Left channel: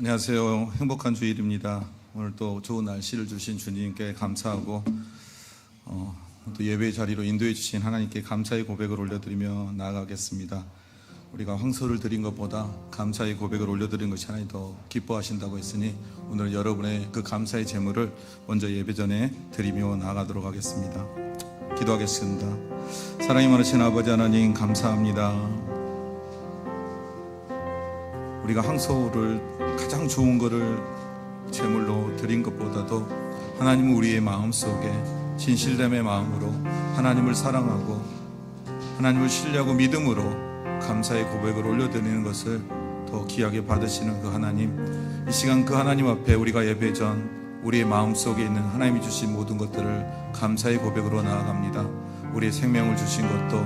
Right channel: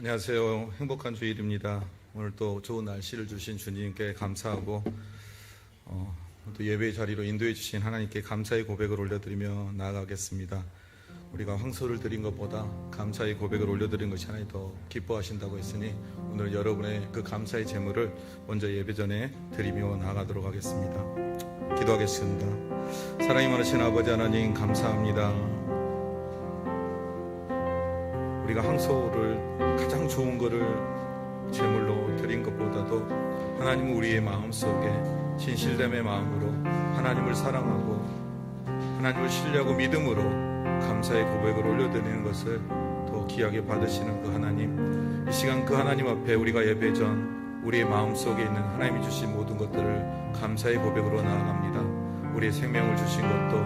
안녕하세요. 행복한 주일입니다. 오늘 또 좋은 날씨를 주신 주님께 감사하고 또 예배 자리로 인도해 주신 하나님께 감사의 고백을 올려드리며 나아가겠습니다. 우리가 황소를 드린 것보다 감사의 고백을 올려드린 것이 하나님 더 기뻐하신다고 했으니 오늘 여러분의 그 감사의 제물을 먼저 예배 전에 드리며 나아가도록 하겠습니다. 기도하겠습니다. 사랑이 많으신 아버지 하나님, 감사합니다. 우리가 황소를 가장 좋은 것을 제물로 드린 것보다도 하나님은 우리의 마음속에 진실됨의 마음으로 하나님을 사랑하고 하나님을 신뢰하고 믿음으로 감사의 고백을 올려드리는 것을 더 귀하게 받으시는 그 하나님, 이 시간 그 하나님 앞에 우리가 예배 전 우리의 마음속에 있는 하나님이 주신 모든 것들을 감사의 고백으로 나아갑니다. 우리의 생명을 주신 것도,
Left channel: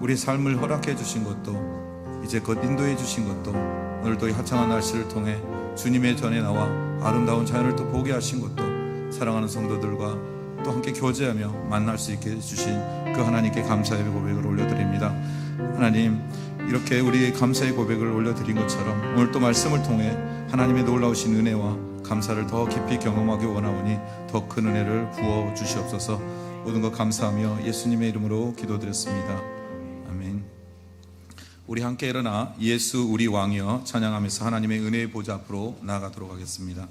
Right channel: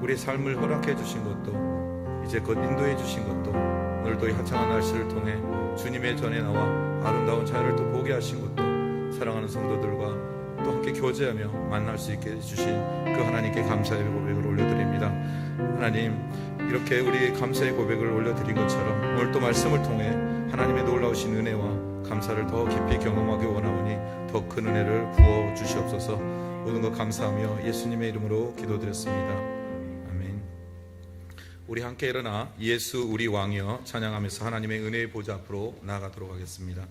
우리의 삶을 허락해 주신 것도, 이제 곧 인도해 주신 것도, 오늘도 이 화창한 날씨를 통해 주님의 전에 나와 아름다운 자연을 또 보게 하신 것도, 사랑하는 성도들과 또 함께 교제하며 만날 수 있게 해주신 그 하나님께 감사의 고백을 올려드립니다. 하나님, 이렇게 우리의 감사의 고백을 올려드린 것처럼 오늘 또 말씀을 통해 하나님의 놀라우신 은혜와 감사를 더 깊이 경험하기 원하오니 더 큰 은혜를 부어 주시옵소서. 모든 것 감사하며 예수님의 이름으로 기도드렸습니다. 아멘. 우리 함께 일어나 예수 우리 왕이여 찬양하면서 하나님의 은혜의 보좌 앞으로 나아가도록 하겠습니다.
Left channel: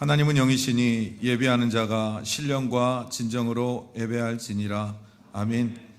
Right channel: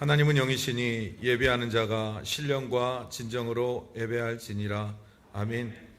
하나님은 영이시니 예배하는 자가 신령과 진정으로 예배할지니라. 아멘.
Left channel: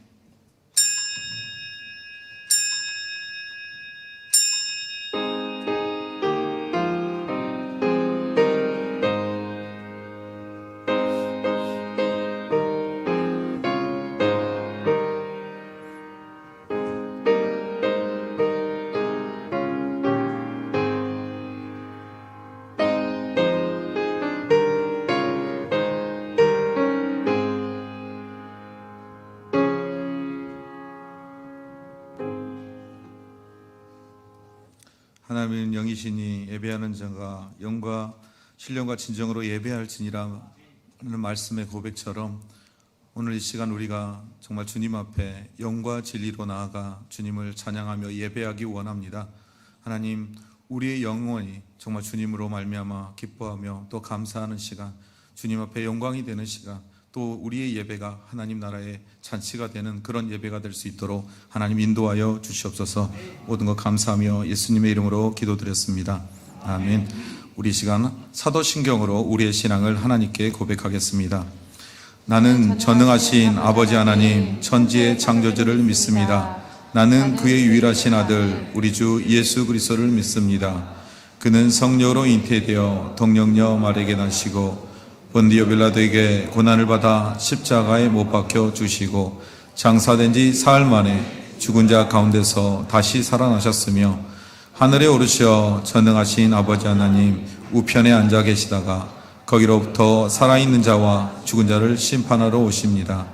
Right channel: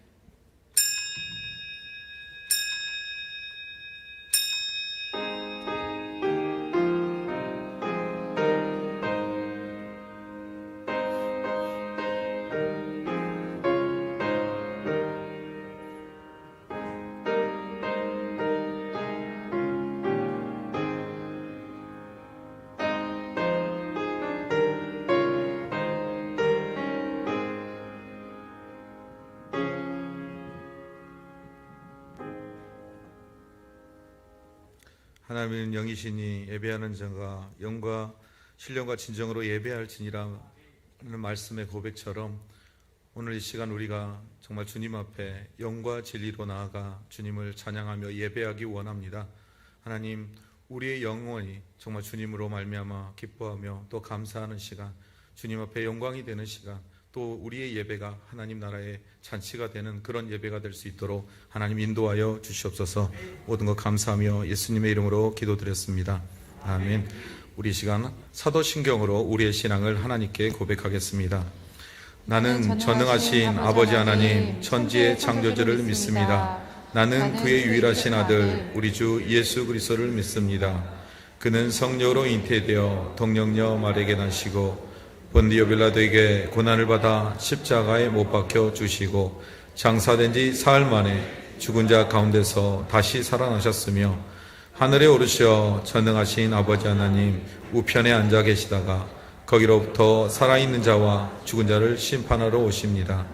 하나님은 영이시니 예배하는 자가 영과 신령과 진정으로 예배할지니라 하는 말씀의 고백처럼 오늘 이 시간 우리가 정말 주님 앞에 영과 진리로 나아가 주님을 찬양하며 예배하기 원합니다. 하나님, 우리의 영혼이 정말 주님으로 말미암아 기뻐하며 또 감사하는 시간, 주님 앞에 영광이 되는 시간, 또 우리의 예배가 하나님 나라의 잔치가 되는 그런 예배가 될 수 있도록 하나님 인도하여 주시옵소서. 모든 것 감사하며 예수님의 이름으로 기도드렸습니다. 아멘. 우리 시간 사도신경으로 우리의 신앙을 하나님께 고백하겠습니다. 나는 전능하신 아버지 하나님 천지의 창조주를 믿습니다. 나는 그의 유일하신 아들 우리 주 예수 그리스도를 믿습니다. 그는 성령으로 잉태되어 동정녀 마리아에게 나시고 본디오 빌라도에게 고난을 받아 십자가에 못 박혀 주시고 장사된 지 사흘 만에 죽은 자 가운데서 다시 살아나셨으며 하늘에 오르셔 전능하신 아버지 하나님 우편에 앉아 계시다가 거기로부터 살아있는 자와 죽은 자를 심판하러 오십니다.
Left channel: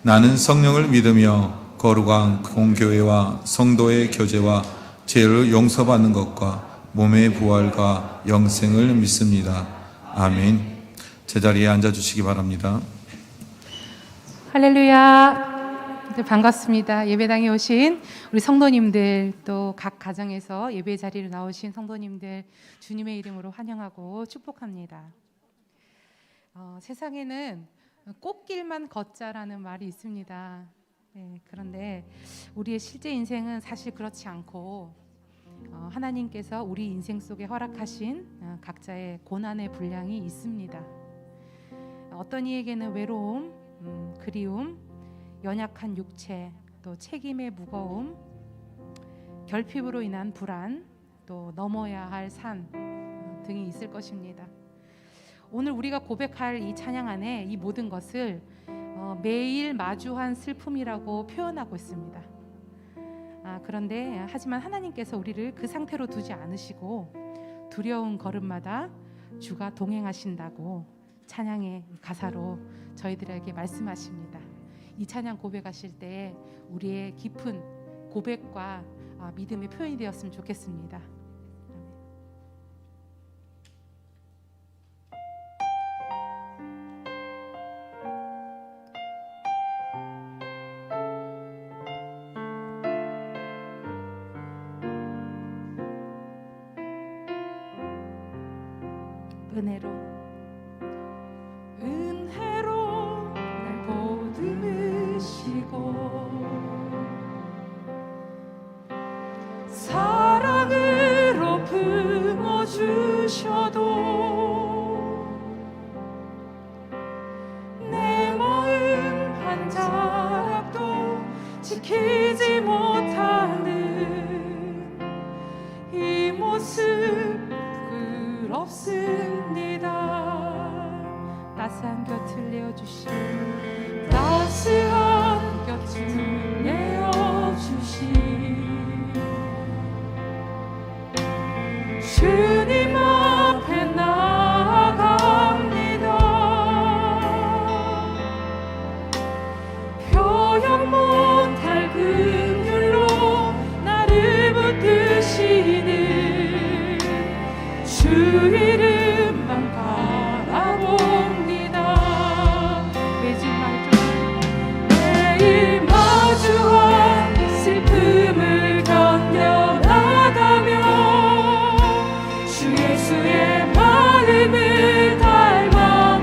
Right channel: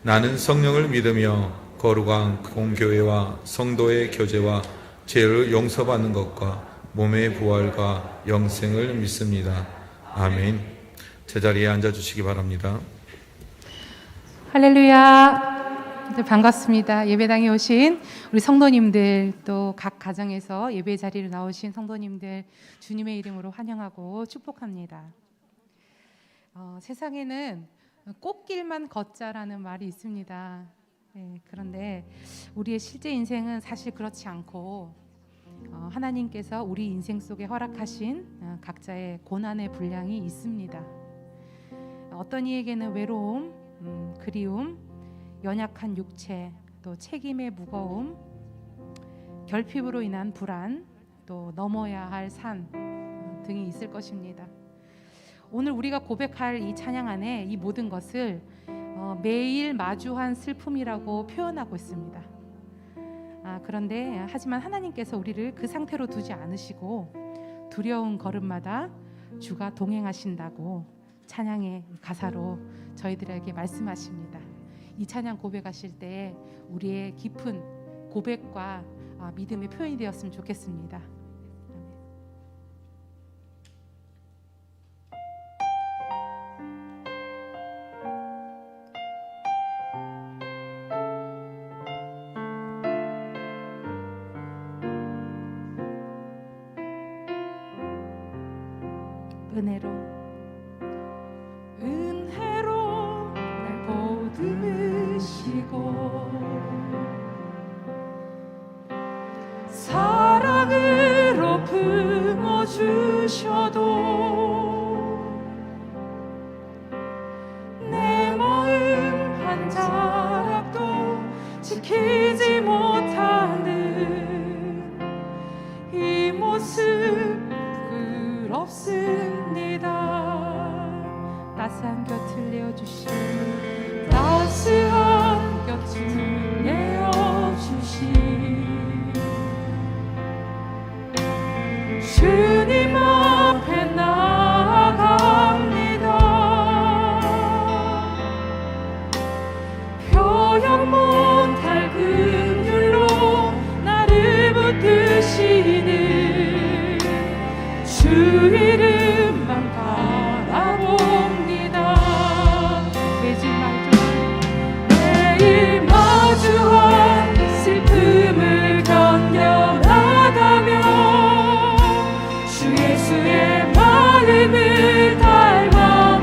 나는 성령을 믿으며 거룩한 공교회와 성도의 교제와 죄를 용서받는 것과 몸의 부활과 영생을 믿습니다. 아멘. 제자리에 앉아주시기 바랍니다. 할렐루야. 네, 반갑습니다. 예배당에 오신 우리 성도님들, 또 각 가정에서 예배 자리로 나오신 성도님들, 주님의 이름으로 환영하고 축복합니다. 세상에는 꽃길만 걷자라는 말이 있습니다. 네, 그런데 우리의 실제 인생은 사실 그렇지 않고 하나님께서 우리 인생 속에 허락하신 각자의 고난의 분량이 있습니다. 어떤 이에게는 외로움, 그리움, 연약한 육체, 또 책임의 무거움, 결핍으로 인한 불안, 또 넘어야 할 산 등이 있을 것입니다. 오늘 우리가 고백할 이 찬양 안에 이 모든 것을 매일 마주한 슬픔이라고 표현하고 있습니다. 그런데 하지만 하나님께서 우리를 그 상태로 두지 않으시고 두려운 걸음마다 주가 동행하신다고 찬양의 가사로 저희들에게 말씀하십니다. 이 찬양 고백하실 때 우리의 깊은 고백과 믿음의 표현이 되었으면 좋겠습니다. 은혜로 날 보듬으시고 사랑으로 품어주셔도 내 마음 한 자락도 지키지 못하는 이 모습 부끄럽습니다. 따스한 곁을 내어주신 따스한 곁을 내어주신 주님 앞에 나아갑니다. 표현 못할 긍휼로 나를 붙드시는 주 이름만 바라봅니다. 매일 마주한 슬픔을 견뎌나가며 주 예수의 마음을 닮아가네.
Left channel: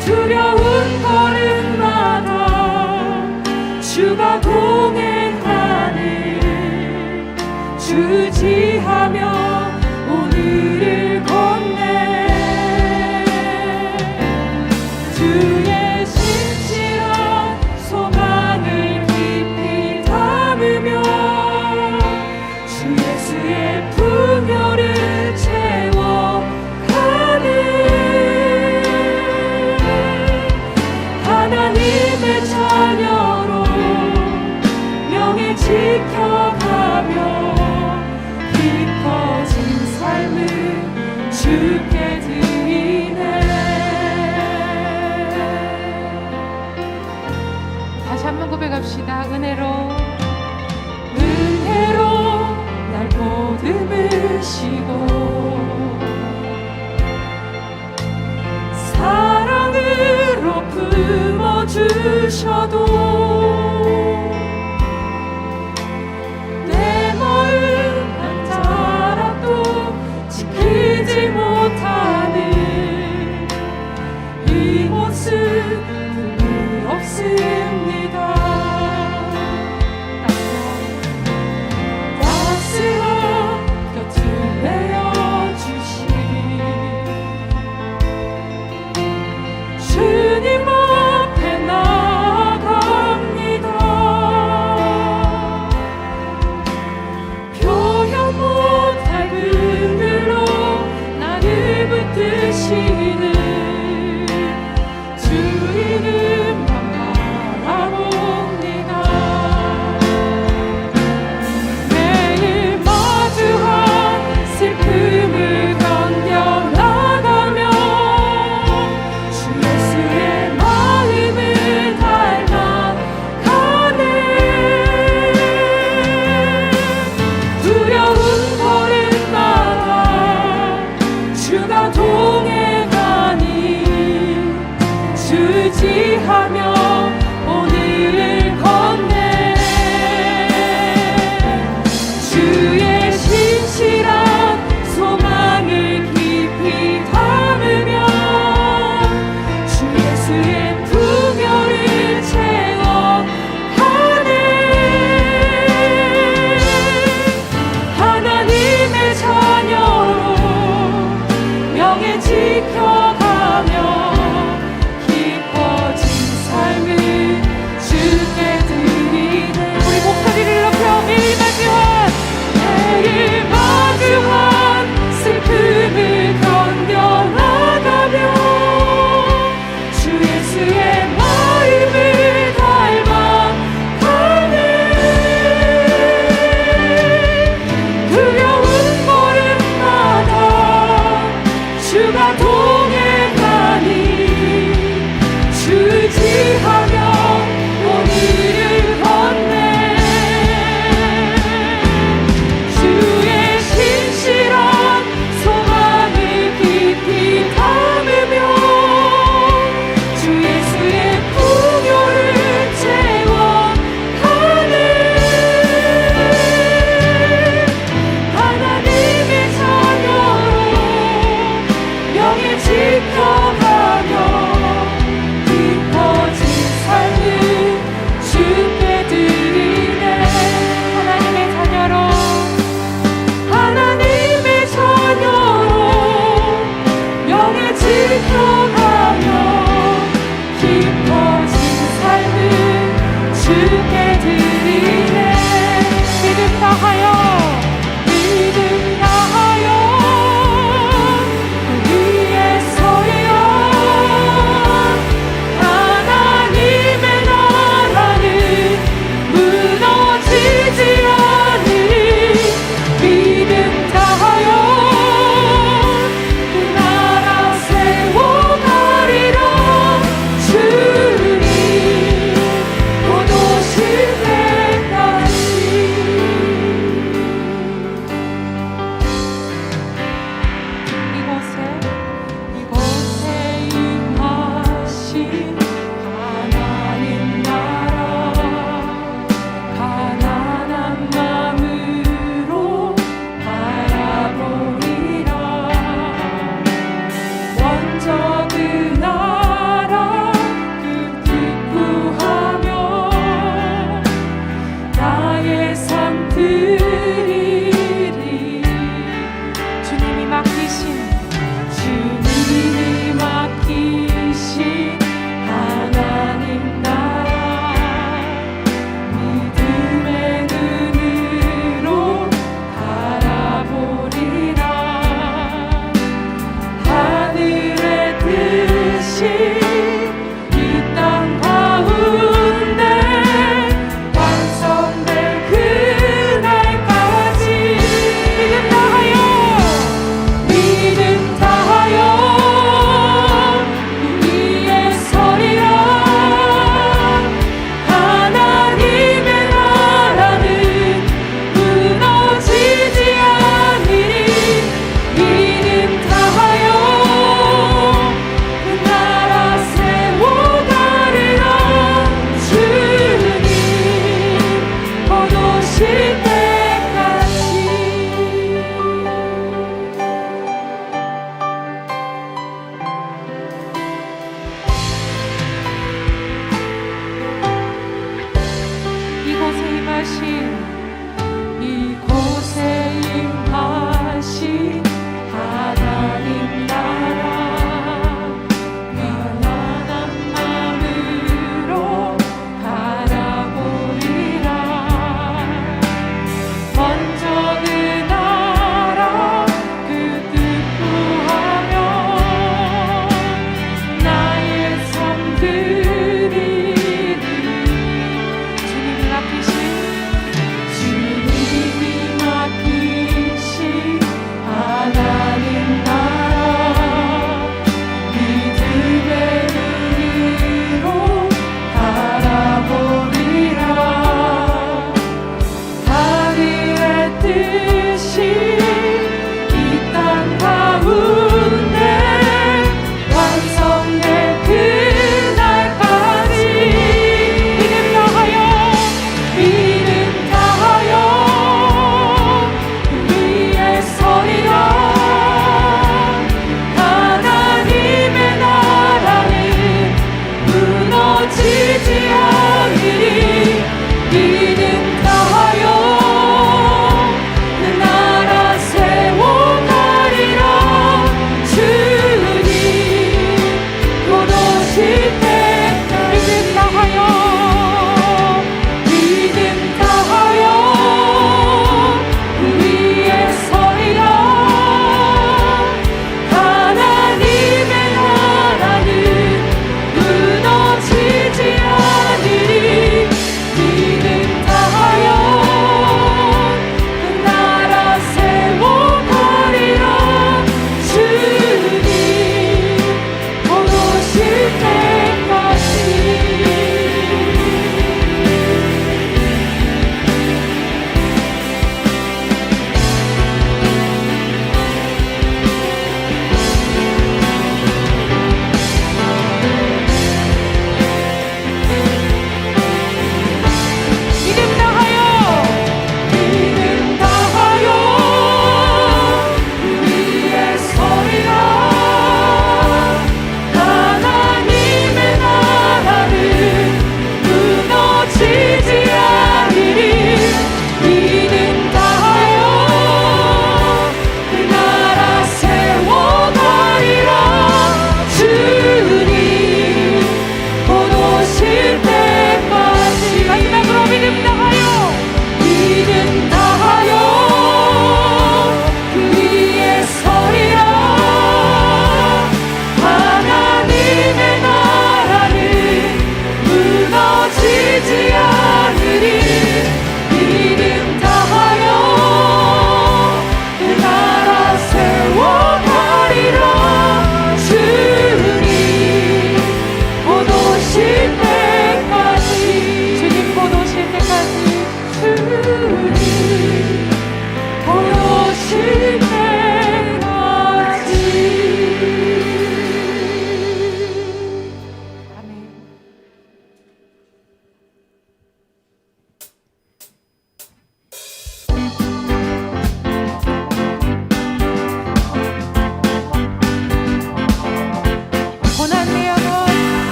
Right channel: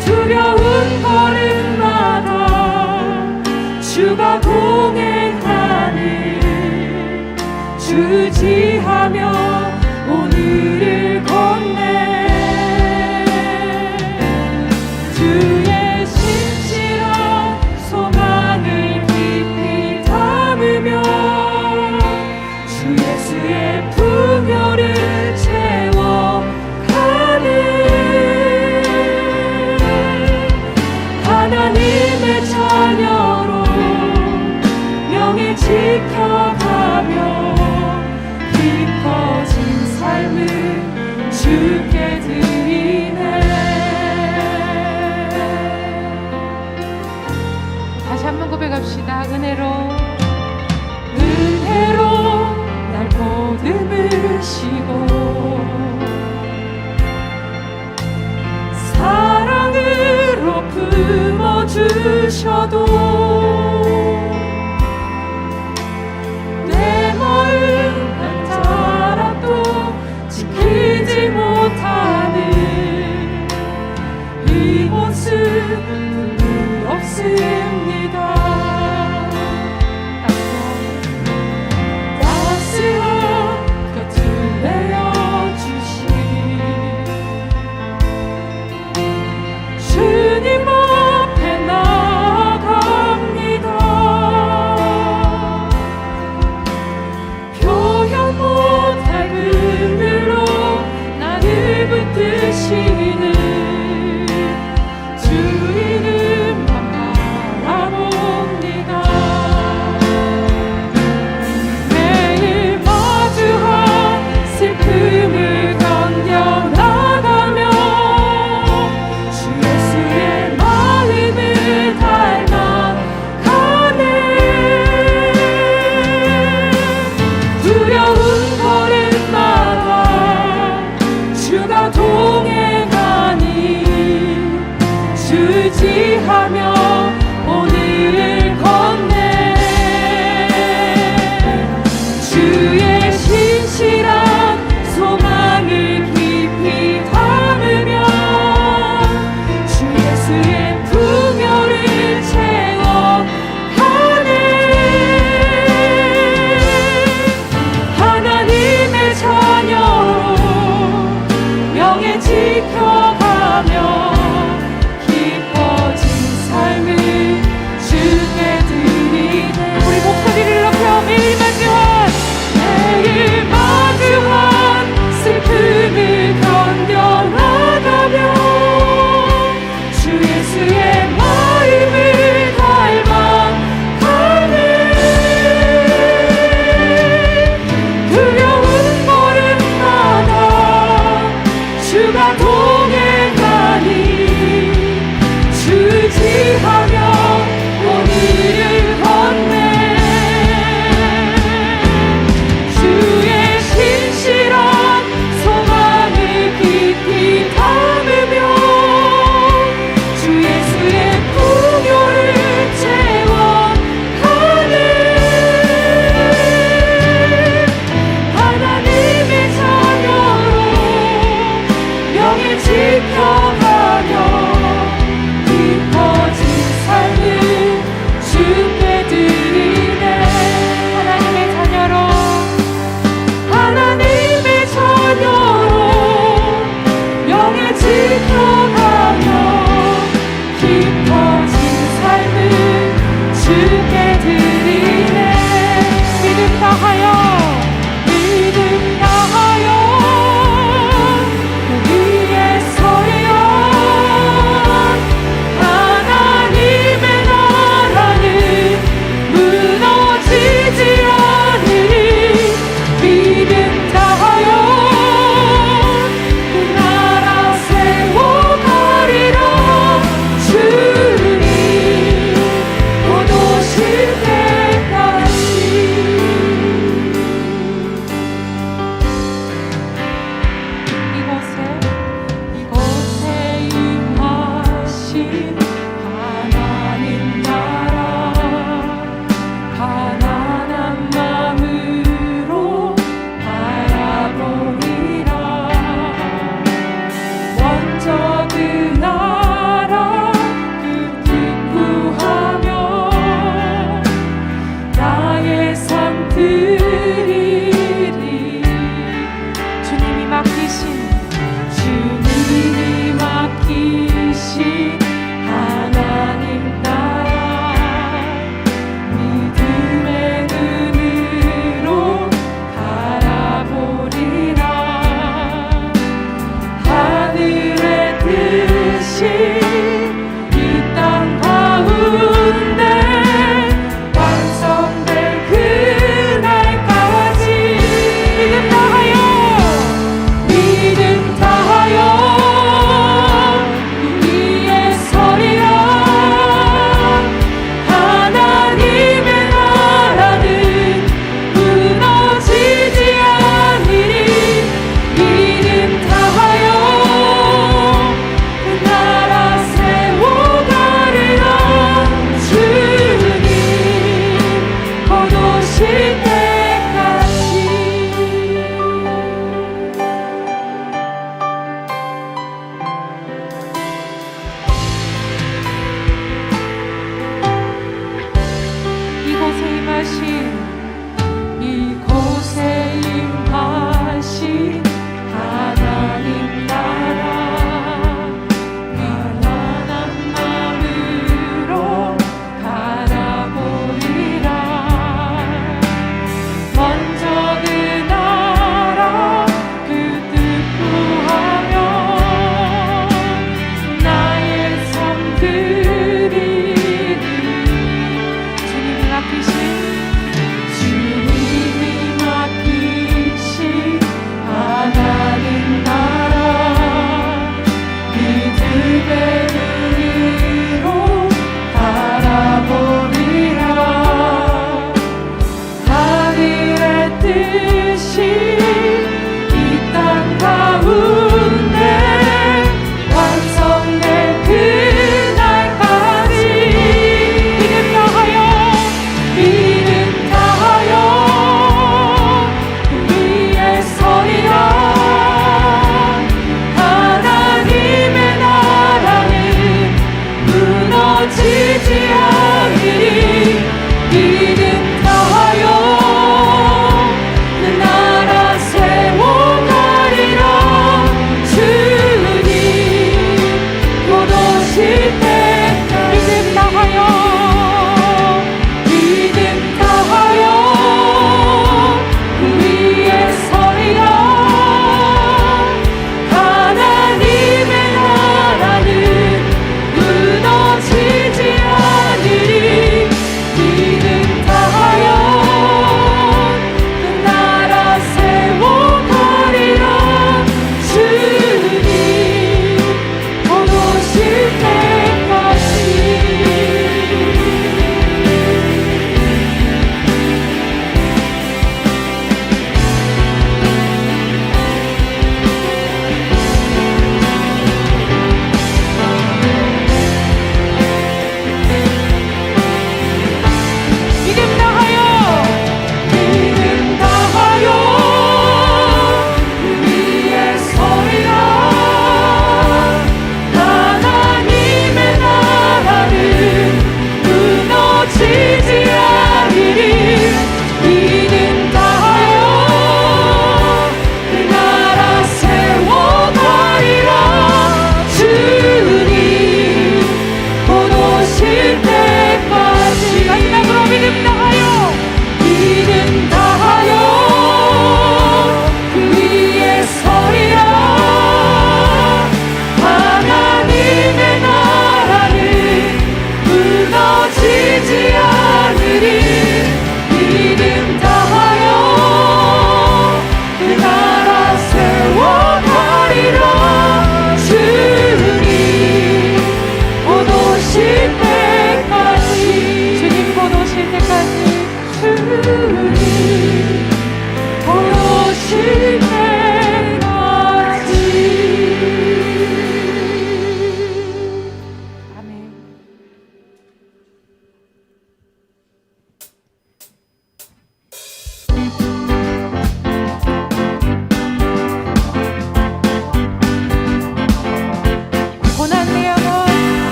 두려운 걸음마다 주가 동행하는 주지하며 오늘을 건네. 주의 신실한 소망을 깊이 담으며 주 예수의 풍요를 채워가는 하나님의 자녀로 명예 지켜가며 깊어진 삶을 주께 드리네. 다시 한번 고백합시다. 은혜로 날 보듬으시고 사랑으로 품어주셔도 내 마음 한 자락도 지키지 못하는 이 모습 부끄럽습니다. 따스한 곁을 내어주신 주님 앞에 나아갑니다.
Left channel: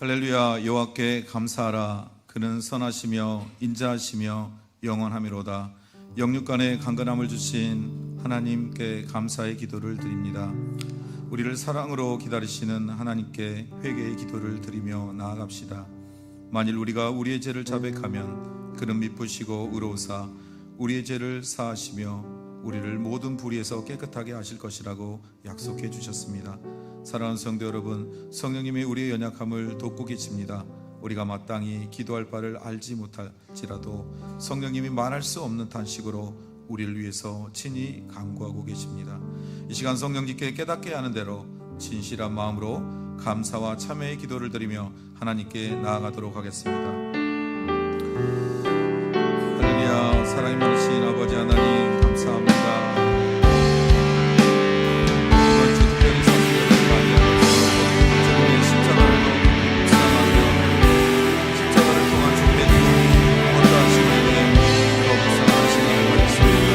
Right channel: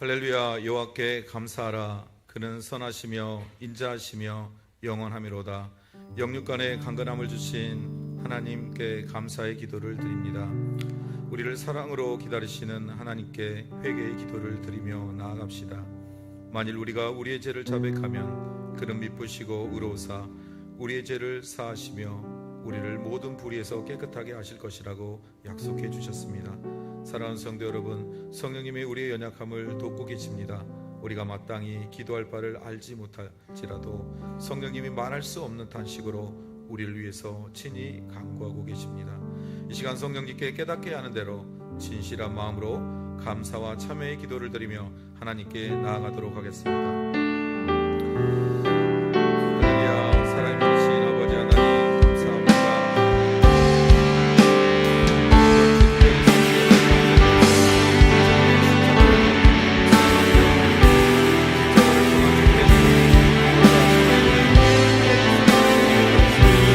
할렐루야. 여호와께 감사하라. 그는 선하시며 인자하시며 영원하미로다. 영육간의 강건함을 주신 하나님께 감사의 기도를 드립니다. 우리를 사랑으로 기다리시는 하나님께 회개의 기도를 드리며 나아갑시다. 만일 우리가 우리의 죄를 자백하면 그는 미쁘시고 의로우사 우리의 죄를 사하시며 우리를 모든 불의에서 깨끗하게 하실 것이라고 약속해 주셨습니다. 사랑하는 성도 여러분, 성령님이 우리의 연약함을 돕고 계십니다. 우리가 마땅히 기도할 바를 알지 못할지라도 성령님이 말할 수 없는 탄식으로 우리를 위해서 친히 간구하고 계십니다. 이 시간 성령님께 깨닫게 하는 대로 진실한 마음으로 감사와 참회의 기도를 드리며 하나님께 나아가도록 하겠습니다. 할렐루야. 사랑이 많으신 아버지 하나님 감사합니다. 이번 주 특별히 성도들을 맞이하면서 주님의 십자가를 묵상하며 십자가를 통한 주님의 권고하신 은혜 더 묵상하는 시간을 가졌습니다.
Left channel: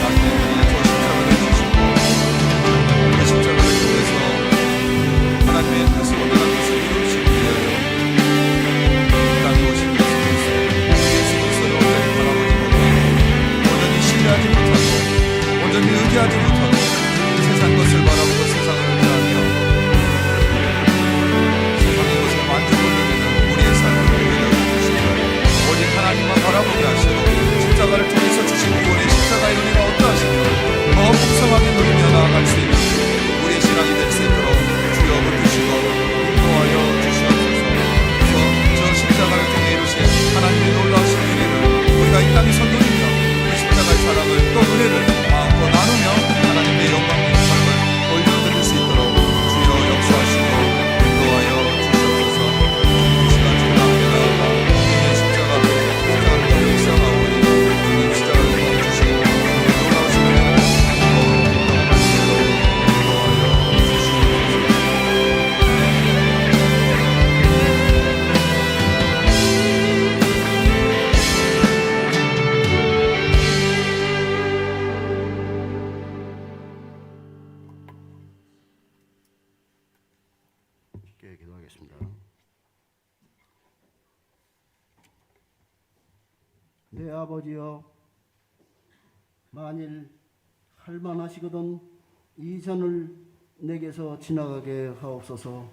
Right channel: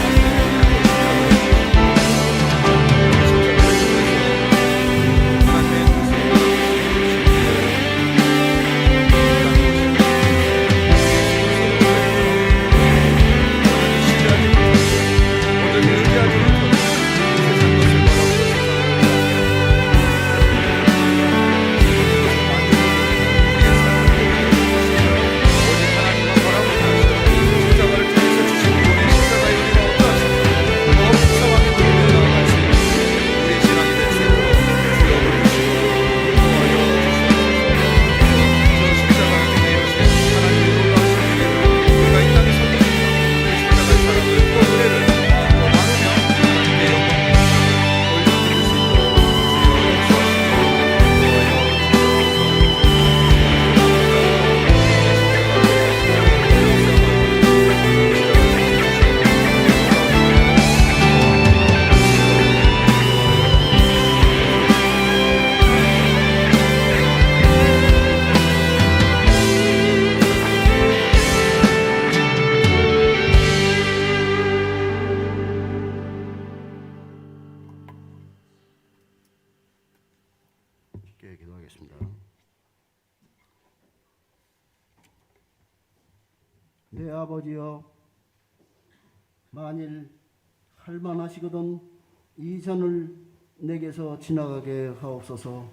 나중에 우리의 저 십자가를 주시고 그 십자가를 통해서 하나님의 뜻을 원하는 뜻을 이루시기 위하여 이 땅에 오신 예수 그리스도를 온전히 바라보지 못하고 온전히 신뢰하지 못하고 온전히 의지하지 못하고 세상 것을 바라보고 세상을 의지하며 세상의 것을 만족을 누리는 우리의 삶을 내려주시고 오직 하나님만 바라보게 하시고 십자가를 통해서 주신 구원의 십자가의 은혜가 어떠하시며 더 풍성하게 누리며 나아갈 수 있는 우리의 신앙이 될 수 있도록 주여 붙드시고 인도하여 주시옵소서. 그래서 저 십자가를 통해 이루신 하나님의 놀라우신 은혜를 우리가 이 땅에 선도리며 그 십자가의 사랑을 또 은혜를 마음껏 나누며 하나님의 영광의 삶을 올려드릴 수 있도록 주여 역사하시고 인도하여 주시옵소서. 이 시간 주님 앞에 나아가 주님의 십자가를 묵상하오니 주님 십자가를 통해 주신 놀라우신 은혜를 인도하여 주시옵소서. 함께 기도하겠습니다. 내 아버지여, 만일 할만하시거든 이 잔을 내게서 지나가게 하옵소서.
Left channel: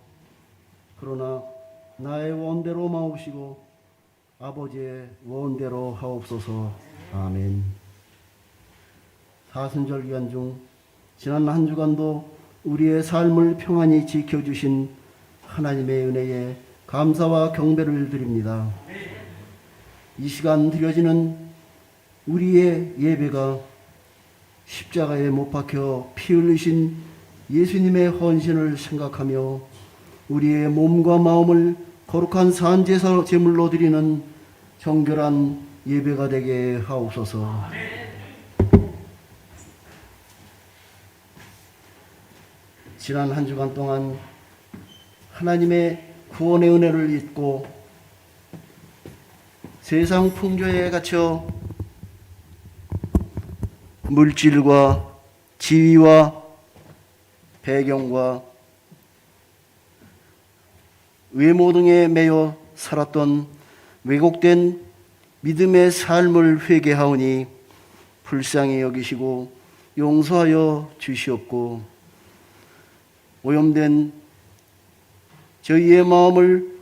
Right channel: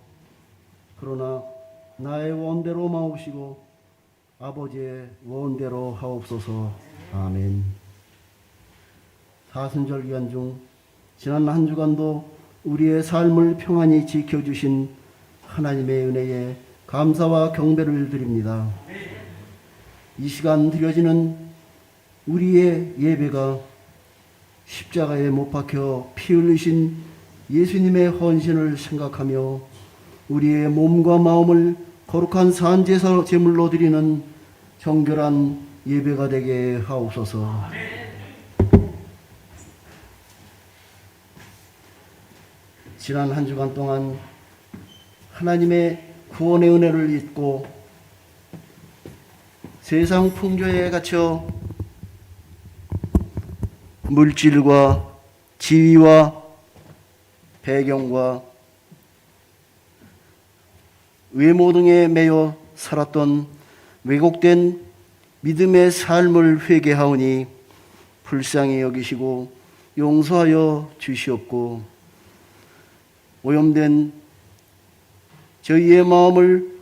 그러나 나의 원대로 마옵시고 아버지의 원대로 하옵소서. 아멘. 사순절 기간 중 지난 한 주간도 우리의 삶을 평안히 지켜주신 하나님의 은혜에 감사와 경배를 드립니다. 이 시간 드려지는 우리의 예배가 십자가에 못 박혀 피 흘리신 예수님의 헌신을 생각하며 우리의 몸과 마음을 거룩한 산제사 제물로 드리는 정결한 예배가 되게 하옵소서. 지난 한 주간 동안 하나님의 구원의 은혜를 잊고 세상 풍조에 갇혀 물질과 지위와 배경과 외모 등에 매여 살았던 왜곡된 믿음의 삶을 회개하오니 불쌍히 여기시고 용서하여 주시옵고 오염된 저희의 마음을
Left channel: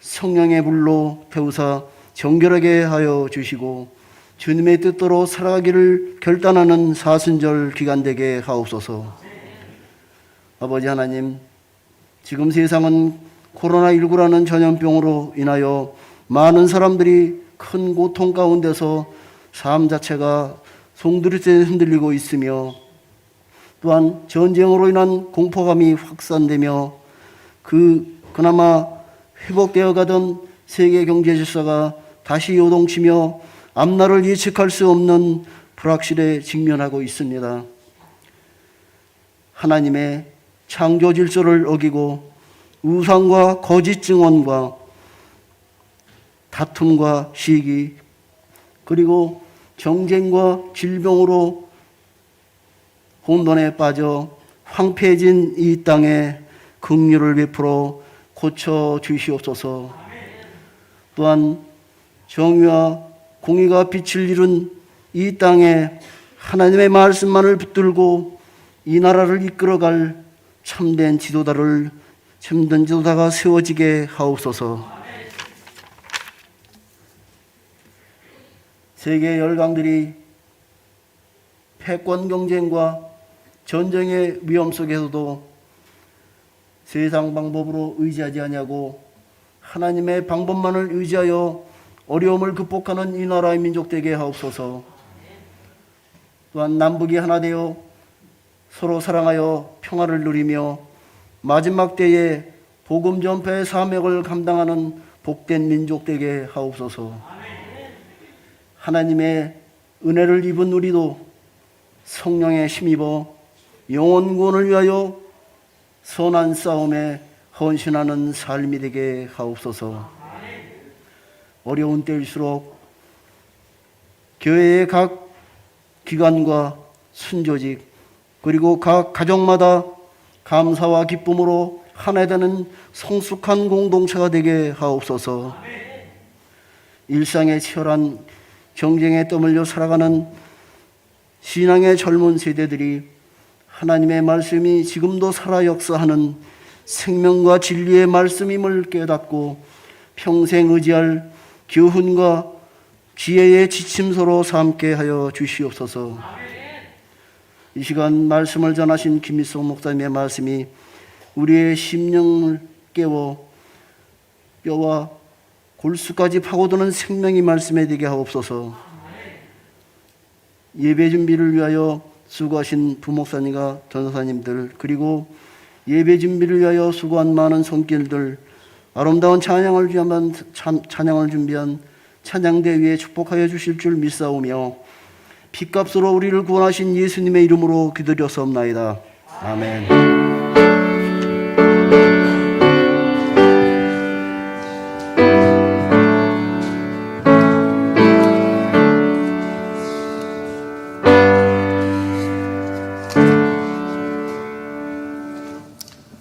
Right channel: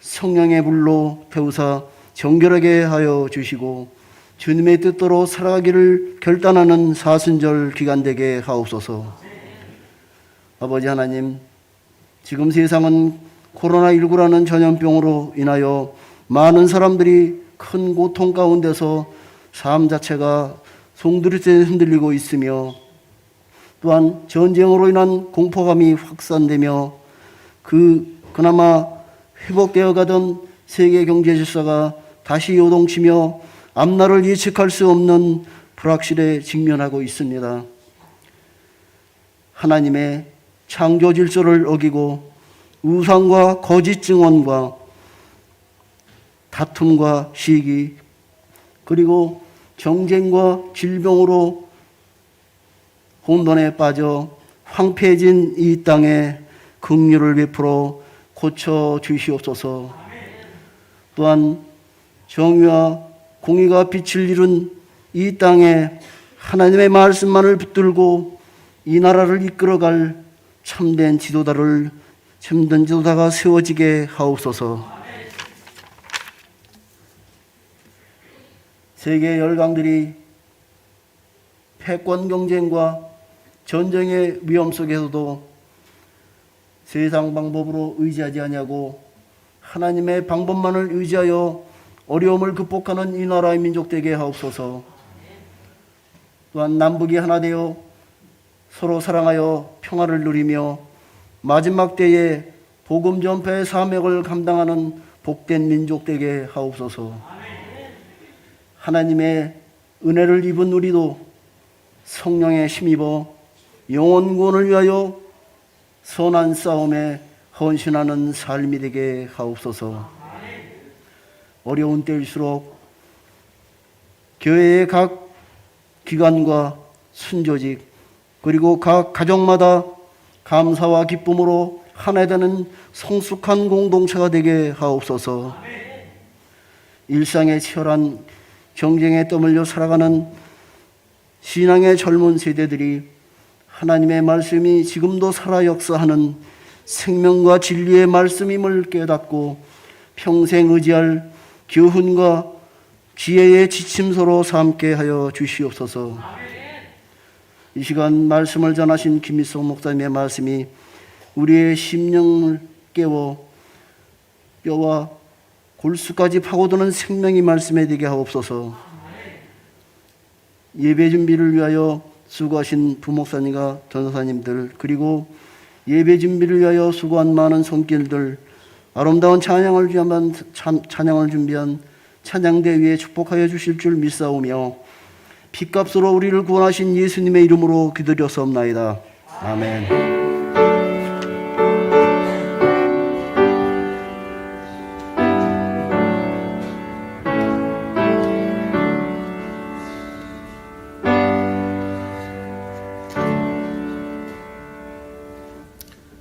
성령의 불로 태우사 정결하게 하여 주시고 주님의 뜻대로 살아가기를 결단하는 사순절 기간 되게 하옵소서. 아버지 하나님, 지금 세상은 코로나19라는 전염병으로 인하여 많은 사람들이 큰 고통 가운데서 삶 자체가 송두리째 흔들리고 있으며 또한 전쟁으로 인한 공포감이 확산되며 그나마 회복되어 가던 세계 경제 질서가 다시 요동치며 앞날을 예측할 수 없는 불확실에 직면하고 있습니다. 하나님의 창조 질서를 어기고 우상과 거짓 증언과 다툼과 시기 그리고 정쟁과 질병으로 혼돈에 빠져 황폐해진 이 땅에 긍휼을 베풀어 고쳐 주시옵소서. 또한 정의와 공의가 빛을 잃은 이 땅에 하나님의 말씀만을 붙들고 이 나라를 이끌어갈 참된 지도자가 세워지게 하옵소서. 세계 열강들이 패권 경쟁과 전쟁의 위험 속에서도 세상 방법으로 의지하지 아니하고 하나님의 방법만을 의지하여 어려움을 극복하는 이 나라의 민족 되게 하옵소서. 또한 남북이 하나 되어 서로 사랑하여 평화를 누리며 마지막 때에 복음 전파의 사명을 감당하는 복된 민족 되게 하옵소서. 하나님의 은혜를 입은 우리도 성령에 힘입어 영혼 구원을 위하여 선한 싸움에 헌신하는 삶이 되게 하옵소서. 어려운 때일수록 교회의 각 기관과 순조직 그리고 각 가정마다 감사와 기쁨으로 하나 되는 성숙한 공동체가 되게 하옵소서. 일상의 치열한 경쟁에 떠밀려 살아가는 신앙의 젊은 세대들이 하나님의 말씀이 지금도 살아 역사하는 생명과 진리의 말씀임을 깨닫고 평생 의지할 교훈과 지혜의 지침서로 삼게 하여 주시옵소서. 이 시간 말씀을 전하신 김일성 목사님의 말씀이 우리의 심령을 깨워 뼈와 골수까지 파고드는 생명의 말씀에 되게 하옵소서. 예배 준비를 위하여 수고하신 부목사님과 전사님들 그리고 예배 준비를 위하여 수고한 많은 손길들 아름다운 찬양을 준비한 찬양대 위에 축복하여 주실 줄 믿사오며 핏값으로 우리를 구원하신 예수님의 이름으로 기도드렸사옵나이다. 아멘.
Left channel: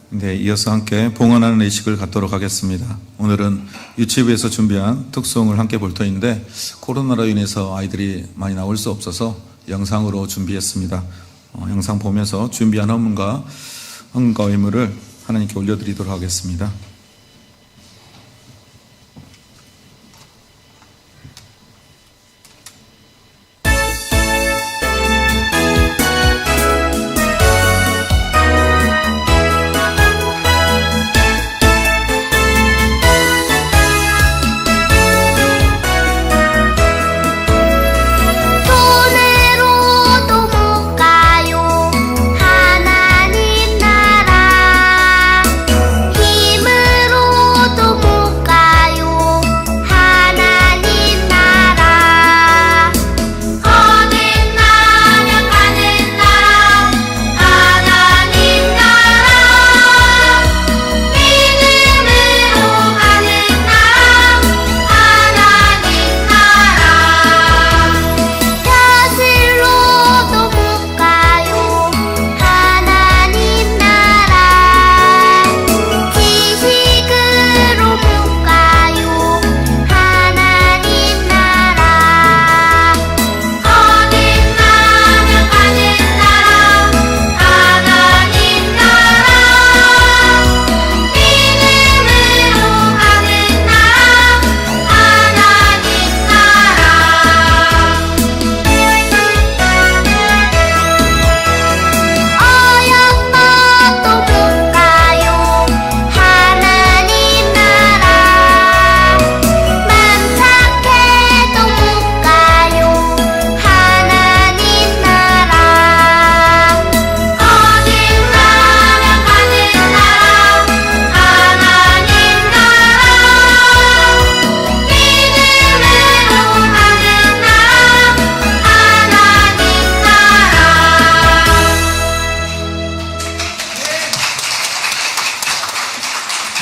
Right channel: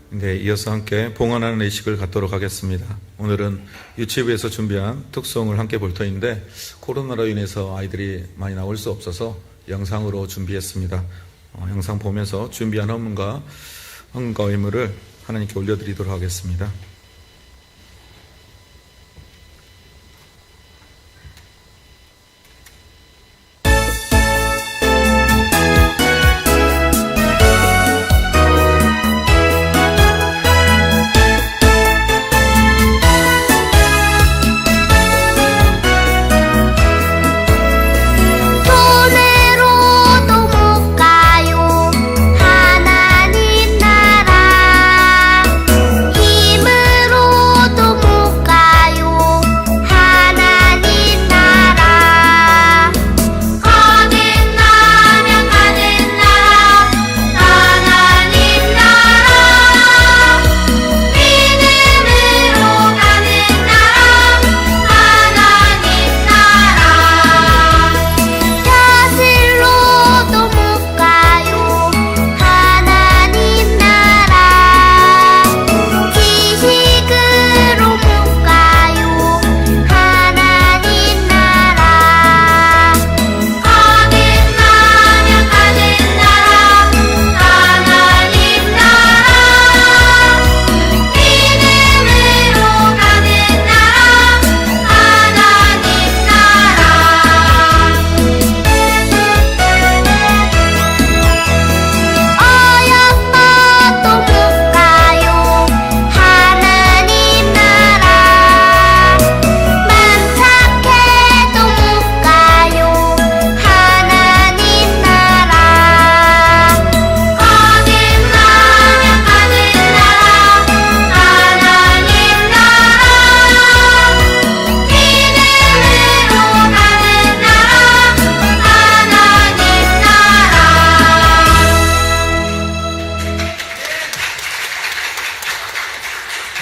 네, 이어서 함께 봉헌하는 의식을 갖도록 하겠습니다. 오늘은 유치부에서 준비한 특송을 함께 볼 터인데 코로나로 인해서 아이들이 많이 나올 수 없어서 영상으로 준비했습니다. 영상 보면서 준비한 헌금과 의무를 하나님께 올려드리도록 하겠습니다.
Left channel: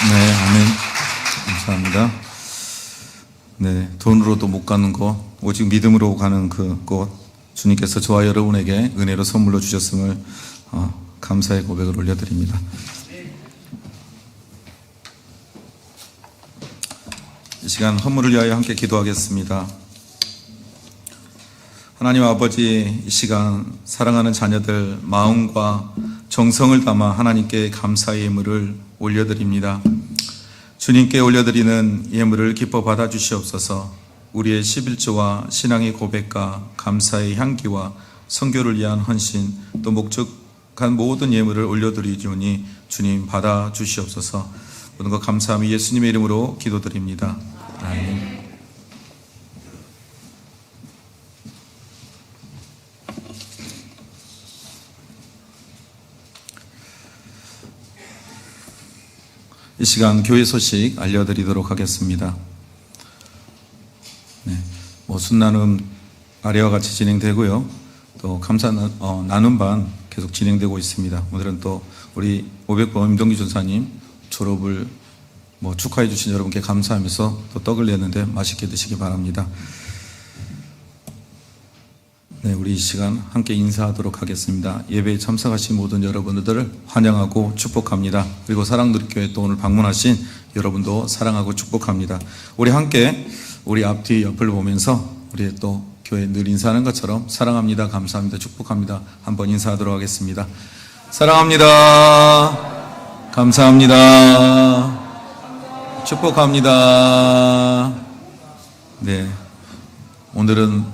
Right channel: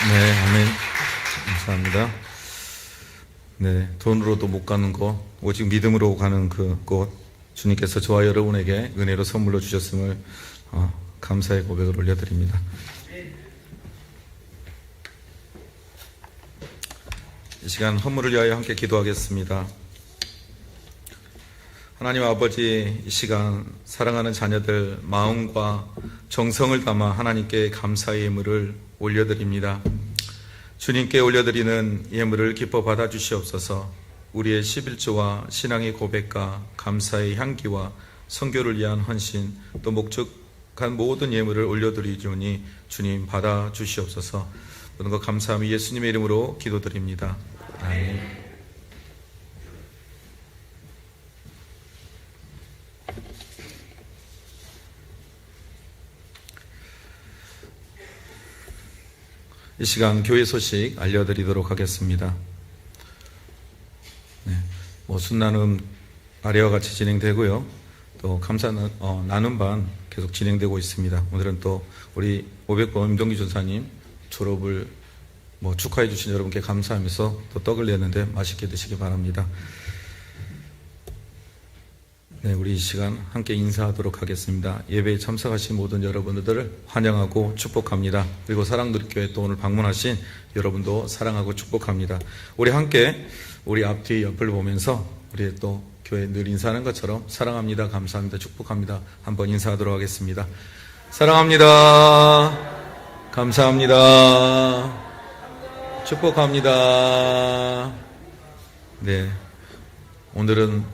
네, 아멘. 감사합니다. 네, 돈으로도 못 가는 곳, 오직 믿음으로 가는 그 곳, 주님께서 저와 여러분에게 은혜로 선물로 주셨음을 감사의 고백을 올려드립니다. 이 시간 헌물을 위하여 함께 기도하겠습니다. 하나님 아버지, 이 시간 사랑하는 자녀들 마음과 정성을 담아 하나님께 감사의 예물을 올려드립니다. 주님께 올려드리는 예물을 기뻐 받아주시옵소서. 우리의 11조와 신앙의 고백과 감사의 향기와 선교를 위한 헌신, 또 목적한 모든 예물을 올려드리오니 주님 받아주시옵소서. 모든 것 감사함이 예수님의 이름으로 기도드립니다. 아멘. 이 시간 교회 소식 알려드리도록 하겠습니다. 순나눔 아래와 같이 진행되고요. 또 감사 나눔반 계속 진행되고 있습니다. 오늘은 또 우리 500번 임동기 전사님 졸업을 축하해 주신 여러분께 감사하면서 또 떡을 냈는데 맛있게 드시기 바랍니다. 네, 우리 이 시간 함께 인사하도록 하겠습니다. 예배에 참석하신 모든 여러분들을 환영하고 축복합니다. 그리고 사랑누리교회 또 오늘 방문하신 여러분도 사랑하고 축복합니다. 우리 함께 우리 앞뒤 옆을 보면서 우리 또 교회 늘 인사하는 것처럼 사랑합니다, 감사합니다, 축복합니다 한번 인사하도록 하겠습니다. 사랑합니다, 감사합니다, 축복합니다. 네, 오늘은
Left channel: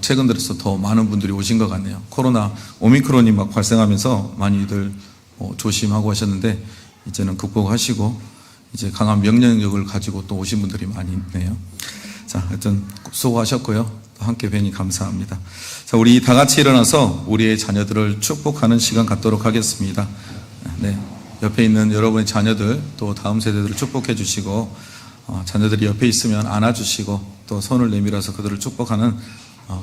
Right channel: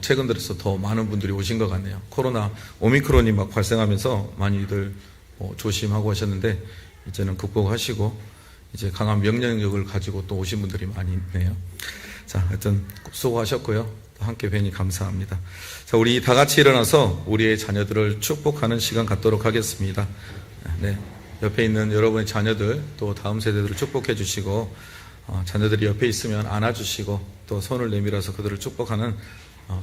최근 들어서 더 많은 분들이 오신 것 같네요. 코로나 오미크론이 막 발생하면서 많이들 조심하고 하셨는데 이제는 극복하시고 이제 강한 명령력을 가지고 또 오신 분들이 많이 있네요. 자, 하여튼 수고하셨고요. 또 함께 뵈니 감사합니다. 자, 우리 다 같이 일어나서 우리의 자녀들을 축복하는 시간 갖도록 하겠습니다. 네, 옆에 있는 여러분의 자녀들 또 다음 세대들을 축복해 주시고 자녀들이 옆에 있으면 안아주시고 또 손을 내밀어서 그들을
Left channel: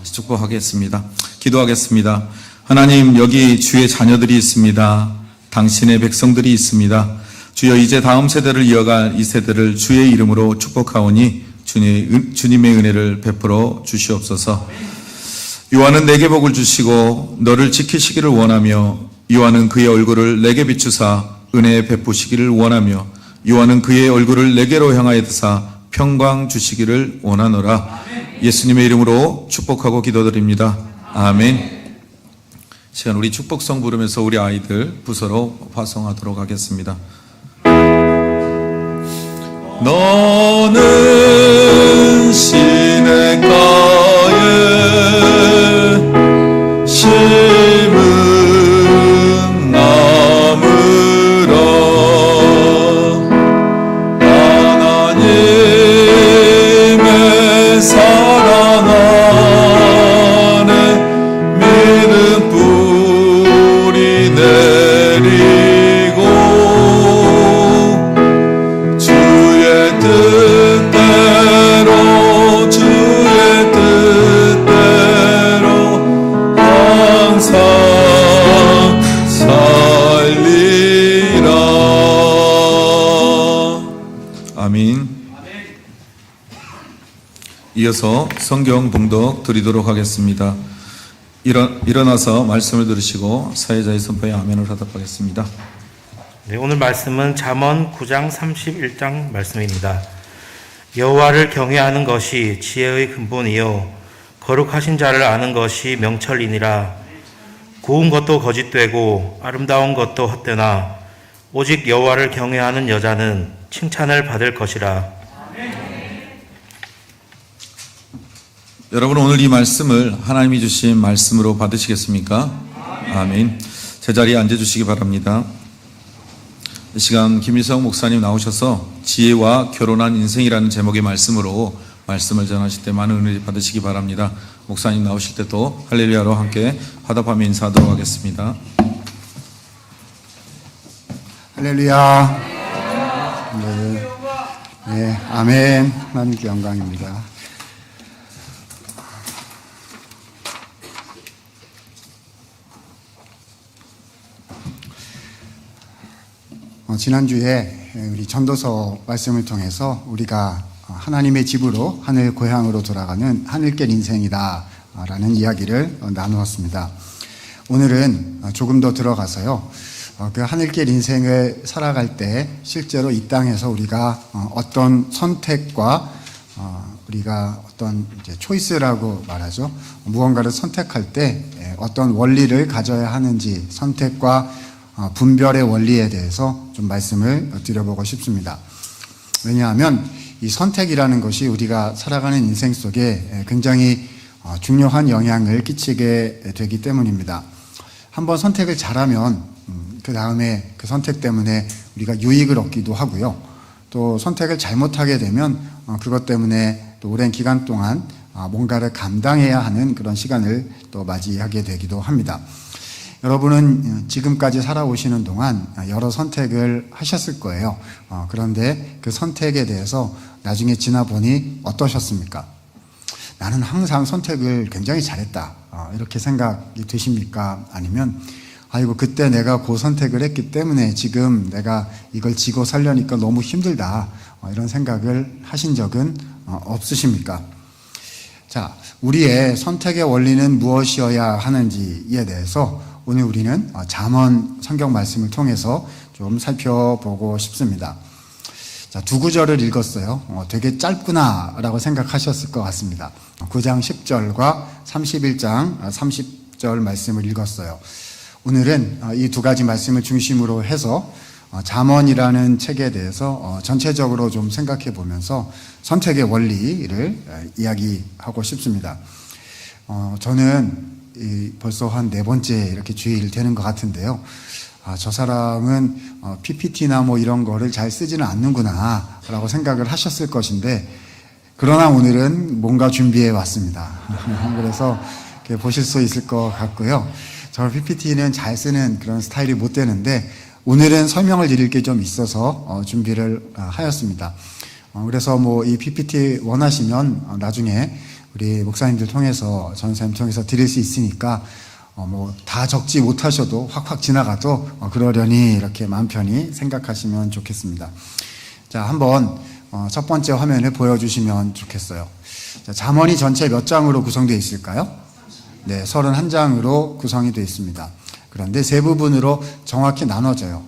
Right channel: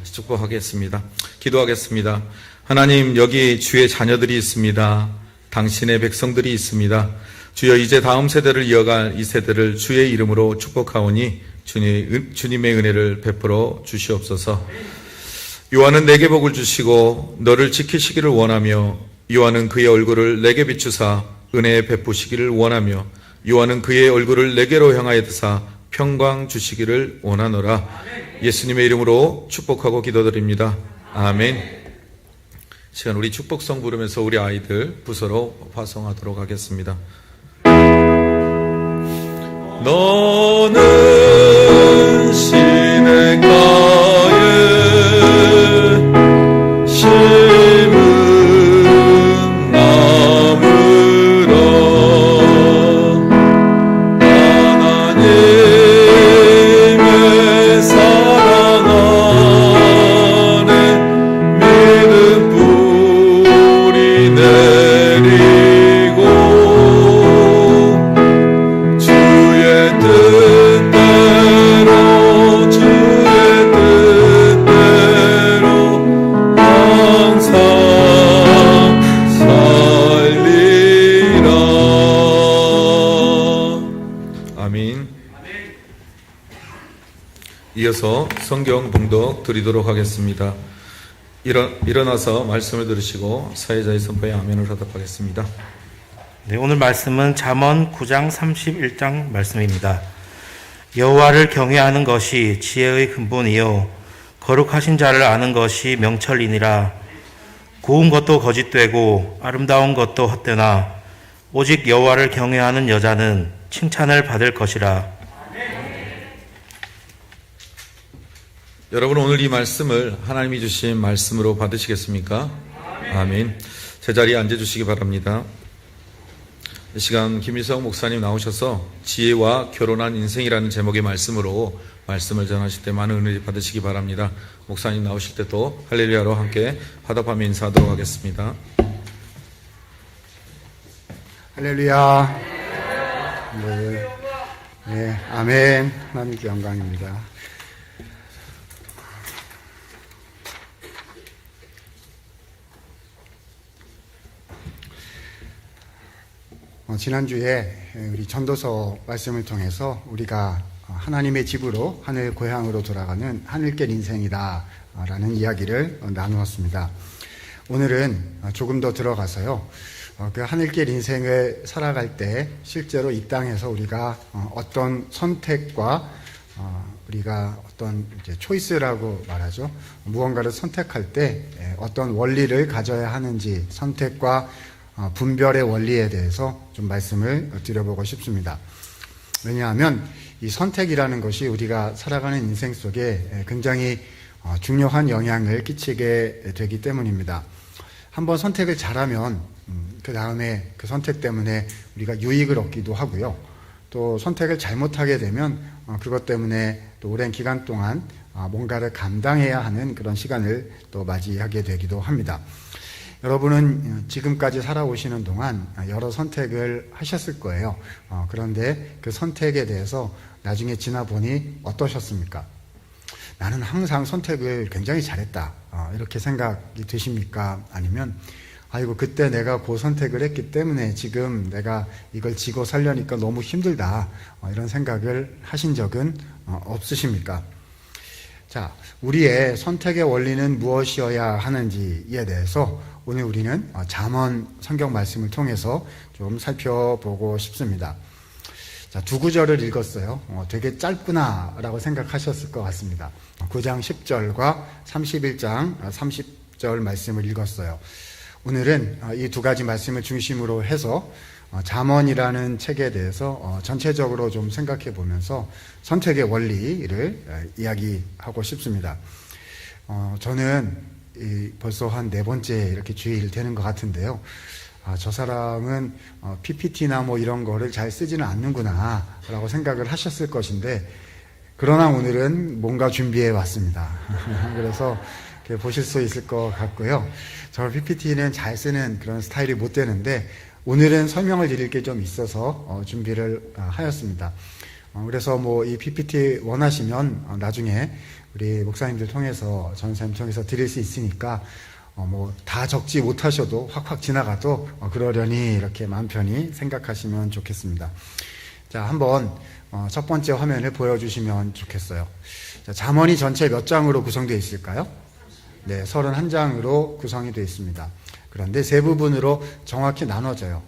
축복하겠습니다. 기도하겠습니다. 하나님, 여기 주의 자녀들이 있습니다. 당신의 백성들이 있습니다. 주여, 이제 다음 세대를 이어갈 이 세대를 주의 이름으로 축복하오니 주님의 은혜를 베풀어 주시옵소서. 요한은 내게 복을 주시고 너를 지키시기를 원하며 요한은 그의 얼굴을 내게 비추사 은혜 베푸시기를 원하며 요한은 그의 얼굴을 내게로 향하여 드사 평강 주시기를 원하노라. 예수님의 이름으로 축복하고 기도드립니다. 아멘. 시간 우리 축복성 부르면서 우리 아이들 부서로 화성하도록 하겠습니다. 너는 시냇가에 심은 나무라. 하나님의 사랑 안에 믿음 뿌리 내리고 주의 뜻대로 항상 살리라. 아멘. 이어서 성경 봉독 드리도록 하겠습니다. 일어나서 말씀을 들으시고 사회자의 선포에 아멘을 하답하겠습니다. 네, 오늘 말씀은 잠언 9장 31장 말씀입니다. 여호와를 경외하는 것이 지혜의 근본이요 거룩하신 자를 아는 것이 명철이니라. 고운 것도 거짓되고 아름다운 것도 헛되나 오직 여호와를 경외하는 여자는 칭찬을 받을 것이라. 여러분, 오늘 이 말씀을 하나님이 주신 말씀으로 받으시겠습니까? 아멘. 제자리에 앉아주시기 바랍니다. 이 시간 김일성 목사님 나오셔서 지혜와 결혼한 인생이라는 제목의 말씀으로 말씀을 전하실 때 많은 은혜 받으시기 바랍니다. 목사님 나오실 때도 할렐루야로 함께 화답하며 인사하도록 하겠습니다. 할렐루야. 네, 아멘. 하나님께 영광입니다. 지난주에 우리 전도서 말씀을 통해서 우리가 하나님의 집으로 하늘 고향으로 돌아가는 하늘길 인생이다 라는 이야기를 나누었습니다. 오늘은 조금 더 들어가서요, 그 하늘길 인생을 살아갈 때 실제로 이 땅에서 우리가 어떤 선택과 우리가 어떤 이제 초이스라고 말하죠. 무언가를 선택할 때 어떤 원리를 가져야 하는지 선택과 분별의 원리에 대해서 좀 말씀을 드려보고 싶습니다. 왜냐하면 이 선택이라는 것이 우리가 살아가는 인생 속에 굉장히 중요한 영향을 끼치게 되기 때문입니다. 한번 선택을 잘하면 그 다음에 그 선택 때문에 우리가 유익을 얻기도 하고요. 또 선택을 잘못하게 되면 그것 때문에 또 오랜 기간 동안 뭔가를 감당해야 하는 그런 시간을 또 맞이하게 되기도 합니다. 여러분은 지금까지 살아오시는 동안 여러 선택을 하셨을 거예요. 그런데 그 선택에 대해서 나중에 지나보니 어떠셨습니까? 나는 항상 선택을 굉장히 잘했다. 이렇게 생각이 드십니까? 아니면 아이고 그때 내가 그 선택을 했기 때문에 지금 내가 이걸 지고 살려니까 너무 힘들다. 이런 생각을 하신 적은 없으십니까? 자, 우리의 선택의 원리는 무엇이어야 하는지에 대해서 오늘 우리는 잠언 성경 말씀을 통해서 좀 살펴보고 싶습니다. 자, 두 구절을 읽었어요. 되게 짧구나라고 생각하셨을 것 같습니다. 9장 10절과 31장 30절 말씀을 읽었어요. 오늘은 이 두 가지 말씀을 중심으로 해서 잠언이라는 책에 대해서 전체적으로 좀 생각해 보면서 선택의 원리를 이야기하고 싶습니다. 저는 벌써 한 4번째 이렇게 주일 되는 것 같은데요. 저 사람은 PPT나 뭐 이런 거를 잘 쓰지는 않는구나 라고 생각을 하셨을 것인데, 그러나 오늘은 뭔가 준비해 왔습니다. 그래서 이렇게 보실 수 있을 것 같고요. 저 PPT는 잘 쓰는 그런 스타일이 못 되는데 오늘은 설명을 드릴 게 좀 있어서 준비를 하였습니다. 그래서 뭐 이 PPT 원하시면 나중에 우리 목사님들 통해서 전사님 통해서 드릴 수 있으니까 뭐 다 적지 못하셔도 확확 지나가도 그러려니 이렇게 마음 편히 생각하시면 좋겠습니다. 자, 한번 첫 번째 화면을 보여주시면 좋겠어요. 자, 잠언이 전체 몇 장으로 구성되어 있을까요? 네, 31장으로 구성이 되어 있습니다. 그런데 세 부분으로 정확히 나눠져요.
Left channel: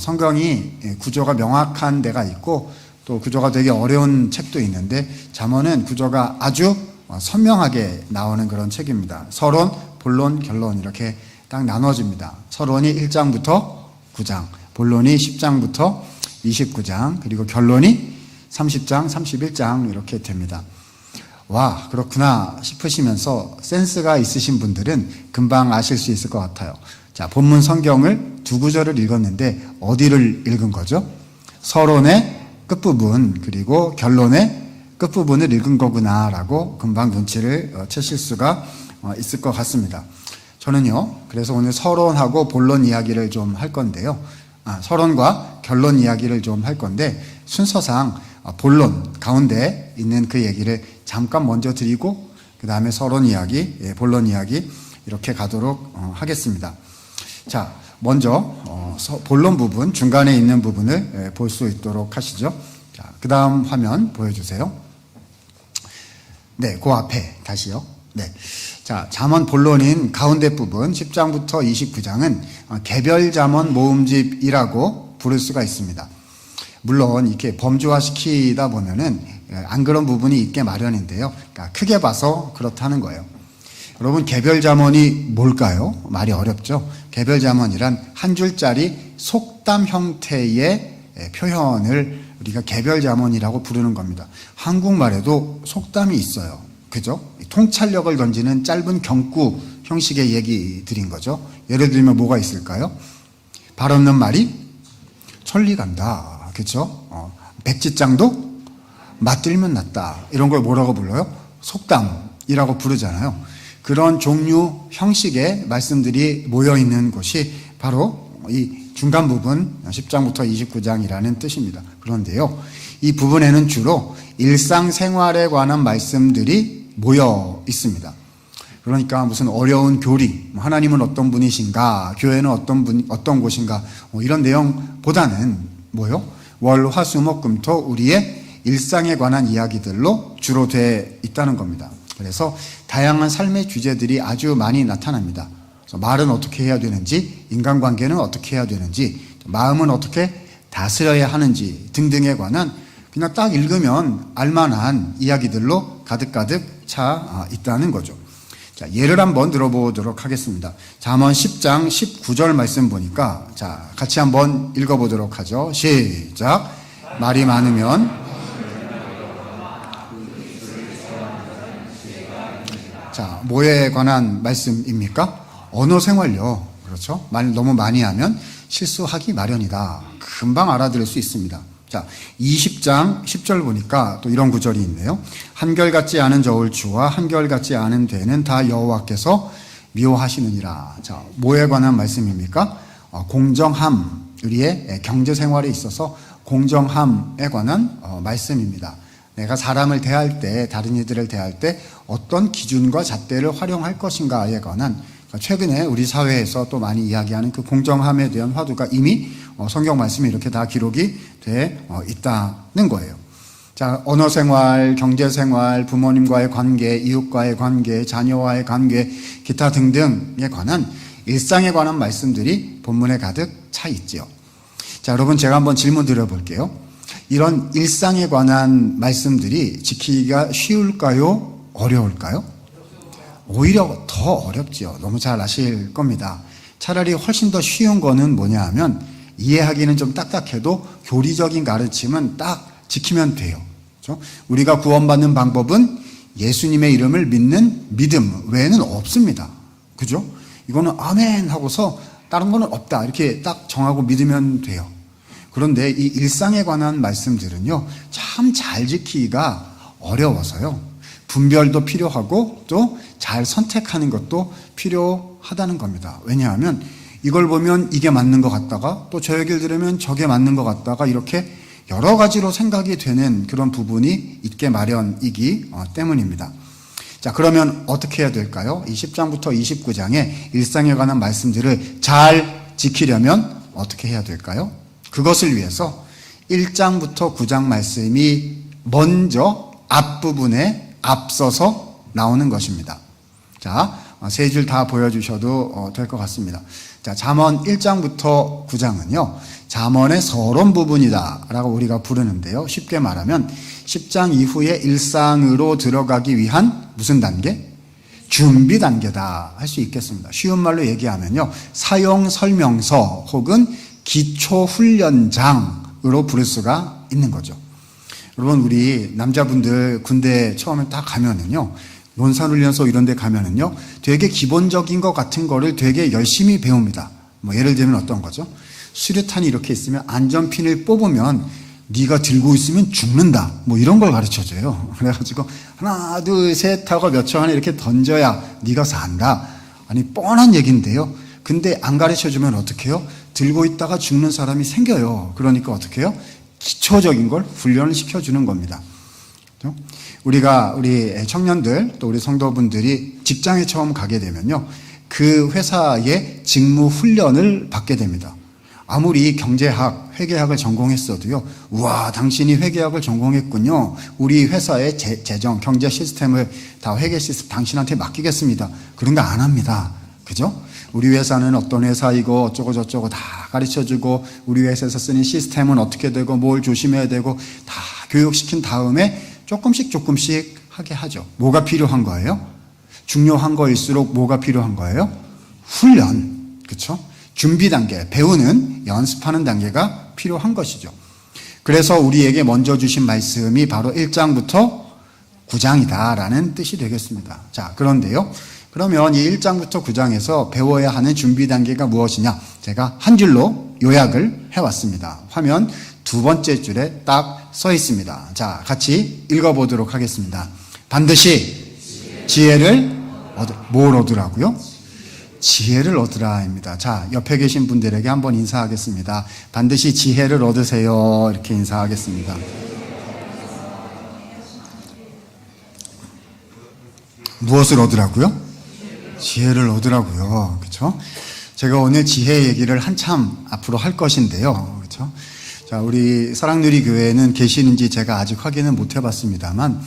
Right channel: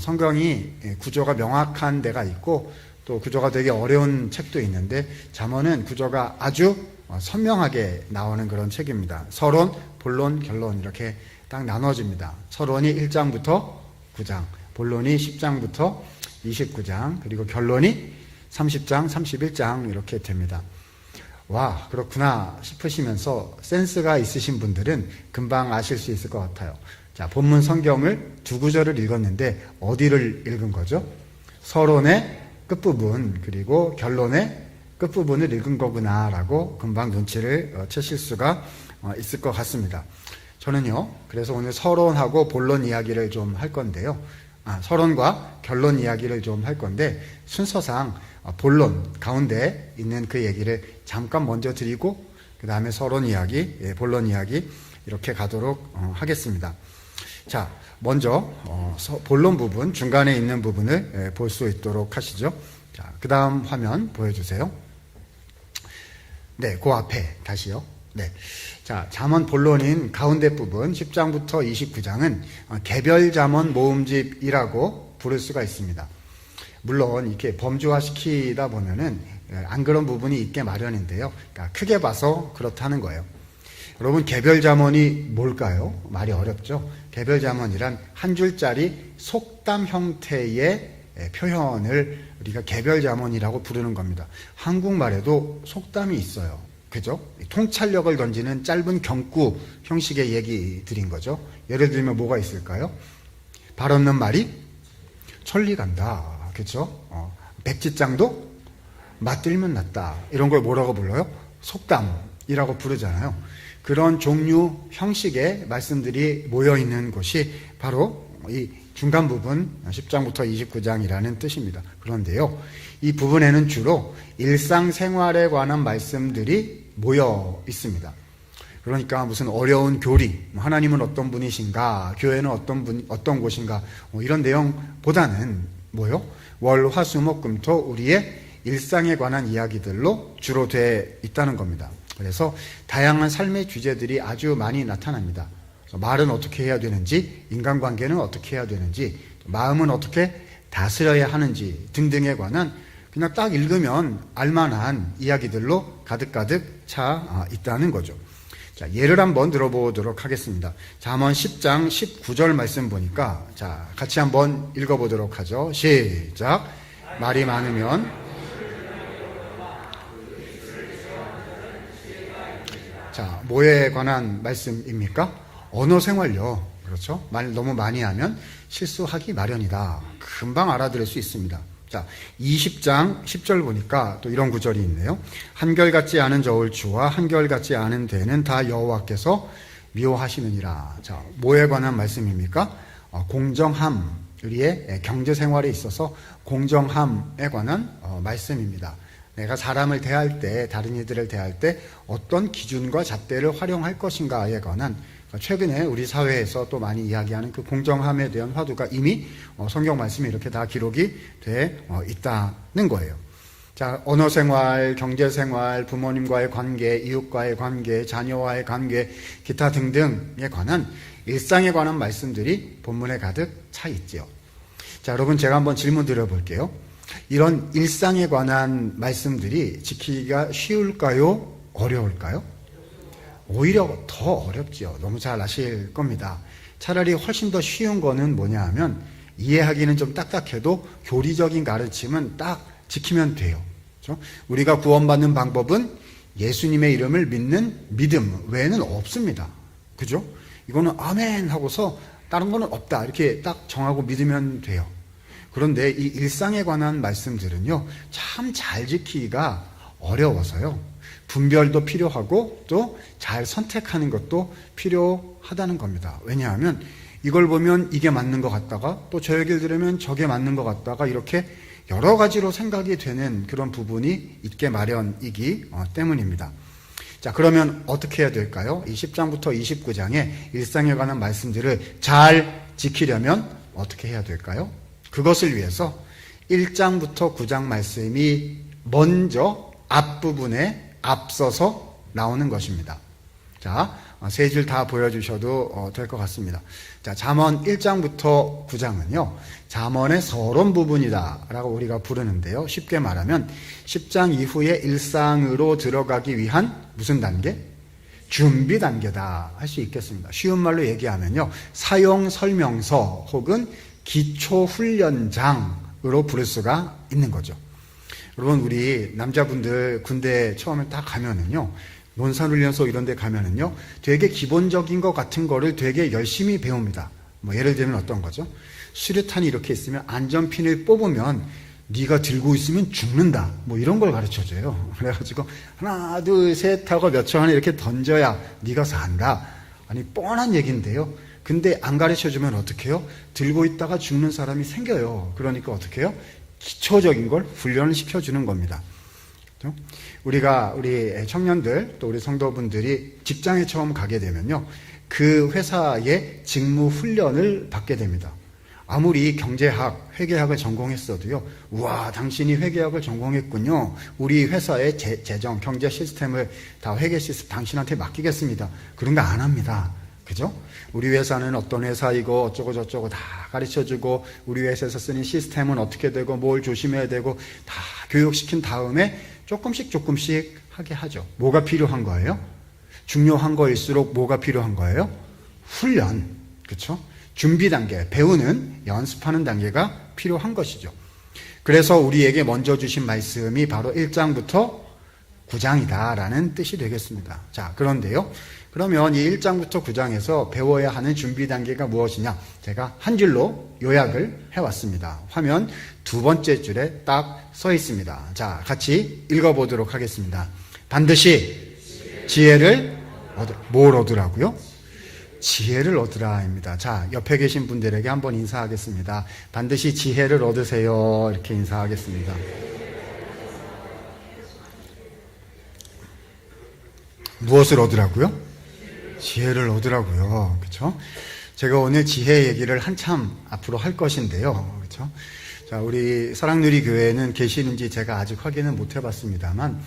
성경이 구조가 명확한 데가 있고 또 구조가 되게 어려운 책도 있는데 잠언은 구조가 아주 선명하게 나오는 그런 책입니다. 서론, 본론, 결론 이렇게 딱 나눠집니다. 서론이 1장부터 9장, 본론이 10장부터 29장, 그리고 결론이 30장, 31장 이렇게 됩니다. 와, 그렇구나 싶으시면서 센스가 있으신 분들은 금방 아실 수 있을 것 같아요. 자, 본문 성경을 두 구절을 읽었는데 어디를 읽은 거죠? 서론의 끝부분 그리고 결론의 끝부분을 읽은 거구나라고 금방 눈치를 채실 수가 있을 것 같습니다. 저는요, 그래서 오늘 서론하고 본론 이야기를 좀 할 건데요. 서론과 결론 이야기를 좀 할 건데 순서상 본론 가운데 있는 그 얘기를 잠깐 먼저 드리고 그 다음에 서론 이야기, 본론 이야기 이렇게 가도록 하겠습니다. 자, 먼저 본론 부분, 중간에 있는 부분을 볼 수 있도록 하시죠. 자, 그 다음 화면 보여주세요. 네, 그 앞에 다시요. 네, 자, 잠언 본론인 가운데 부분 10장부터 29장은 개별 잠언 모음집이라고 부를 수가 있습니다. 물론 이렇게 범주화시키다 보면은 안 그런 부분이 있게 마련인데요. 그러니까 크게 봐서 그렇다는 거예요. 여러분, 개별 잠언이 뭘까요? 말이 어렵죠. 개별 잠언이란 한 줄짜리 속담 형태의 표현을 우리가 개별 잠언이라고 부르는 겁니다. 한국말에도 속담이 있어요. 그죠? 통찰력을 던지는 짧은 경구 형식의 얘기들인 거죠. 예를 들면 뭐가 있을까요? 발 없는 말이 천리 간다. 그죠? 백지장도 맞들면 낫다. 이런 걸 뭐라고 불러요? 속담이라고 부르잖아요. 그런 종류 형식의 말씀들이 모여있는 곳이 바로 이 중간 부분 10장부터 29장이라는 뜻입니다. 그런데요, 이 부분에는 주로 일상생활에 관한 말씀들이 모여 있습니다. 그러니까 무슨 어려운 교리, 하나님은 어떤 분이신가, 교회는 어떤 곳인가, 이런 내용보다는 뭐요? 월, 화, 수, 목, 금, 토 우리의 일상에 관한 이야기들로 주로 돼 있다는 겁니다. 그래서 다양한 삶의 주제들이 아주 많이 나타납니다. 그래서 말은 어떻게 해야 되는지, 인간관계는 어떻게 해야 되는지, 마음은 어떻게 다스려야 하는지 등등에 관한 그냥 딱 읽으면 알만한 이야기들로 가득가득 차 있다는 거죠. 자, 예를 한번 들어보도록 하겠습니다. 잠언 10장 19절 말씀 보니까 자, 같이 한번 읽어보도록 하죠. 시작. 말이 많으면 자, 뭐에 관한 말씀입니까? 언어 생활요. 그렇죠? 말 너무 많이 하면 실수하기 마련이다. 금방 알아들을 수 있습니다. 자, 20장 10절 보니까 또 이런 구절이 있네요. 한결같지 않은 저울추와 한결같지 않은 대는 다 여호와께서 미워하시느니라. 자, 뭐에 관한 말씀입니까? 공정함, 우리의 경제 생활에 있어서 공정함에 관한 말씀입니다. 내가 사람을 대할 때, 다른 이들을 대할 때 어떤 기준과 잣대를 활용할 것인가에 관한 최근에 우리 사회에서 또 많이 이야기하는 그 공정함에 대한 화두가 이미 성경 말씀이 이렇게 다 기록이 돼 있다는 거예요. 자, 언어 생활, 경제 생활, 부모님과의 관계, 이웃과의 관계, 자녀와의 관계, 기타 등등에 관한 일상에 관한 말씀들이 본문에 가득 차 있지요. 자, 여러분 제가 한번 질문 드려볼게요. 이런 일상에 관한 말씀들이 지키기가 쉬울까요? 어려울까요? 오히려 더 어렵지요. 너무 잘 아실 겁니다. 차라리 훨씬 더 쉬운 거는 뭐냐 하면 이해하기는 좀 딱딱해도 교리적인 가르침은 딱 지키면 돼요. 그렇죠? 우리가 구원받는 방법은 예수님의 이름을 믿는 믿음 외에는 없습니다. 그죠? 이거는 아멘 하고서 다른 거는 없다 이렇게 딱 정하고 믿으면 돼요. 그런데 이 일상에 관한 말씀들은요, 참 잘 지키기가 어려워서요. 분별도 필요하고 또 잘 선택하는 것도 필요하다는 겁니다. 왜냐하면 이걸 보면 이게 맞는 것 같다가 또 저 얘기를 들으면 저게 맞는 것 같다가 이렇게 여러 가지로 생각이 되는 그런 부분이 있게 마련이기 때문입니다. 자, 그러면 어떻게 해야 될까요? 이 10장부터 29장의 일상에 관한 말씀들을 잘 지키려면 어떻게 해야 될까요? 그것을 위해서 1장부터 9장 말씀이 먼저 앞부분에 앞서서 나오는 것입니다. 자, 세 줄 다 보여주셔도 될 것 같습니다. 자, 잠언 1장부터 9장은요, 잠언의 서론 부분이다 라고 우리가 부르는데요. 쉽게 말하면 10장 이후에 일상으로 들어가기 위한 무슨 단계? 준비 단계다 할 수 있겠습니다. 쉬운 말로 얘기하면요, 사용 설명서 혹은 기초 훈련장으로 부를 수가 있는 거죠. 여러분, 우리 남자분들 군대 처음에 딱 가면은요, 논산훈련소 이런 데 가면은요, 되게 기본적인 것 같은 거를 되게 열심히 배웁니다. 뭐 예를 들면 어떤 거죠? 수류탄이 이렇게 있으면 안전핀을 뽑으면 네가 들고 있으면 죽는다. 뭐 이런 걸 가르쳐줘요. 그래가지고 하나, 둘, 셋 하고 몇 초 안에 이렇게 던져야 네가 산다. 아니, 뻔한 얘기인데요. 근데 안 가르쳐주면 어떻게 해요? 들고 있다가 죽는 사람이 생겨요. 그러니까 어떻게 해요? 기초적인 걸 훈련을 시켜주는 겁니다. 우리가 우리 청년들 또 우리 성도분들이 직장에 처음 가게 되면요, 그 회사의 직무 훈련을 받게 됩니다. 아무리 경제학, 회계학을 전공했어도요, 우와, 당신이 회계학을 전공했군요. 우리 회사의 재정, 경제 시스템을 다 회계 시스템 당신한테 맡기겠습니다. 그런 거 안 합니다. 그죠? 우리 회사는 어떤 회사이고 어쩌고 저쩌고 다 가르쳐주고 우리 회사에서 쓰는 시스템은 어떻게 되고 뭘 조심해야 되고 다 교육시킨 다음에 조금씩 하게 하죠. 뭐가 필요한 거예요? 중요한 거일수록 뭐가 필요한 거예요? 훈련. 그렇죠? 준비 단계, 배우는, 연습하는 단계가 필요한 것이죠. 그래서 우리에게 먼저 주신 말씀이 바로 1장부터 9장이다라는 뜻이 되겠습니다. 자, 그런데요, 그러면 이 1장부터 9장에서 배워야 하는 준비 단계가 무엇이냐? 제가 한 줄로 요약을 해왔습니다. 화면 두 번째 줄에 딱 써 있습니다. 자, 같이 읽어보도록 하겠습니다. 반드시 지혜를 뭘 얻으라고요? 지혜를 얻으라입니다. 자, 옆에 계신 분들에게 한번 인사하겠습니다. 반드시 지혜를 얻으세요. 이렇게 인사하겠습니다. 무엇을 얻으라고요? 지혜를 얻으라고요. 그렇죠? 제가 오늘 지혜 얘기를 한참 앞으로 할 것인데요. 그렇죠? 자, 우리 사랑누리 교회는 계시는지 제가 아직 확인은 못 해봤습니다만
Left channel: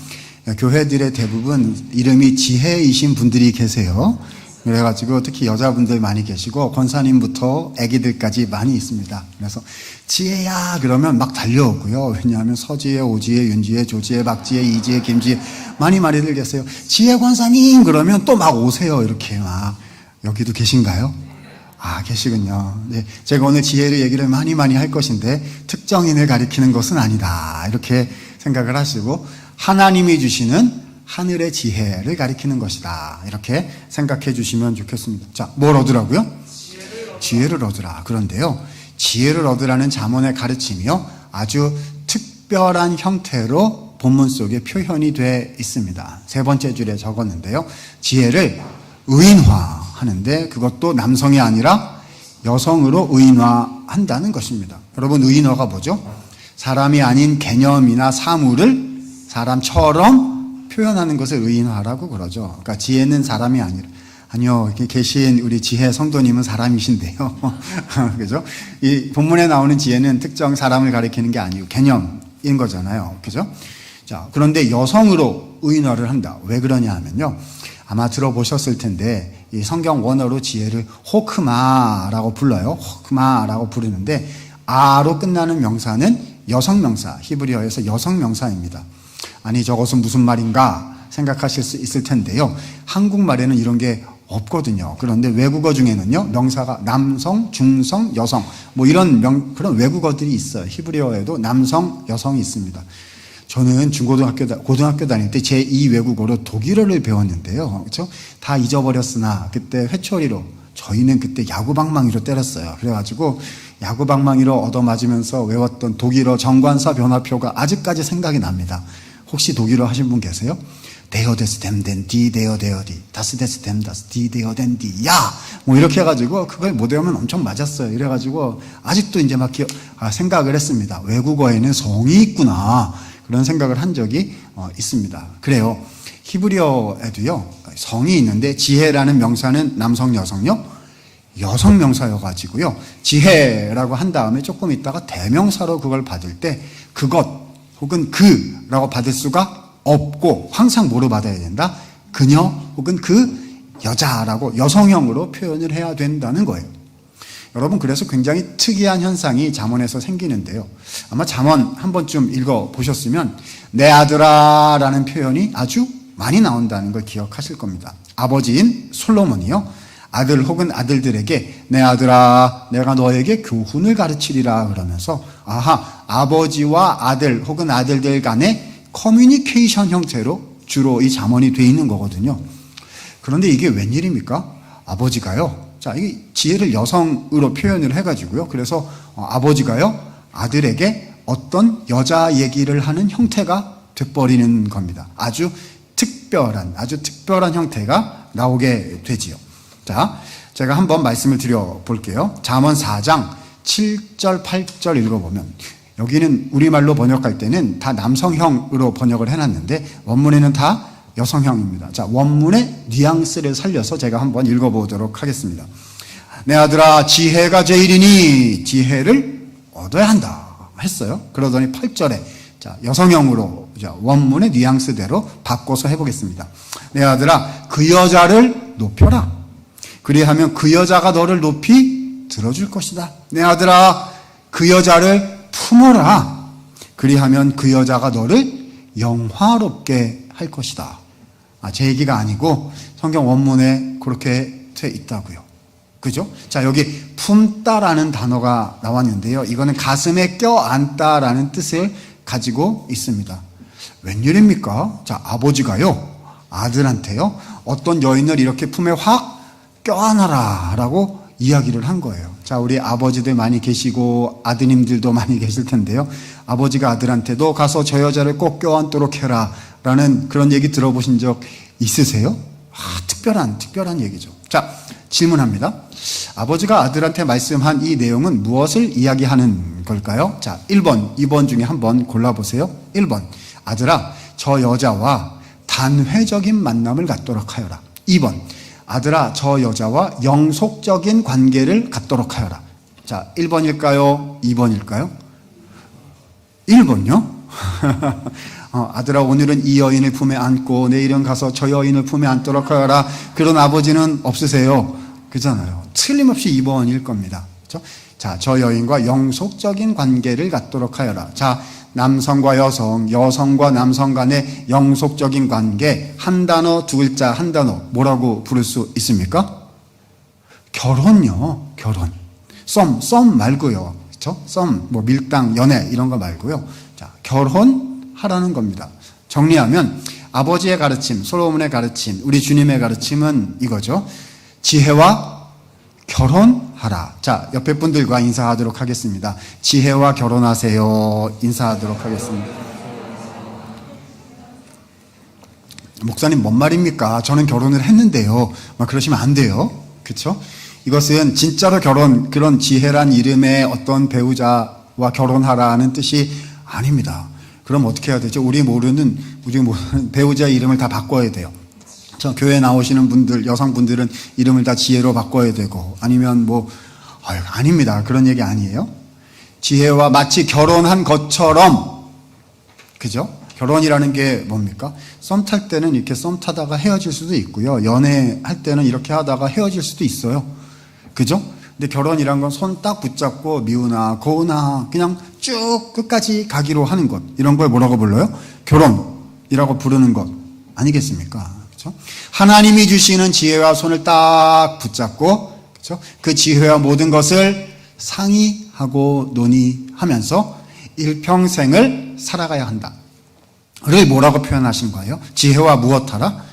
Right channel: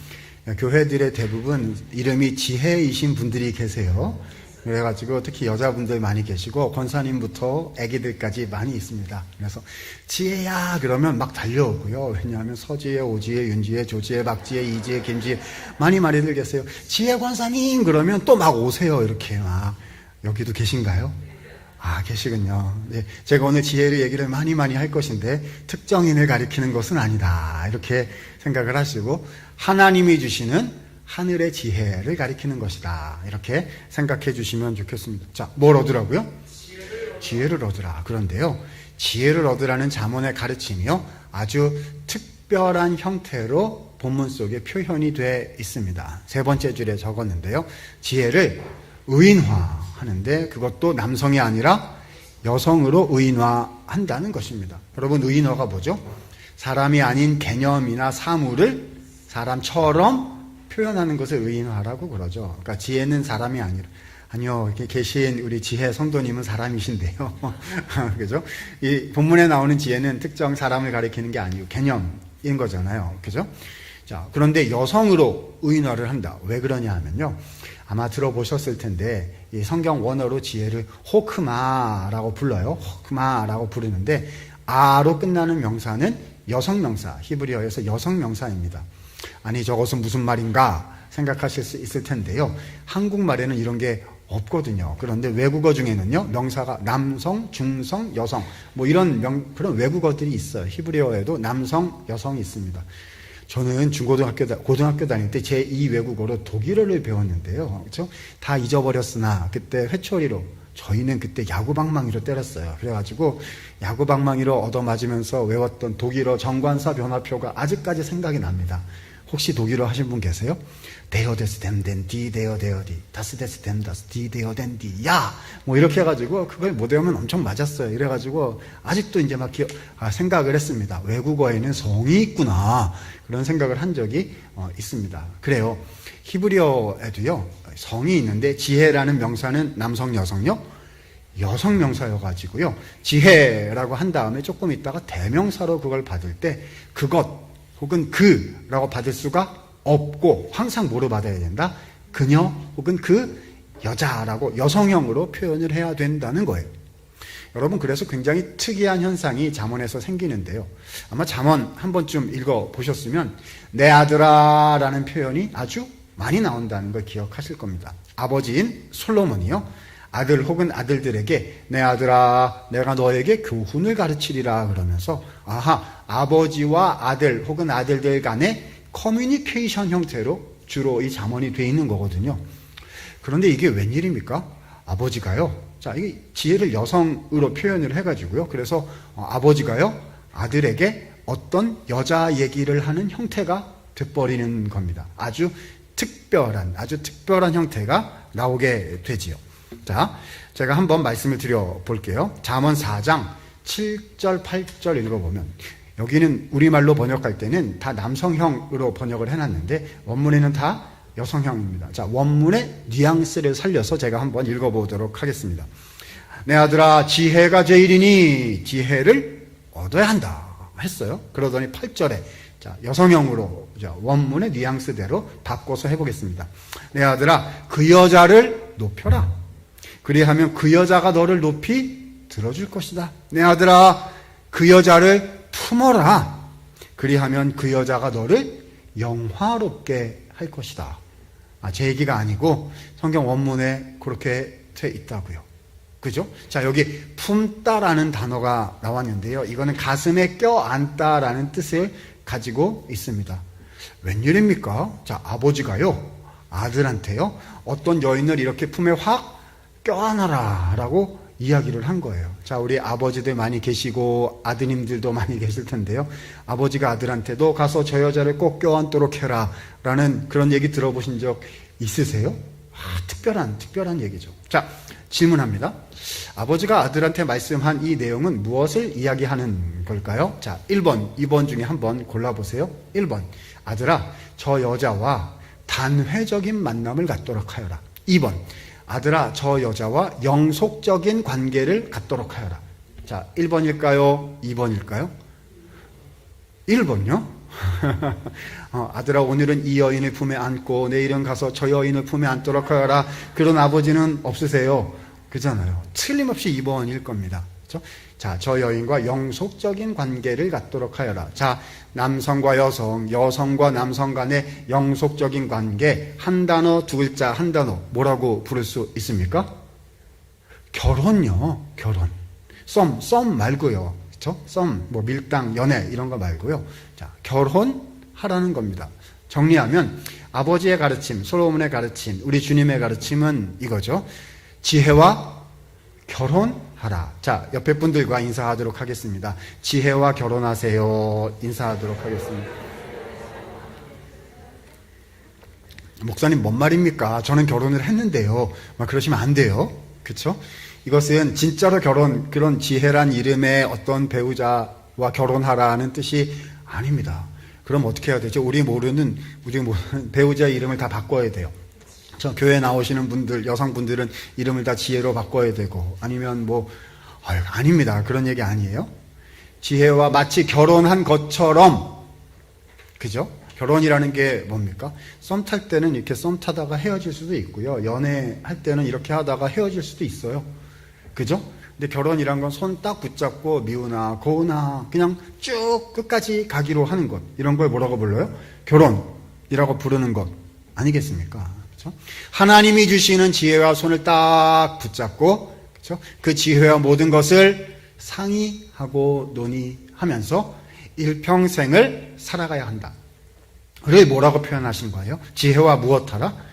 교회들의 대부분 이름이 지혜이신 분들이 계세요. 그래가지고 특히 여자분들 많이 계시고 권사님부터 아기들까지 많이 있습니다. 그래서 지혜야 그러면 막 달려오고요. 왜냐하면 서지혜, 오지혜, 윤지혜, 조지혜, 박지혜, 이지혜, 김지혜 많이들 계세요. 지혜 권사님 그러면 또 막 오세요. 이렇게 막. 여기도 계신가요? 아, 계시군요. 네, 제가 오늘 지혜를 얘기를 많이 할 것인데 특정인을 가리키는 것은 아니다. 이렇게 생각을 하시고 하나님이 주시는 하늘의 지혜를 가리키는 것이다. 이렇게 생각해 주시면 좋겠습니다. 자, 뭘 얻으라고요? 지혜를 얻으라. 그런데요, 지혜를 얻으라는 잠언의 가르침이요, 아주 특별한 형태로 본문 속에 표현이 돼 있습니다. 세 번째 줄에 적었는데요, 지혜를 의인화하는데 그것도 남성이 아니라 여성으로 의인화한다는 것입니다. 여러분, 의인화가 뭐죠? 사람이 아닌 개념이나 사물을 사람처럼 표현하는 것을 의인화라고 그러죠. 그러니까 지혜는 사람이 아니요. 이렇게 계신 우리 지혜 성도님은 사람이신데요. 그죠? 이 본문에 나오는 지혜는 특정 사람을 가리키는 게 아니고 개념인 거잖아요. 그죠? 자, 그런데 여성으로 의인화를 한다. 왜 그러냐 하면요, 아마 들어보셨을 텐데 이 성경 원어로 지혜를 호크마라고 불러요. 호크마라고 부르는데 아로 끝나는 명사는 여성명사, 히브리어에서 여성명사입니다. 아니, 저것은 무슨 말인가 생각하실 수 있을 텐데요, 한국말에는 이런 게 없거든요. 그런데 외국어 중에는요, 명사가 남성, 중성, 여성 뭐 이런 그런 외국어들이 있어요. 히브리어에도 남성, 여성이 있습니다. 저는 고등학교 다닐 때 제2 외국어로 독일어를 배웠는데요. 그렇죠? 다 잊어버렸으나 그때 회초리로, 저희는 그때 야구방망이로 때렸어요. 그래가지고 야구방망이로 얻어맞으면서 외웠던 독일어 정관사 변화표가 아직까지 생각이 납니다. 혹시 독일어 하신 분 계세요? 데어 데스 댐덴 디 데어 데어 디 다스 데스 댐 다스 디 데어 덴 디 야! 뭐 이렇게 해가지고 그걸 못 외우면 엄청 맞았어요. 이래가지고 아직도 이제 막 생각을 했습니다. 외국어에는 성이 있구나. 그런 생각을 한 적이 있습니다. 그래요. 히브리어에도요, 성이 있는데 지혜라는 명사는 남성, 여성요? 여성 명사여가지고요, 지혜라고 한 다음에 조금 있다가 대명사로 그걸 받을 때 그것 혹은 그라고 받을 수가 없고 항상 뭐로 받아야 된다? 그녀 혹은 그 여자라고 여성형으로 표현을 해야 된다는 거예요. 여러분, 그래서 굉장히 특이한 현상이 잠언에서 생기는데요, 아마 잠언 한 번쯤 읽어보셨으면 내 아들아 라는 표현이 아주 많이 나온다는 걸 기억하실 겁니다. 아버지인 솔로몬이요, 아들 혹은 아들들에게 내 아들아 내가 너에게 교훈을 가르치리라 그러면서, 아하, 아버지와 아들 혹은 아들들 간의 커뮤니케이션 형태로 주로 이 잠언이 돼 있는 거거든요. 그런데 이게 웬일입니까? 아버지가요, 자, 이 지혜를 여성으로 표현을 해가지고요, 그래서 아버지가요 아들에게 어떤 여자 얘기를 하는 형태가 돼버리는 겁니다. 아주 특별한 형태가 나오게 되지요. 자, 제가 한번 말씀을 드려볼게요. 잠언 4장 7절 8절 읽어보면, 여기는 우리말로 번역할 때는 다 남성형으로 번역을 해놨는데 원문에는 다 여성형입니다. 자, 원문의 뉘앙스를 살려서 제가 한번 읽어보도록 하겠습니다. 내 아들아, 지혜가 제일이니 지혜를 얻어야 한다 했어요. 그러더니 8절에 자, 여성형으로 원문의 뉘앙스대로 바꿔서 해보겠습니다. 내 아들아, 그 여자를 높여라. 그리하면 그 여자가 너를 높이 들어줄 것이다. 내 아들아, 그 여자를 품어라. 그리하면 그 여자가 너를 영화롭게 할 것이다. 제 얘기가 아니고 성경 원문에 그렇게 돼 있다고요. 그죠? 자, 여기 품다라는 단어가 나왔는데요, 이거는 가슴에 껴안다라는 뜻을 가지고 있습니다. 웬일입니까? 자, 아버지가요 아들한테요 어떤 여인을 이렇게 품에 확 껴안아라 라고 이야기를 한 거예요. 자, 우리 아버지들 많이 계시고 아드님들도 많이 계실 텐데요, 아버지가 아들한테도 가서 저 여자를 꼭 껴안도록 해라 라는 그런 얘기 들어보신 적 있으세요? 특별한 얘기죠. 자, 질문합니다. 아버지가 아들한테 말씀한 이 내용은 무엇을 이야기하는 걸까요? 자, 1번, 2번 중에 한번 골라보세요. 1번, 아들아, 저 여자와 단회적인 만남을 갖도록 하여라. 2번, 아들아, 저 여자와 영속적인 관계를 갖도록 하여라. 자, 1번일까요? 2번일까요? 1번요? 아들아 오늘은 이 여인을 품에 안고 내일은 가서 저 여인을 품에 안도록 하여라. 그런 아버지는 없으세요. 그잖아요. 틀림없이 2번일 겁니다. 그렇죠? 자, 저 여인과 영속적인 관계를 갖도록 하여라. 자, 남성과 여성, 여성과 남성 간의 영속적인 관계, 한 단어, 두 글자, 한 단어, 뭐라고 부를 수 있습니까? 결혼요, 결혼. 썸 말고요. 그렇죠? 썸, 뭐 밀당, 연애 이런 거 말고요. 자, 결혼하라는 겁니다. 정리하면 아버지의 가르침, 솔로몬의 가르침, 우리 주님의 가르침은 이거죠. 지혜와 결혼하라. 자, 옆에 분들과 인사하도록 하겠습니다. 지혜와 결혼하세요. 인사하도록 하겠습니다. 목사님 뭔 말입니까? 저는 결혼을 했는데요. 막 그러시면 안 돼요. 그렇죠? 이것은 진짜로 결혼, 그런 지혜란 이름의 어떤 배우자와 결혼하라는 뜻이 아닙니다. 그럼 어떻게 해야 되죠? 우리 모르는 배우자의 이름을 다 바꿔야 돼요. 저 교회 나오시는 분들, 여성분들은 이름을 다 지혜로 바꿔야 되고, 아니면 아닙니다. 그런 얘기 아니에요. 지혜와 마치 결혼한 것처럼, 그죠? 결혼이라는 게 뭡니까? 썸 탈 때는 이렇게 썸 타다가 헤어질 수도 있고요. 연애할 때는 이렇게 하다가 헤어질 수도 있어요. 그죠? 근데 결혼이란 건 손 딱 붙잡고 미우나 고우나 그냥 쭉 끝까지 가기로 하는 것. 이런 걸 뭐라고 불러요? 결혼이라고 부르는 것 아니겠습니까? 그렇죠? 하나님이 주시는 지혜와 손을 딱 붙잡고, 그렇죠? 그 지혜와 모든 것을 상의하고 논의하면서 일평생을 살아가야 한다. 를 뭐라고 표현하신 거예요? 지혜와 무엇하라?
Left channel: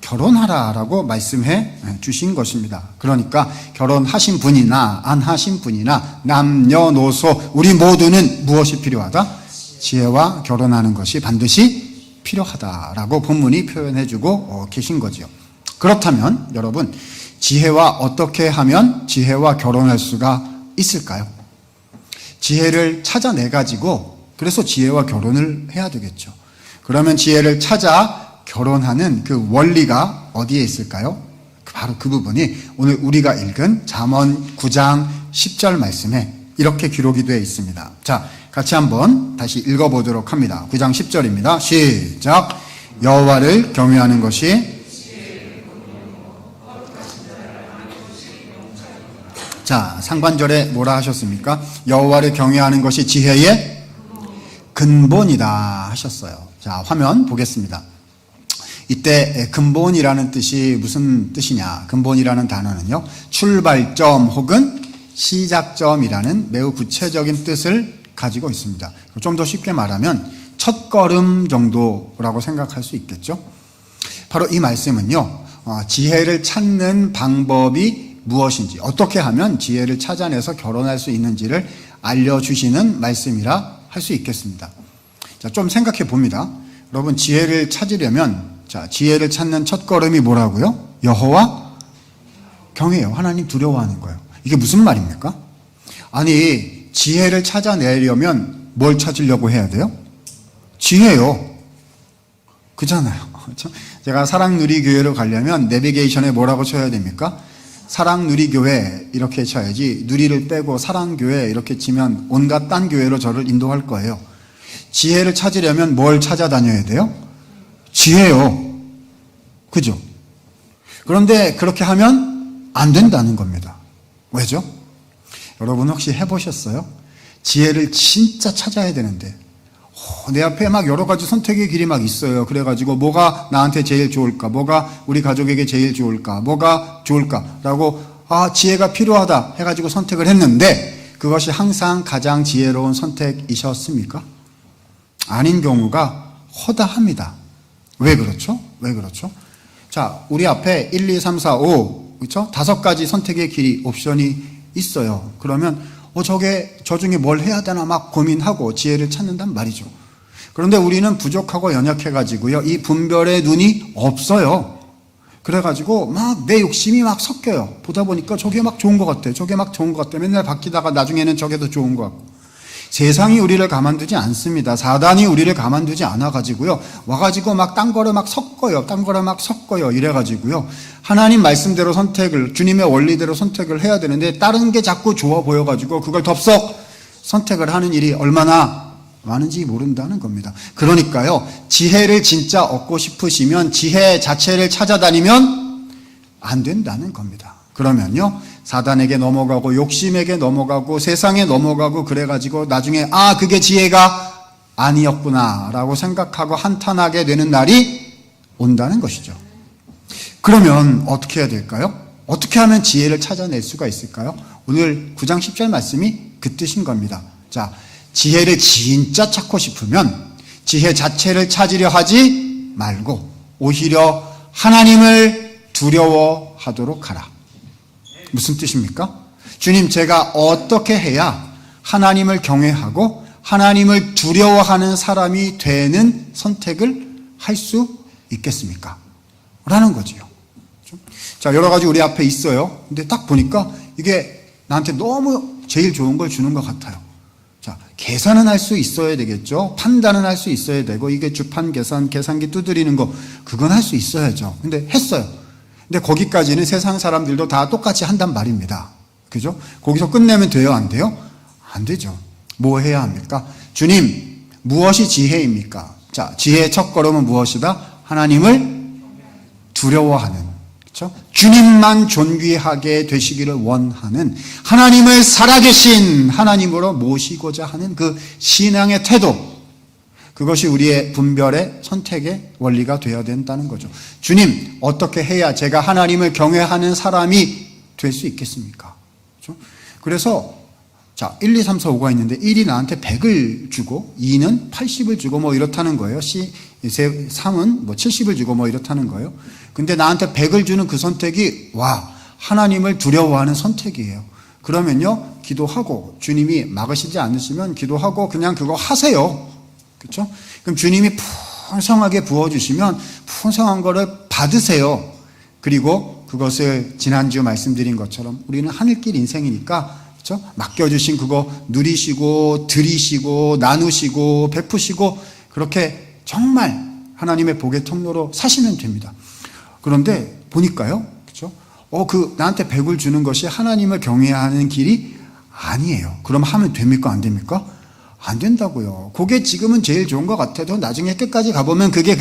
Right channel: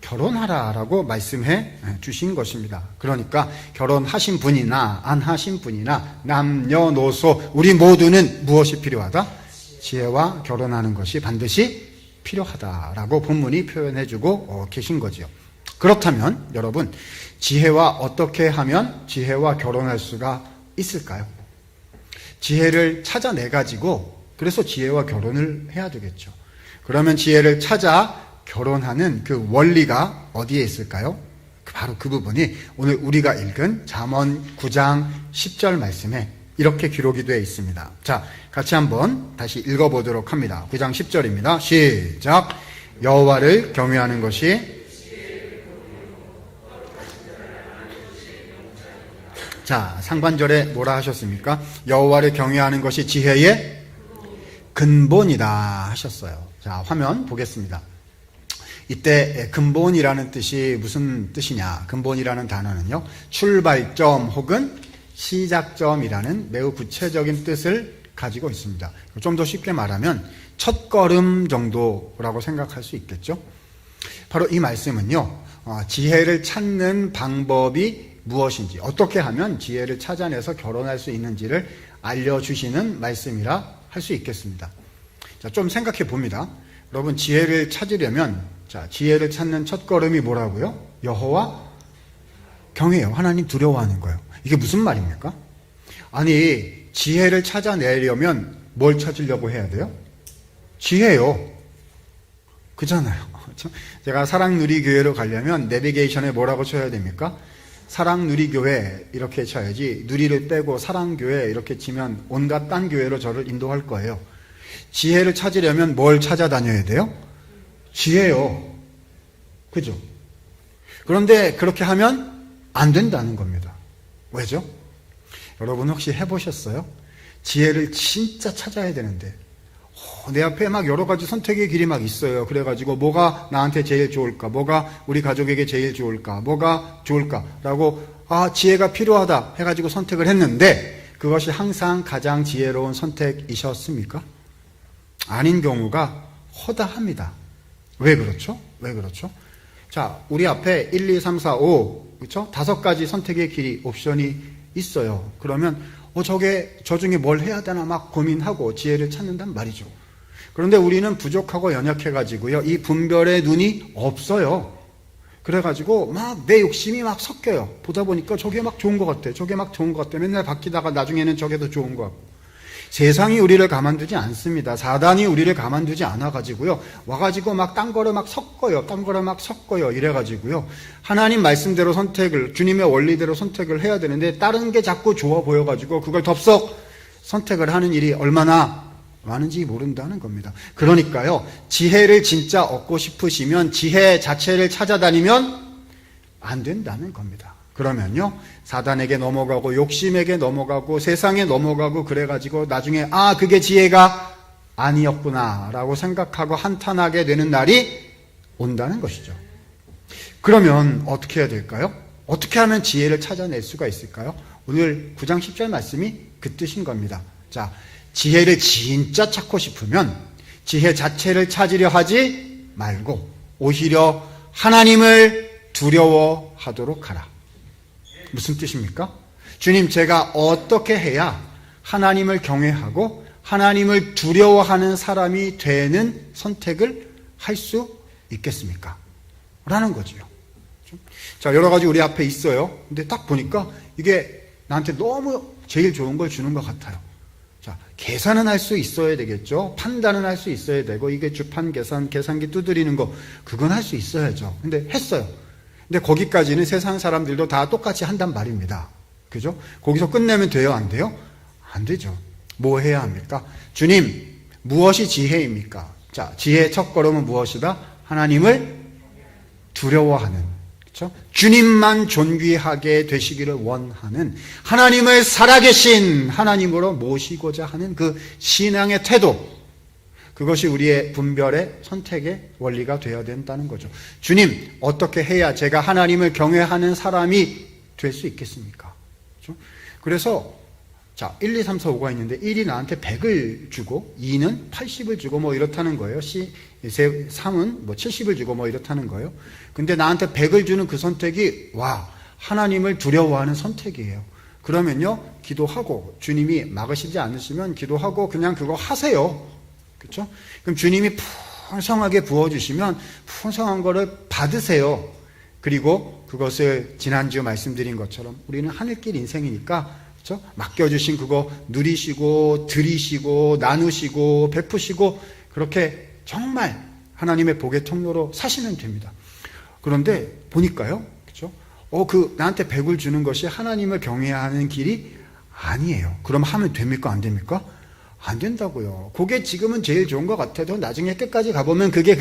결혼하라라고 말씀해 주신 것입니다. 그러니까 결혼하신 분이나 안 하신 분이나 남녀노소 우리 모두는 무엇이 필요하다? 지혜와 결혼하는 것이 반드시 필요하다라고 본문이 표현해주고 계신 거죠. 그렇다면 여러분, 지혜와 어떻게 하면 지혜와 결혼할 수가 있을까요? 지혜를 찾아내가지고 그래서 지혜와 결혼을 해야 되겠죠. 그러면 지혜를 찾아 결혼하는 그 원리가 어디에 있을까요? 바로 그 부분이 오늘 우리가 읽은 잠언 9장 10절 말씀에 이렇게 기록이 되어 있습니다. 자, 같이 한번 다시 읽어보도록 합니다. 9장 10절입니다. 시작. 여호와를 경외하는 것이, 자, 상반절에 뭐라 하셨습니까? 여호와를 경외하는 것이 지혜의 근본이다 하셨어요. 자, 화면 보겠습니다. 이때 근본이라는 뜻이 무슨 뜻이냐? 근본이라는 단어는요, 출발점 혹은 시작점이라는 매우 구체적인 뜻을 가지고 있습니다. 좀 더 쉽게 말하면 첫걸음 정도라고 생각할 수 있겠죠. 바로 이 말씀은요, 지혜를 찾는 방법이 무엇인지, 어떻게 하면 지혜를 찾아내서 결혼할 수 있는지를 알려주시는 말씀이라 할 수 있겠습니다. 자, 좀 생각해 봅니다. 여러분, 지혜를 찾으려면, 자, 지혜를 찾는 첫걸음이 뭐라고요? 여호와 경외예요. 하나님 두려워하는 거예요. 이게 무슨 말입니까? 아니, 지혜를 찾아내려면 뭘 찾으려고 해야 돼요? 지혜요. 그잖아요. 그렇죠? 제가 사랑누리교회로 가려면 내비게이션에 뭐라고 쳐야 됩니까? 사랑누리교회 이렇게 쳐야지, 누리를 빼고 사랑교회 이렇게 치면 온갖 딴 교회로 저를 인도할 거예요. 지혜를 찾으려면 뭘 찾아다녀야 돼요? 지혜요. 그죠? 그런데 그렇게 하면 안 된다는 겁니다. 왜죠? 여러분 혹시 해보셨어요? 지혜를 진짜 찾아야 되는데 내 앞에 막 여러 가지 선택의 길이 막 있어요. 그래가지고 뭐가 나한테 제일 좋을까? 뭐가 우리 가족에게 제일 좋을까? 뭐가 좋을까? 라고 지혜가 필요하다 해가지고 선택을 했는데 그것이 항상 가장 지혜로운 선택이셨습니까? 아닌 경우가 허다합니다. 왜 그렇죠? 왜 그렇죠? 자, 우리 앞에 1, 2, 3, 4, 5, 그렇죠? 5가지 선택의 길이, 옵션이 있어요. 그러면 저 중에 뭘 해야 되나 막 고민하고 지혜를 찾는단 말이죠. 그런데 우리는 부족하고 연약해가지고요, 이 분별의 눈이 없어요. 그래가지고 막 내 욕심이 막 섞여요. 보다 보니까 저게 막 좋은 것 같아. 저게 막 좋은 것 같아. 맨날 바뀌다가 나중에는 저게 더 좋은 것 같고. 세상이 우리를 가만두지 않습니다. 사단이 우리를 가만두지 않아가지고요, 와가지고 막 딴 거를 막 섞어요. 딴 거를 막 섞어요. 이래가지고요, 하나님 말씀대로 선택을, 주님의 원리대로 선택을 해야 되는데 다른 게 자꾸 좋아 보여가지고 그걸 덥석 선택을 하는 일이 얼마나 많은지 모른다는 겁니다. 그러니까요, 지혜를 진짜 얻고 싶으시면 지혜 자체를 찾아다니면 안 된다는 겁니다. 그러면요, 사단에게 넘어가고 욕심에게 넘어가고 세상에 넘어가고 그래가지고 나중에 그게 지혜가 아니었구나 라고 생각하고 한탄하게 되는 날이 온다는 것이죠. 그러면 어떻게 해야 될까요? 어떻게 하면 지혜를 찾아낼 수가 있을까요? 오늘 9장 10절 말씀이 그 뜻인 겁니다. 자, 지혜를 진짜 찾고 싶으면 지혜 자체를 찾으려 하지 말고 오히려 하나님을 두려워하도록 하라. 무슨 뜻입니까? 주님, 제가 어떻게 해야 하나님을 경외하고 하나님을 두려워하는 사람이 되는 선택을 할 수 있겠습니까? 라는 거지요. 자, 여러 가지 우리 앞에 있어요. 근데 딱 보니까 이게 나한테 너무 제일 좋은 걸 주는 것 같아요. 자, 계산은 할 수 있어야 되겠죠. 판단은 할 수 있어야 되고, 이게 주판 계산, 계산기 두드리는 거, 그건 할 수 있어야죠. 근데 했어요. 근데 거기까지는 세상 사람들도 다 똑같이 한단 말입니다. 그죠? 거기서 끝내면 돼요, 안 돼요? 안 되죠. 뭐 해야 합니까? 주님, 무엇이 지혜입니까? 자, 지혜의 첫걸음은 무엇이다? 하나님을 두려워하는, 그렇죠? 주님만 존귀하게 되시기를 원하는, 하나님을 살아계신 하나님으로 모시고자 하는 그 신앙의 태도, 그것이 우리의 분별의 선택의 원리가 되어야 된다는 거죠. 주님, 어떻게 해야 제가 하나님을 경외하는 사람이 될 수 있겠습니까? 그렇죠? 그래서 자, 1, 2, 3, 4, 5가 있는데 1이 나한테 100을 주고 2는 80을 주고 뭐 이렇다는 거예요. 3은 뭐 70을 주고 뭐 이렇다는 거예요. 근데 나한테 100을 주는 그 선택이 하나님을 두려워하는 선택이에요. 그러면요, 기도하고 주님이 막으시지 않으시면 기도하고 그냥 그거 하세요. 그렇죠? 그럼 주님이 풍성하게 부어주시면 풍성한 거를 받으세요. 그리고 그것을 지난주 말씀드린 것처럼 우리는 하늘길 인생이니까, 그렇죠? 맡겨주신 그거 누리시고 드리시고 나누시고 베푸시고 그렇게 정말 하나님의 복의 통로로 사시면 됩니다. 그런데 보니까요, 그렇죠? 나한테 100을 주는 것이 하나님을 경외하는 길이 아니에요. 그럼 하면 됩니까? 안 됩니까? 안 된다고요. 그게 지금은 제일 좋은 것 같아도 나중에 끝까지 가보면 그게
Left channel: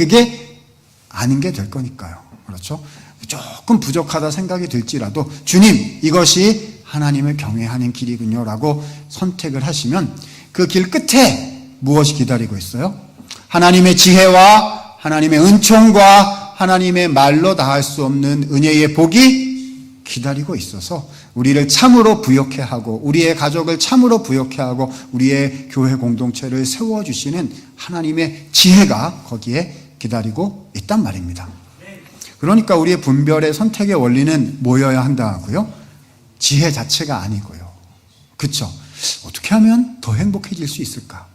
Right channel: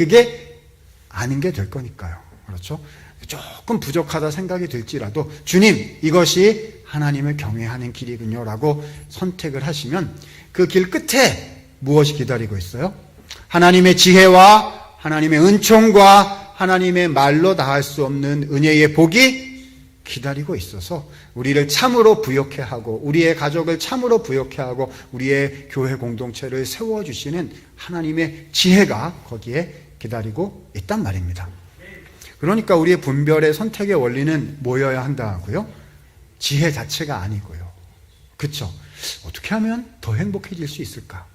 아닌 게 될 거니까요. 그렇죠? 조금 부족하다 생각이 들지라도 주님, 이것이 하나님을 경외하는 길이군요 라고 선택을 하시면 그 길 끝에 무엇이 기다리고 있어요? 하나님의 지혜와 하나님의 은총과 하나님의 말로 다할 수 없는 은혜의 복이 기다리고 있어서 우리를 참으로 부욕해 하고 우리의 가족을 참으로 부욕해 하고 우리의 교회 공동체를 세워주시는 하나님의 지혜가 거기에 기다리고 있단 말입니다. 그러니까 우리의 분별의 선택의 원리는 뭐여야 한다고요? 지혜 자체가 아니고요. 그렇죠? 어떻게 하면 더 행복해질 수 있을까?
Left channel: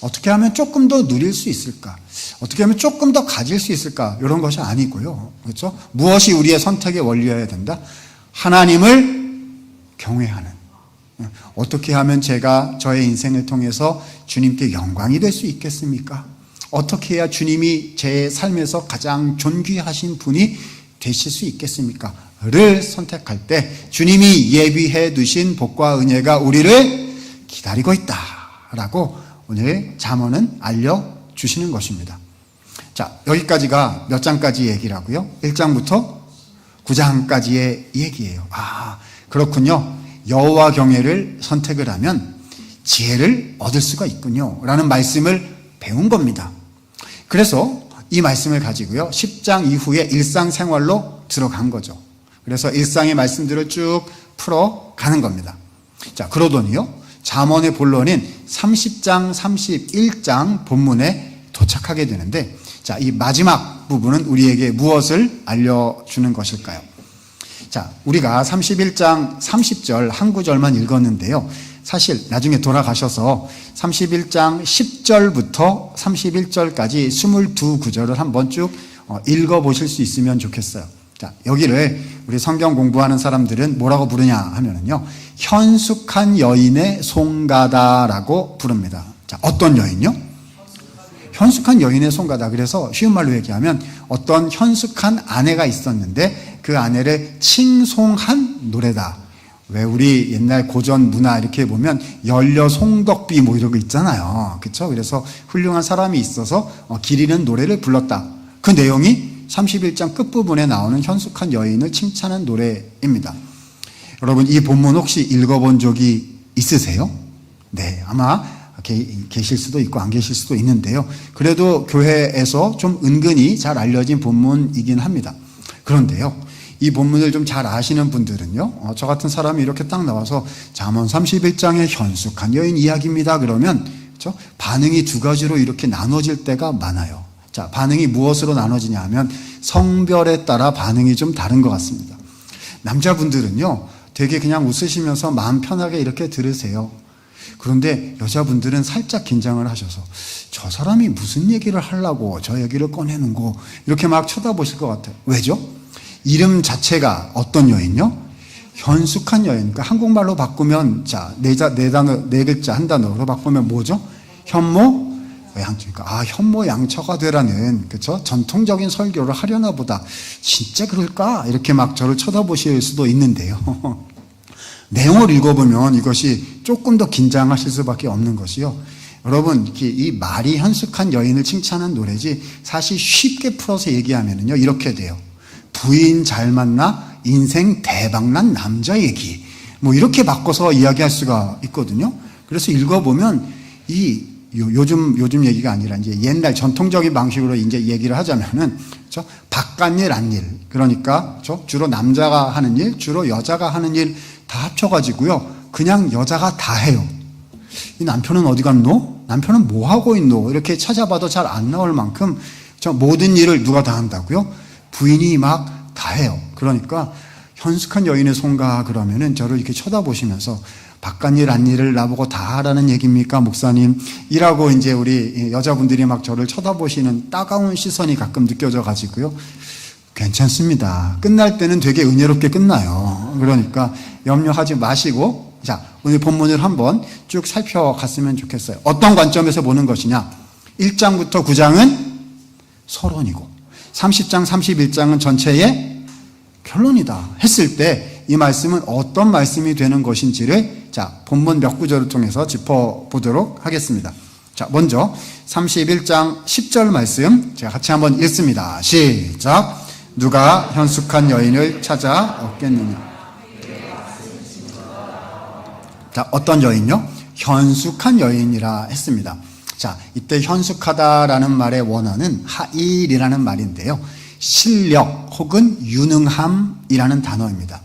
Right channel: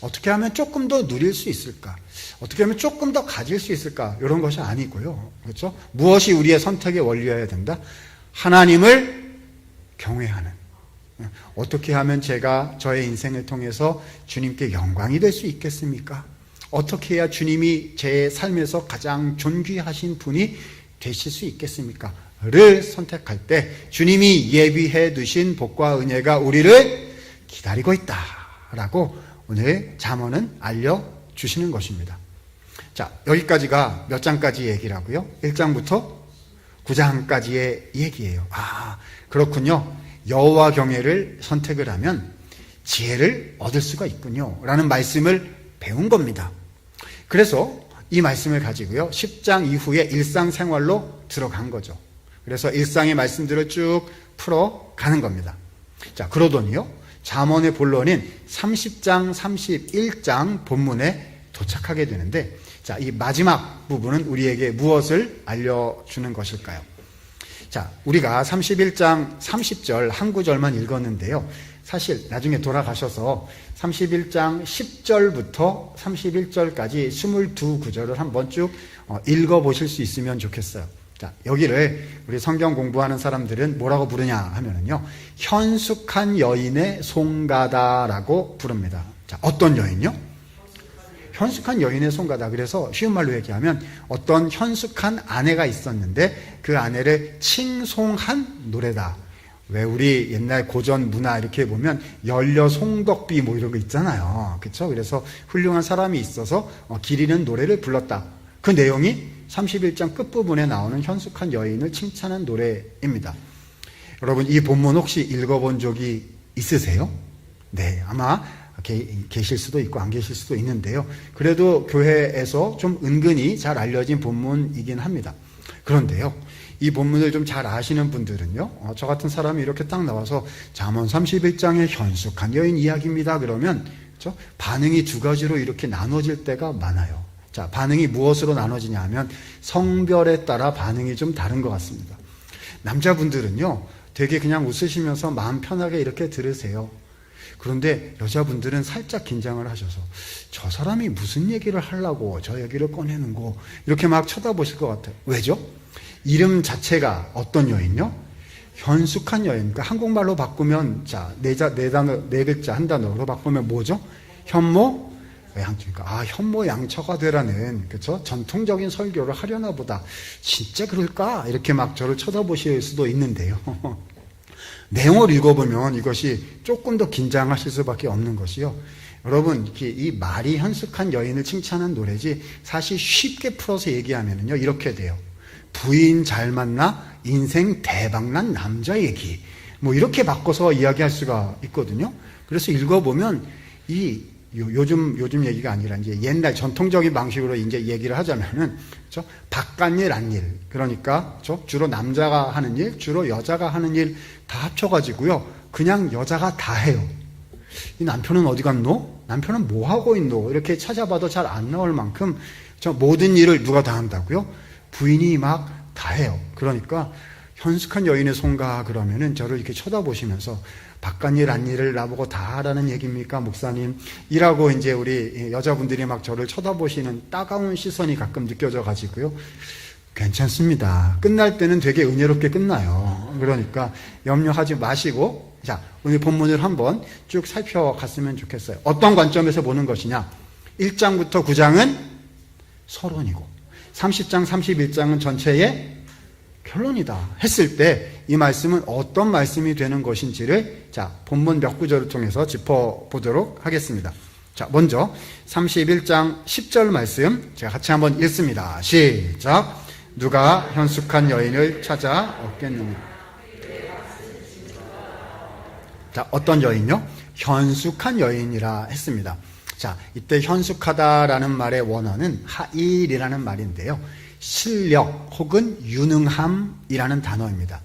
어떻게 하면 조금 더 누릴 수 있을까? 어떻게 하면 조금 더 가질 수 있을까? 이런 것이 아니고요. 그렇죠? 무엇이 우리의 선택의 원리여야 된다? 하나님을 경외하는. 어떻게 하면 제가 저의 인생을 통해서 주님께 영광이 될 수 있겠습니까? 어떻게 해야 주님이 제 삶에서 가장 존귀하신 분이 되실 수 있겠습니까? 를 선택할 때 주님이 예비해 두신 복과 은혜가 우리를 기다리고 있다라고 오늘 잠언은 알려주시는 것입니다. 자, 여기까지가 몇 장까지 얘기라고요? 1장부터 9장까지의 얘기예요. 그렇군요. 여호와 경외를 선택을 하면 지혜를 얻을 수가 있군요 라는 말씀을 배운 겁니다. 그래서 이 말씀을 가지고요, 10장 이후에 일상생활로 들어간 거죠. 그래서 일상의 말씀들을 쭉 풀어가는 겁니다. 자, 그러더니요, 잠언의 본론인 30장, 31장 본문에 도착하게 되는데, 자, 이 마지막 부분은 우리에게 무엇을 알려주는 것일까요? 자, 우리가 31장 30절 한 구절만 읽었는데요. 사실 나중에 돌아가셔서 31장 10절부터 31절까지 22구절을 한번 쭉 읽어보실 수 있으면 좋겠어요. 자, 여기를 우리 성경 공부하는 사람들은 뭐라고 부르냐 하면은요, 현숙한 여인의 송가다라고 부릅니다. 자, 어떤 여인요? 현숙한 여인의 송가다. 그래서 쉬운 말로 얘기하면 어떤 현숙한 아내가 있었는데 그 아내를 칭송한 노래다. 왜 우리 옛날 고전 문화 이렇게 보면 연려 송덕비 뭐 이런 거 있잖아요. 그렇죠? 그래서 훌륭한 사람이 있어서 길 잃은 노래를 불렀다. 그 내용이 31장 끝부분에 나오는 현숙한 여인을 칭찬한 노래입니다. 여러분 이 본문 혹시 읽어본 적이 있으세요? 네, 아마 계실 수도 있고 안 계실 수도 있는데요. 그래도 교회에서 좀 은근히 잘 알려진 본문이긴 합니다. 그런데요, 이 본문을 좀 잘 아시는 분들은요, 저 같은 사람이 이렇게 딱 나와서 잠언 31장의 현숙한 여인 이야기입니다 그러면 그렇죠? 반응이 두 가지로 이렇게 나눠질 때가 많아요. 자, 반응이 무엇으로 나눠지냐 하면 성별에 따라 반응이 좀 다른 것 같습니다. 남자분들은요, 되게 그냥 웃으시면서 마음 편하게 이렇게 들으세요. 그런데 여자분들은 살짝 긴장을 하셔서 저 사람이 무슨 얘기를 하려고 저 얘기를 꺼내는고 이렇게 막 쳐다보실 것 같아요. 왜죠? 이름 자체가 어떤 여인요? 현숙한 여인. 그러니까 한국말로 바꾸면 자, 네 글자 한 단어로 바꾸면 뭐죠? 현모 양처니까 현모 양처가 되라는 그렇죠? 전통적인 설교를 하려나 보다. 진짜 그럴까? 이렇게 막 저를 쳐다보실 수도 있는데요. 내용을 읽어보면 이것이 조금 더 긴장하실 수밖에 없는 것이요. 여러분, 이 말이 현숙한 여인을 칭찬한 노래지 사실 쉽게 풀어서 얘기하면요 이렇게 돼요. 부인 잘 만나 인생 대박난 남자 얘기. 뭐 이렇게 바꿔서 이야기할 수가 있거든요. 그래서 읽어보면 요즘 얘기가 아니라 이제 옛날 전통적인 방식으로 이제 얘기를 하자면은 그렇죠? 바깥일 안일. 그러니까 그렇죠? 주로 남자가 하는 일, 주로 여자가 하는 일 다 합쳐가지고요. 그냥 여자가 다 해요. 이 남편은 어디 갔노? 남편은 뭐 하고 있노? 이렇게 찾아봐도 잘 안 나올 만큼 모든 일을 누가 다 한다고요? 부인이 막 다 해요. 그러니까 현숙한 여인의 손가 그러면은 저를 이렇게 쳐다보시면서 바깥일 안일을 나보고 다 하라는 얘기입니까, 목사님? 이라고 이제 우리 여자분들이 막 저를 쳐다보시는 따가운 시선이 가끔 느껴져 가지고요. 괜찮습니다. 끝날 때는 되게 은혜롭게 끝나요. 그러니까 염려하지 마시고 자, 오늘 본문을 한번 쭉 살펴갔으면 좋겠어요. 어떤 관점에서 보는 것이냐? 1장부터 9장은 서론이고 30장, 31장은 전체의 결론이다 했을 때 이 말씀은 어떤 말씀이 되는 것인지를 자, 본문 몇 구절을 통해서 짚어보도록 하겠습니다. 자, 먼저 31장 10절 말씀 제가 같이 한번 읽습니다. 시작. 누가 현숙한 여인을 찾아 얻겠느냐? 자, 어떤 여인요? 현숙한 여인이라 했습니다. 자, 이때 현숙하다라는 말의 원어는 하일이라는 말인데요. 실력 혹은 유능함이라는 단어입니다.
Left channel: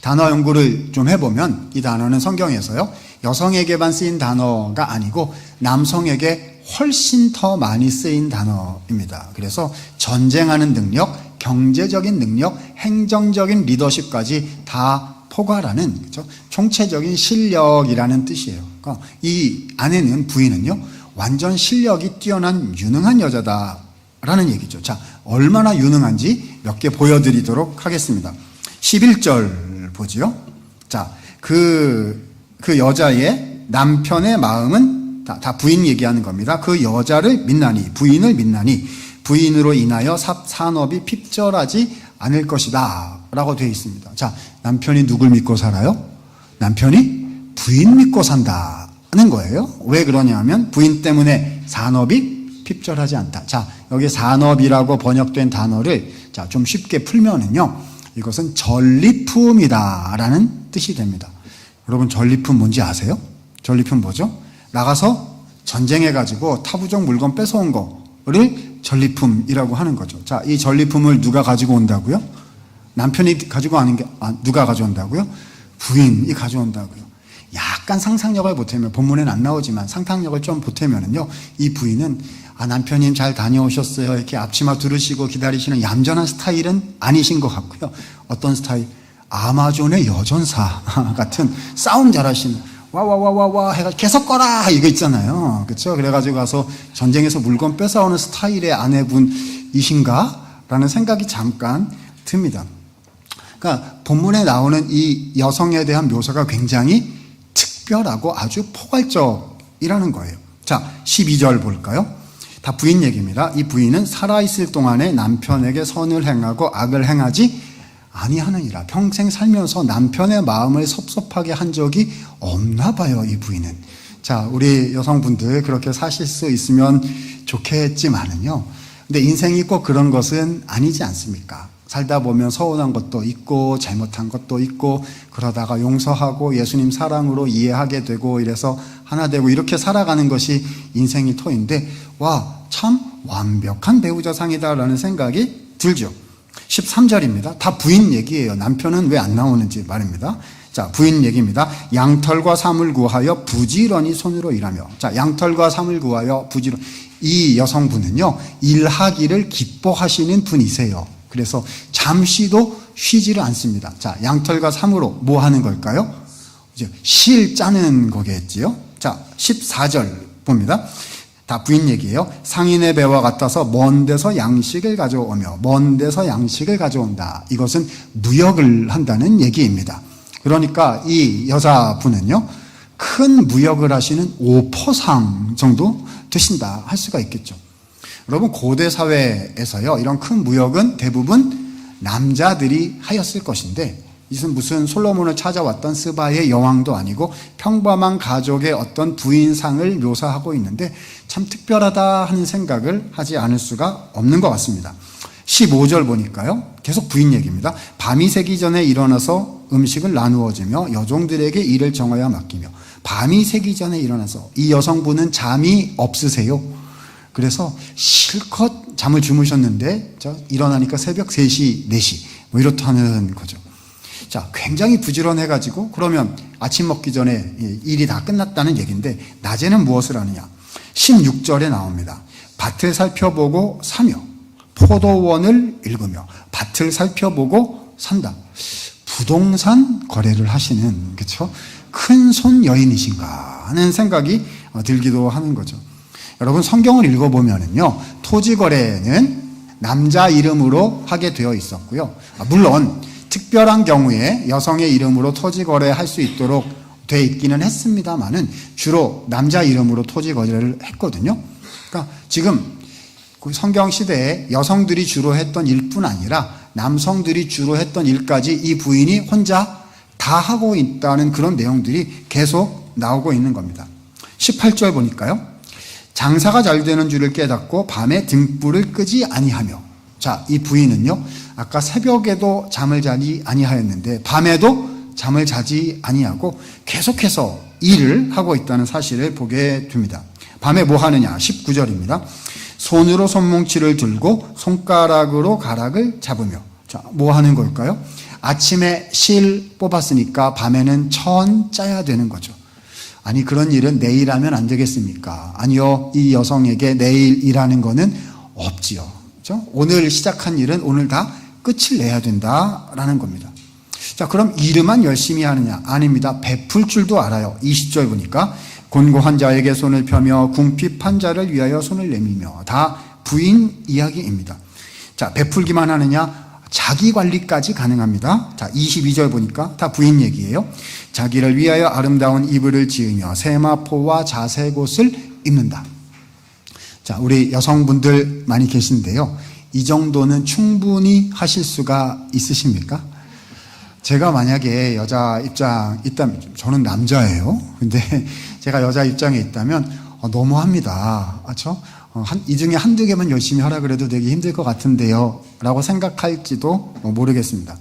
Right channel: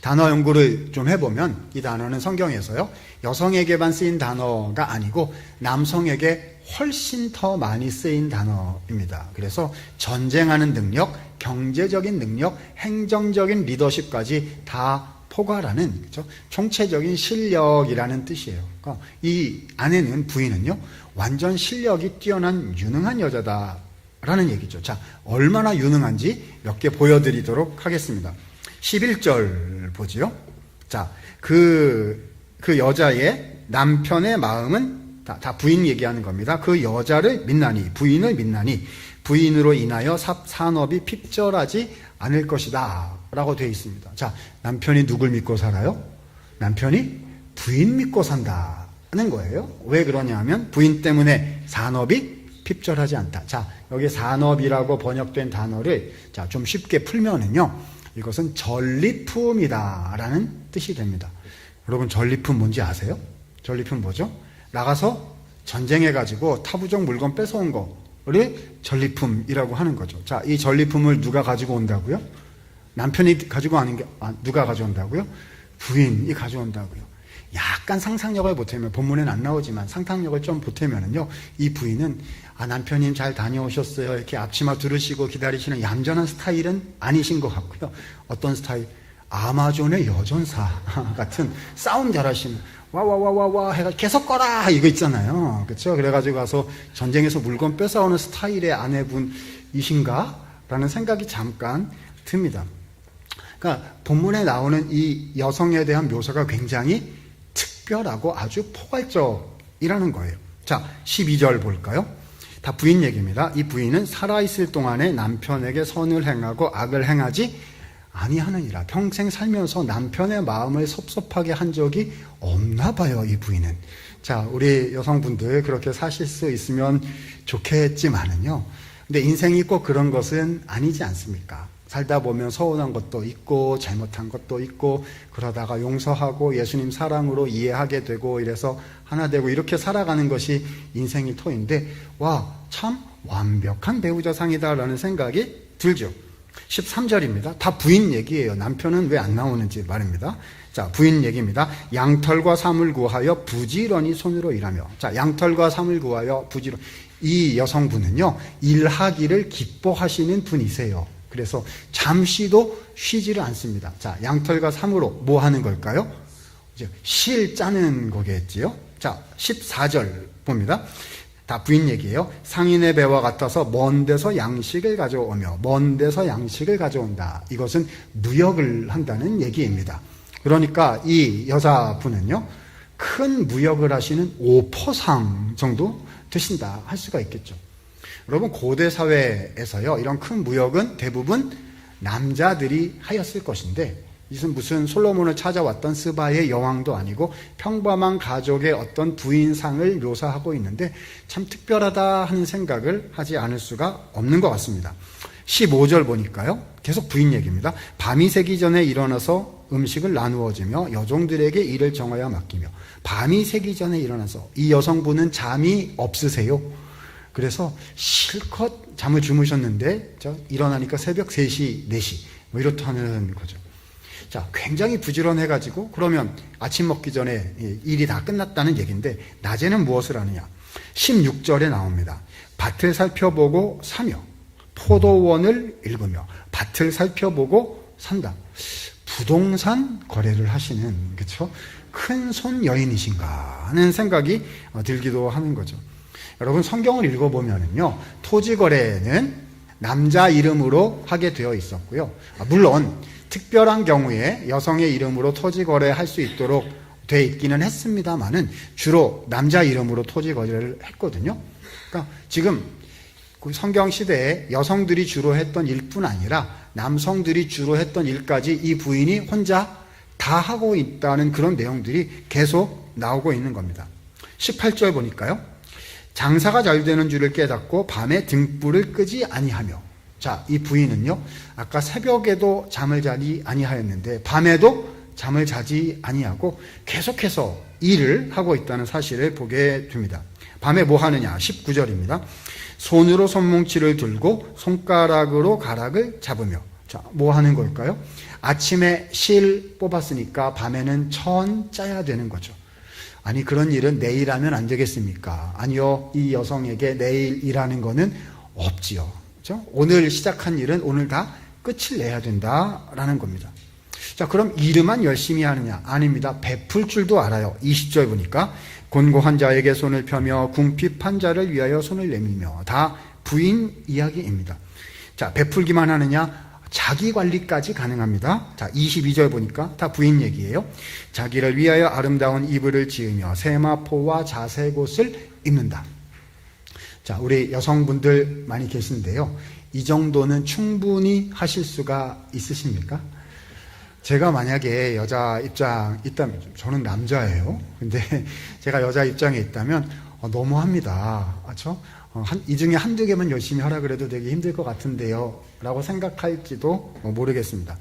단어 연구를 좀 해보면 이 단어는 성경에서요, 여성에게만 쓰인 단어가 아니고 남성에게 훨씬 더 많이 쓰인 단어입니다. 그래서 전쟁하는 능력, 경제적인 능력, 행정적인 리더십까지 다 포괄하는 그렇죠? 총체적인 실력이라는 뜻이에요. 그러니까 이 안에는 부인은요, 완전 실력이 뛰어난 유능한 여자다라는 얘기죠. 자, 얼마나 유능한지 몇 개 보여드리도록 하겠습니다. 11절 보지요. 자, 그 여자의 남편의 마음은 다 부인 얘기하는 겁니다. 그 여자를 믿나니, 부인을 믿나니 부인으로 인하여 산업이 핍절하지 않을 것이다 라고 되어 있습니다. 자, 남편이 누굴 믿고 살아요? 남편이 부인 믿고 산다는 거예요. 왜 그러냐면 부인 때문에 산업이 핍절하지 않다. 자, 여기 산업이라고 번역된 단어를 자, 좀 쉽게 풀면은요, 이것은 전리품이다라는 뜻이 됩니다. 여러분, 전리품 뭔지 아세요? 전리품 뭐죠? 나가서 전쟁해가지고 타부족 물건 뺏어온 거를 전리품이라고 하는 거죠. 자, 이 전리품을 누가 가지고 온다고요? 남편이 가지고 오는 게 누가 가져온다고요? 부인이 가져온다고요. 약간 상상력을 보태면, 본문에는 안 나오지만 상상력을 좀 보태면은요, 이 부인은 남편님 잘 다녀오셨어요 이렇게 앞치마 두르시고 기다리시는 얌전한 스타일은 아니신 것 같고요. 어떤 스타일? 아마존의 여전사 같은 싸움 잘하시는 와와와와와 해가지고 계속 꺼라 이거 있잖아요. 그렇죠? 그래가지고 가서 전쟁에서 물건 뺏어오는 스타일의 아내분이신가? 라는 생각이 잠깐 듭니다. 그러니까 본문에 나오는 이 여성에 대한 묘사가 굉장히 특별하고 아주 포괄적이라는 거예요. 자, 12절 볼까요? 다 부인 얘기입니다. 이 부인은 살아있을 동안에 남편에게 선을 행하고 악을 행하지 아니하느니라. 평생 살면서 남편의 마음을 섭섭하게 한 적이 없나 봐요, 이 부인은. 자, 우리 여성분들 그렇게 사실 수 있으면 좋겠지만은요. 근데 인생이 꼭 그런 것은 아니지 않습니까? 살다 보면 서운한 것도 있고 잘못한 것도 있고 그러다가 용서하고 예수님 사랑으로 이해하게 되고 이래서 하나 되고 이렇게 살아가는 것이 인생의 터인데 와, 참 완벽한 배우자상이다라는 생각이 들죠. 13절입니다. 다 부인 얘기예요. 남편은 왜 안 나오는지 말입니다. 자, 부인 얘기입니다. 양털과 삼을 구하여 부지런히 손으로 일하며. 자, 양털과 삼을 구하여 부지런. 이 여성분은요, 일하기를 기뻐하시는 분이세요. 그래서 잠시도 쉬지를 않습니다. 자, 양털과 삼으로 뭐 하는 걸까요? 이제 실 짜는 거겠지요. 자, 14절 봅니다. 다 부인 얘기예요. 상인의 배와 같아서 먼 데서 양식을 가져오며 먼 데서 양식을 가져온다. 이것은 무역을 한다는 얘기입니다. 그러니까 이 여자분은요, 큰 무역을 하시는 오퍼상 정도 되신다 할 수가 있겠죠. 여러분, 고대 사회에서요, 이런 큰 무역은 대부분 남자들이 하였을 것인데, 이것은 무슨 솔로몬을 찾아왔던 스바의 여왕도 아니고 평범한 가족의 어떤 부인상을 묘사하고 있는데 참 특별하다 하는 생각을 하지 않을 수가 없는 것 같습니다. 15절 보니까요, 계속 부인 얘기입니다. 밤이 새기 전에 일어나서 음식을 나누어 주며 여종들에게 일을 정하여 맡기며. 밤이 새기 전에 일어나서, 이 여성분은 잠이 없으세요. 그래서 실컷 잠을 주무셨는데 일어나니까 새벽 3시, 4시 뭐 이렇다는 거죠. 자, 굉장히 부지런해가지고 그러면 아침 먹기 전에 일이 다 끝났다는 얘기인데 낮에는 무엇을 하느냐. 16절에 나옵니다. 밭을 살펴보고 사며 포도원을 읽으며. 밭을 살펴보고 산다. 부동산 거래를 하시는, 그렇죠? 큰손 여인이신가 하는 생각이 들기도 하는 거죠. 여러분, 성경을 읽어보면은요, 토지 거래는 남자 이름으로 하게 되어 있었고요. 물론 특별한 경우에 여성의 이름으로 토지 거래할 수 있도록 돼 있기는 했습니다만은 주로 남자 이름으로 토지 거래를 했거든요. 그러니까 지금 성경 시대에 여성들이 주로 했던 일뿐 아니라 남성들이 주로 했던 일까지 이 부인이 혼자 다 하고 있다는 그런 내용들이 계속 나오고 있는 겁니다. 18절 보니까요, 장사가 잘 되는 줄을 깨닫고 밤에 등불을 끄지 아니하며. 자, 이 부인은요, 아까 새벽에도 잠을 자지 아니하였는데 밤에도 잠을 자지 아니하고 계속해서 일을 하고 있다는 사실을 보게 됩니다. 밤에 뭐 하느냐? 19절입니다. 손으로 손뭉치를 들고 손가락으로 가락을 잡으며. 자, 뭐 하는 걸까요? 아침에 실 뽑았으니까 밤에는 천 짜야 되는 거죠. 아니, 그런 일은 내일 하면 안 되겠습니까? 아니요, 이 여성에게 내일 일하는 거는 없지요. 그렇죠? 오늘 시작한 일은 오늘 다 끝을 내야 된다라는 겁니다. 자, 그럼 일만 열심히 하느냐? 아닙니다. 베풀 줄도 알아요. 20절 보니까 곤고한 자에게 손을 펴며 궁핍한 자를 위하여 손을 내밀며. 다 부인 이야기입니다. 자, 베풀기만 하느냐? 자기 관리까지 가능합니다. 자, 22절 보니까 다 부인 얘기예요. 자기를 위하여 아름다운 이불을 지으며 세마포와 자색옷을 입는다. 자, 우리 여성분들 많이 계신데요, 이 정도는 충분히 하실 수가 있으십니까? 제가 만약에 여자 입장 있다면, 저는 남자예요. 근데 제가 여자 입장에 있다면 너무합니다. 그렇죠? 이 중에 한두 개만 열심히 하라 그래도 되게 힘들 것 같은데요 라고 생각할지도 모르겠습니다.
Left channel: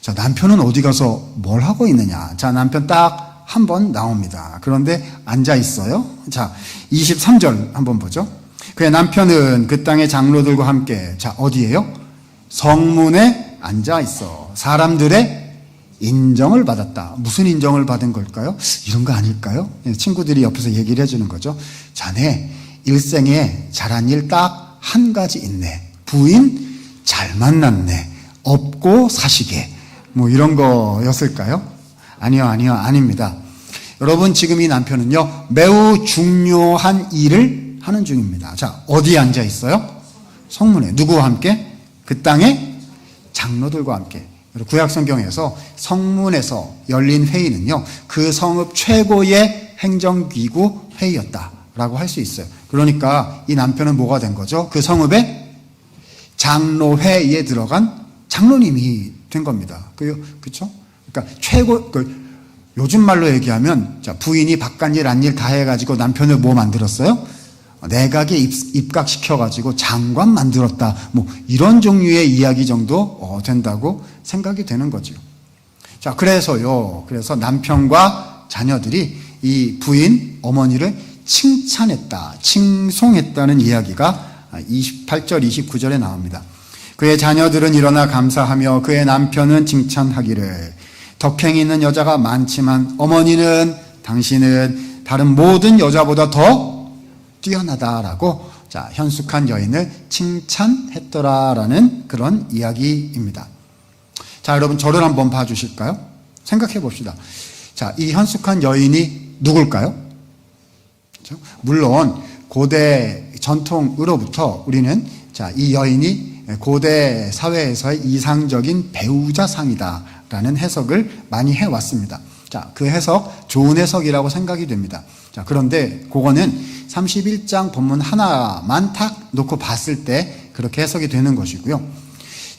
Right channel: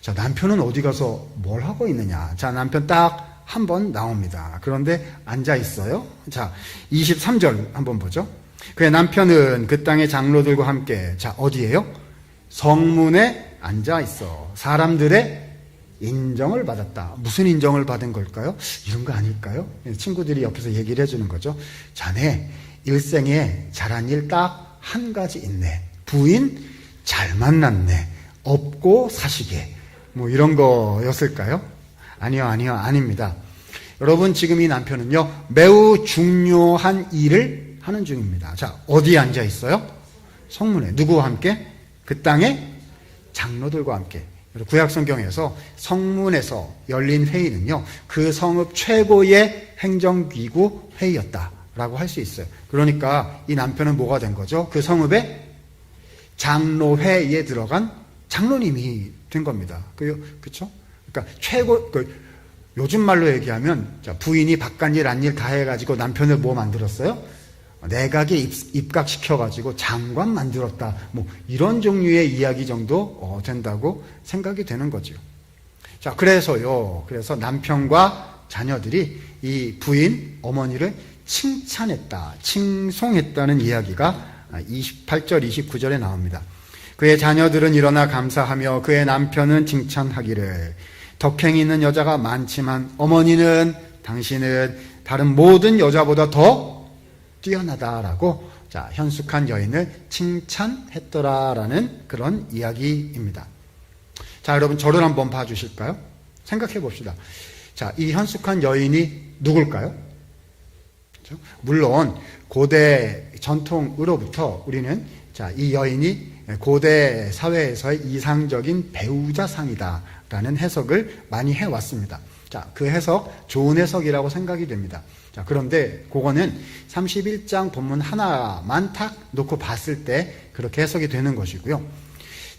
자, 남편은 어디 가서 뭘 하고 있느냐. 자, 남편 딱 한 번 나옵니다. 그런데 앉아 있어요. 자, 23절 한번 보죠. 그의 남편은 그 땅의 장로들과 함께, 자, 어디예요? 성문에 앉아 있어 사람들의 인정을 받았다. 무슨 인정을 받은 걸까요? 이런 거 아닐까요? 친구들이 옆에서 얘기를 해주는 거죠. 자네 일생에 잘한 일 딱 한 가지 있네. 부인 잘 만났네. 업고 사시게. 뭐 이런 거였을까요? 아니요, 아닙니다. 여러분, 지금 이 남편은요, 매우 중요한 일을 하는 중입니다. 자, 어디에 앉아 있어요? 성문에. 누구와 함께? 그 땅의 장로들과 함께. 구약 성경에서 성문에서 열린 회의는요, 그 성읍 최고의 행정기구 회의였다라고 할 수 있어요. 그러니까 이 남편은 뭐가 된 거죠? 그 성읍의 장로회의에 들어간 장로님이 된 겁니다. 그렇죠? 그러니까 최고 요즘 말로 얘기하면 자, 부인이 바깥일 안일 다 해가지고 남편을 뭐 만들었어요? 내각에 입각시켜가지고 장관 만들었다. 뭐 이런 종류의 이야기 정도 된다고 생각이 되는 거죠. 자, 그래서 남편과 자녀들이 이 부인 어머니를 칭찬했다, 칭송했다는 이야기가 28절, 29절에 나옵니다. 그의 자녀들은 일어나 감사하며 그의 남편은 칭찬하기를 덕행이 있는 여자가 많지만 어머니는 당신은 다른 모든 여자보다 더 뛰어나다라고 자, 현숙한 여인을 칭찬했더라라는 그런 이야기입니다. 자, 여러분 저를 한번 봐주실까요? 생각해 봅시다. 자, 이 현숙한 여인이 누굴까요? 그렇죠? 물론 고대 전통으로부터 우리는 자, 이 여인이 고대 사회에서의 이상적인 배우자상이다라는 해석을 많이 해왔습니다. 자, 그 해석 좋은 해석이라고 생각이 됩니다. 자, 그런데 그거는 31장 본문 하나만 탁 놓고 봤을 때 그렇게 해석이 되는 것이고요.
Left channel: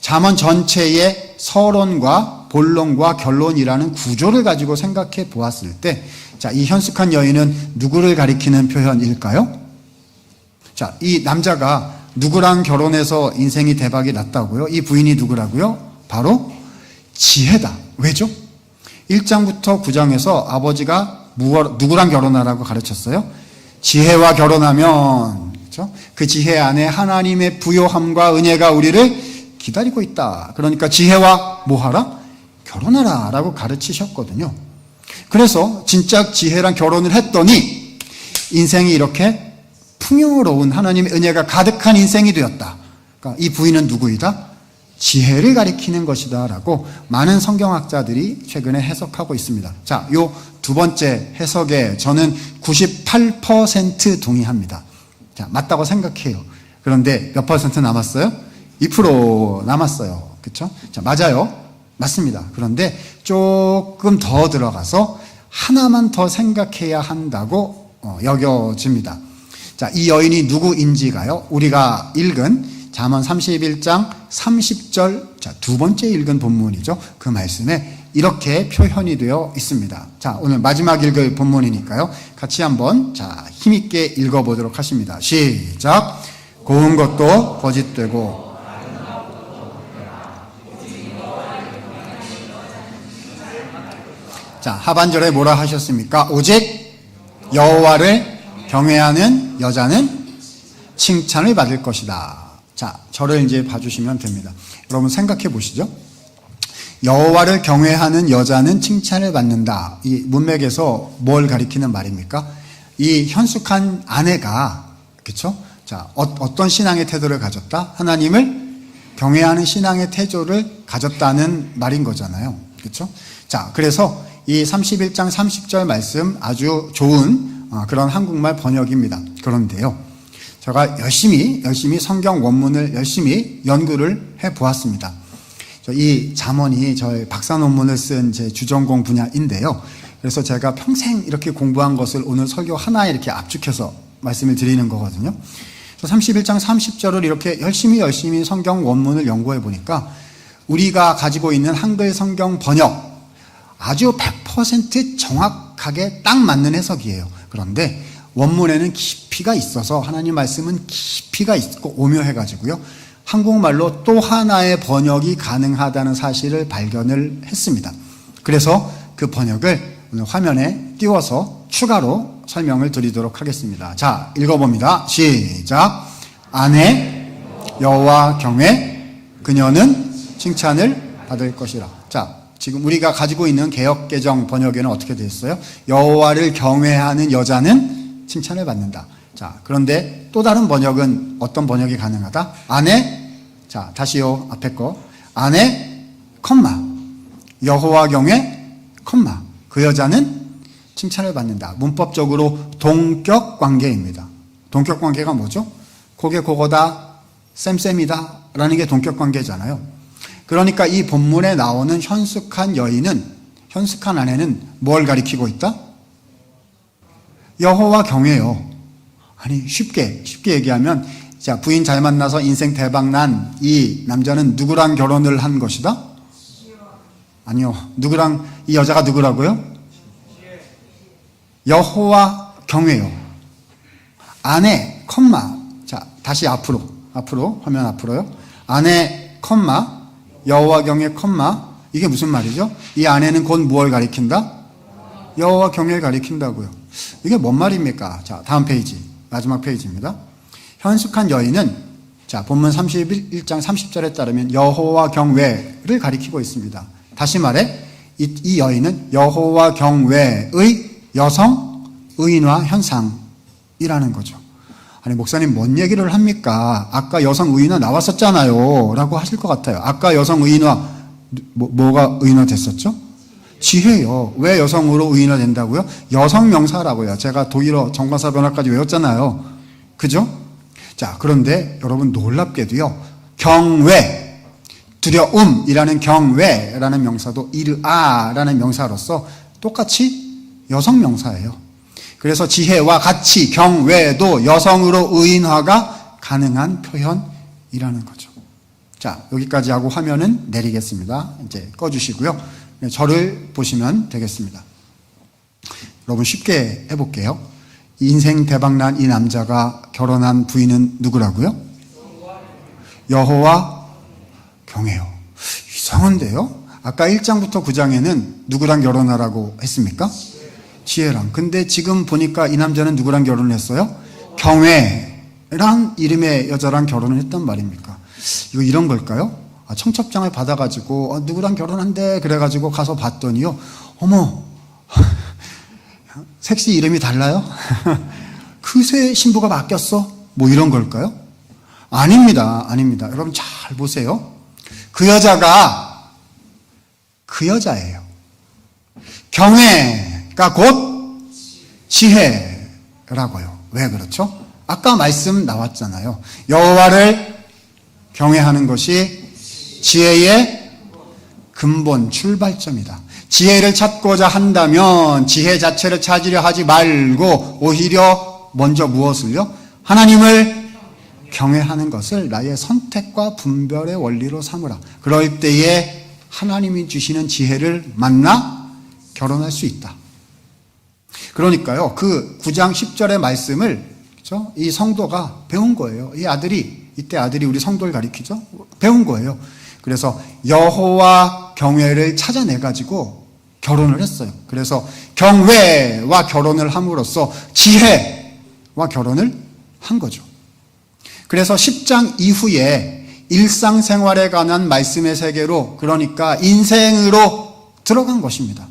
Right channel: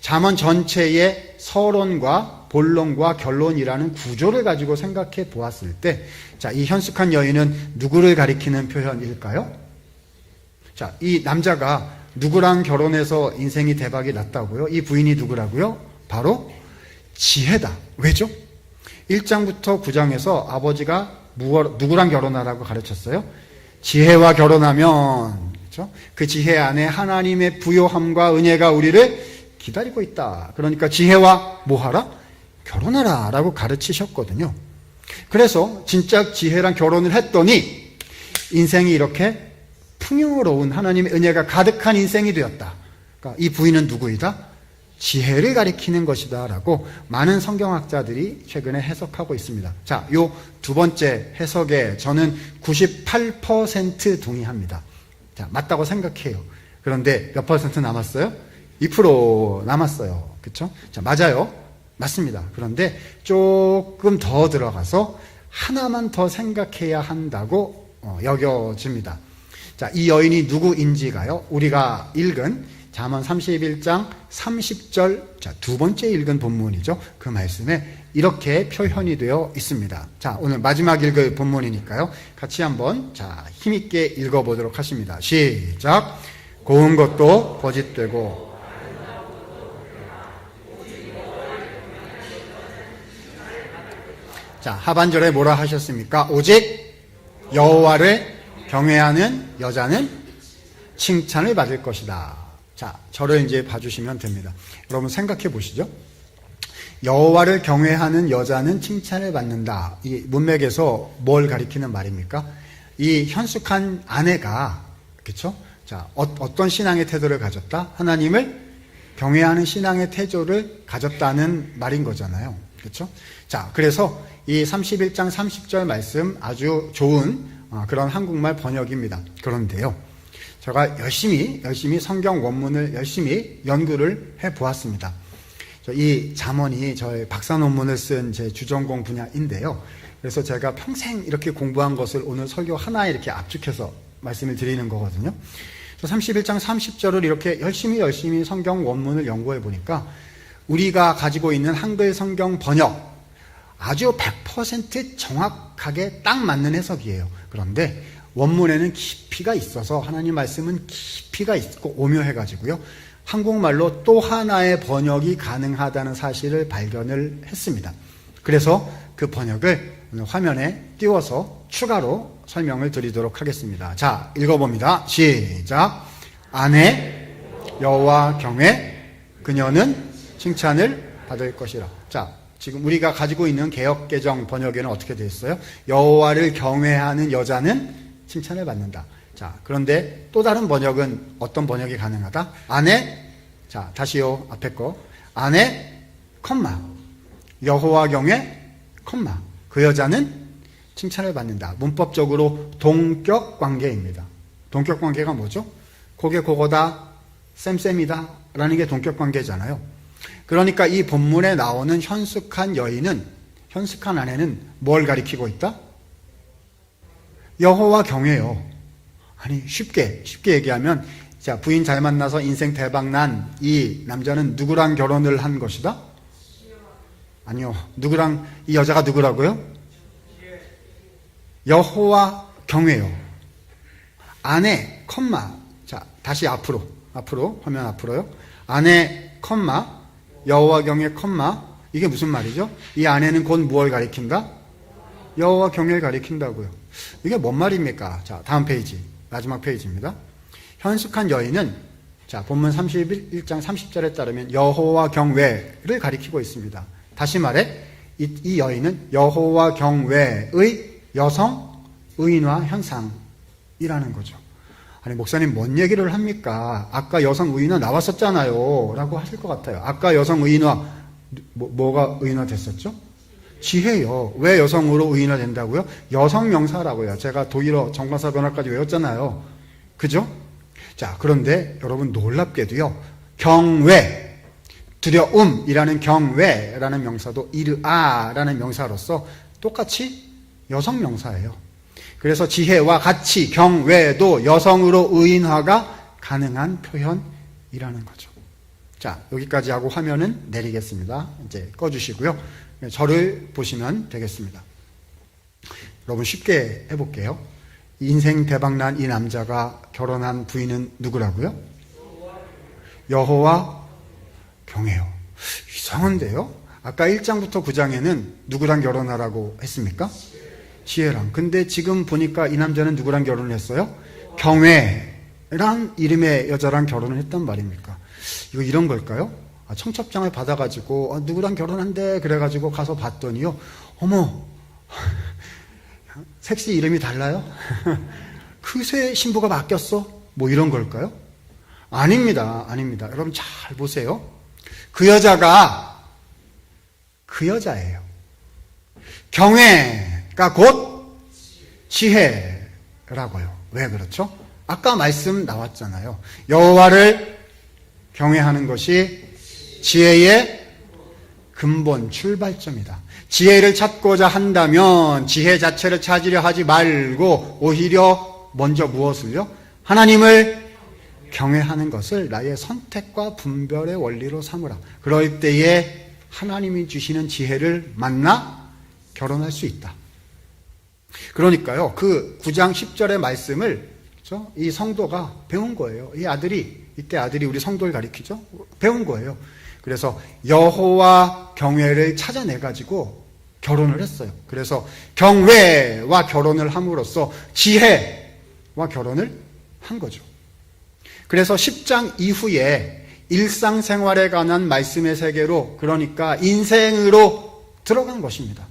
잠언 전체의 서론과 본론과 결론이라는 구조를 가지고 생각해 보았을 때, 자, 이 현숙한 여인은 누구를 가리키는 표현일까요? 자, 이 남자가 누구랑 결혼해서 인생이 대박이 났다고요? 이 부인이 누구라고요? 바로 지혜다. 왜죠? 1장부터 9장에서 아버지가 누구랑 결혼하라고 가르쳤어요? 지혜와 결혼하면, 그렇죠? 그 지혜 안에 하나님의 부요함과 은혜가 우리를 기다리고 있다. 그러니까 지혜와 뭐 하라? 결혼하라 라고 가르치셨거든요. 그래서 진짜 지혜랑 결혼을 했더니 인생이 이렇게 풍요로운 하나님의 은혜가 가득한 인생이 되었다. 그러니까 이 부인은 누구이다? 지혜를 가리키는 것이다 라고 많은 성경학자들이 최근에 해석하고 있습니다. 자, 요 두 번째 해석에 저는 98% 동의합니다. 자, 맞다고 생각해요. 그런데 몇 퍼센트 남았어요? 2% 남았어요. 그렇죠? 자, 맞아요. 맞습니다. 그런데 조금 더 들어가서 하나만 더 생각해야 한다고 여겨집니다. 자, 이 여인이 누구인지가요? 우리가 읽은 잠언 31장 30절, 자, 두 번째 읽은 본문이죠. 그 말씀에 이렇게 표현이 되어 있습니다. 자, 오늘 마지막 읽을 본문이니까요. 같이 한번 자, 힘있게 읽어보도록 하십니다. 시작. 고운 것도 거짓되고 자, 하반절에 뭐라 하셨습니까? 오직 여호와를 경외하는 여자는 칭찬을 받을 것이다. 자, 저를 이제 봐주시면 됩니다. 여러분 생각해 보시죠. 여호와를 경외하는 여자는 칭찬을 받는다. 이 문맥에서 뭘 가리키는 말입니까? 이 현숙한 아내가, 그렇죠? 자, 어떤 신앙의 태도를 가졌다? 하나님을 경외하는 신앙의 태도를 가졌다는 말인 거잖아요. 그렇죠? 자, 그래서 이 31장 30절 말씀 아주 좋은 그런 한국말 번역입니다. 그런데요, 제가 열심히 성경 원문을 열심히 연구를 해 보았습니다. 이 잠언이 저의 박사 논문을 쓴 제 주전공 분야인데요. 그래서 제가 평생 이렇게 공부한 것을 오늘 설교 하나에 이렇게 압축해서 말씀을 드리는 거거든요. 31장 30절을 이렇게 열심히 성경 원문을 연구해 보니까 우리가 가지고 있는 한글 성경 번역 아주 100% 정확하게 딱 맞는 해석이에요. 그런데 원문에는 깊이가 있어서 하나님 말씀은 깊이가 있고 오묘해가지고요. 한국말로 또 하나의 번역이 가능하다는 사실을 발견을 했습니다. 그래서 그 번역을 오늘 화면에 띄워서 추가로 설명을 드리도록 하겠습니다. 자, 읽어봅니다. 시작. 아내 여호와 경외 그녀는 칭찬을 받을 것이라. 자, 지금 우리가 가지고 있는 개역개정 번역에는 어떻게 되어 있어요? 여호와를 경외하는 여자는 칭찬을 받는다. 자, 그런데 또 다른 번역은 어떤 번역이 가능하다? 아내, 자, 다시요, 앞에 거. 아내, 여호와 경외, 그 여자는 칭찬을 받는다. 문법적으로 동격 관계입니다. 동격 관계가 뭐죠? 그게 그거다, 쌤쌤이다 라는 게 동격 관계잖아요. 그러니까 이 본문에 나오는 현숙한 아내는 뭘 가리키고 있다? 여호와 경외요. 아니, 쉽게 얘기하면, 자, 부인 잘 만나서 인생 대박 난 이 남자는 누구랑 결혼을 한 것이다? 아니요. 누구랑, 이 여자가 누구라고요? 여호와 경외요. 아내, 컴마. 자, 다시 앞으로, 화면 앞으로요. 아내, 컴마, 여호와 경외, 컴마. 이게 무슨 말이죠? 이 아내는 곧 무엇을 가리킨다? 여호와 경외를 가리킨다고요. 이게 뭔 말입니까? 자, 다음 페이지, 마지막 페이지입니다. 현숙한 여인은, 자, 본문 31장 30절에 따르면 여호와 경외를 가리키고 있습니다. 다시 말해, 이 여인은 여호와 경외의 여성 의인화 현상이라는 거죠. 아니, 목사님 뭔 얘기를 합니까? 아까 여성 의인화 나왔었잖아요 라고 하실 것 같아요. 아까 여성 의인화 뭐가 의인화 됐었죠? 지혜요. 왜 여성으로 의인화 된다고요? 여성 명사라고요. 제가 독일어 정관사 변화까지 외웠잖아요. 그죠? 자, 그런데 여러분 놀랍게도요, 경외, 두려움이라는 경외라는 명사도 이르아라는 명사로서 똑같이 여성 명사예요. 그래서 지혜와 같이 경외도 여성으로 의인화가 가능한 표현이라는 거죠. 자, 여기까지 하고 화면은 내리겠습니다. 이제 꺼주시고요. 저를 보시면 되겠습니다. 여러분 쉽게 해볼게요. 인생 대박난 이 남자가 결혼한 부인은 누구라고요? 여호와 경외요. 이상한데요? 아까 1장부터 9장에는 누구랑 결혼하라고 했습니까? 지혜랑. 근데 지금 보니까 이 남자는 누구랑 결혼을 했어요? 경외란 이름의 여자랑 결혼을 했단 말입니까? 이거 이런 걸까요? 청첩장을 받아가지고 누구랑 결혼한대 그래가지고 가서 봤더니요, 어머 섹시 이름이 달라요? 그새 신부가 바뀌었어? 뭐 이런 걸까요? 아닙니다. 여러분 잘 보세요. 그 여자가 그 여자예요. 경외가 곧 지혜라고요. 왜 그렇죠? 아까 말씀 나왔잖아요. 여호와를 경외하는 것이 지혜의 근본 출발점이다. 지혜를 찾고자 한다면 지혜 자체를 찾으려 하지 말고 오히려 먼저 무엇을요? 하나님을 경외하는 것을 나의 선택과 분별의 원리로 삼으라. 그럴 때에 하나님이 주시는 지혜를 만나 결혼할 수 있다. 그러니까요, 그 9장 10절의 말씀을 그렇죠? 이 성도가 배운 거예요. 이때 아들이 우리 성도를 가리키죠? 배운 거예요. 그래서 여호와 경외를 찾아내가지고 결혼을 했어요. 그래서 경외와 결혼을 함으로써 지혜와 결혼을 한 거죠. 그래서 10장 이후에 일상생활에 관한 말씀의 세계로, 그러니까 인생으로 들어간 것입니다.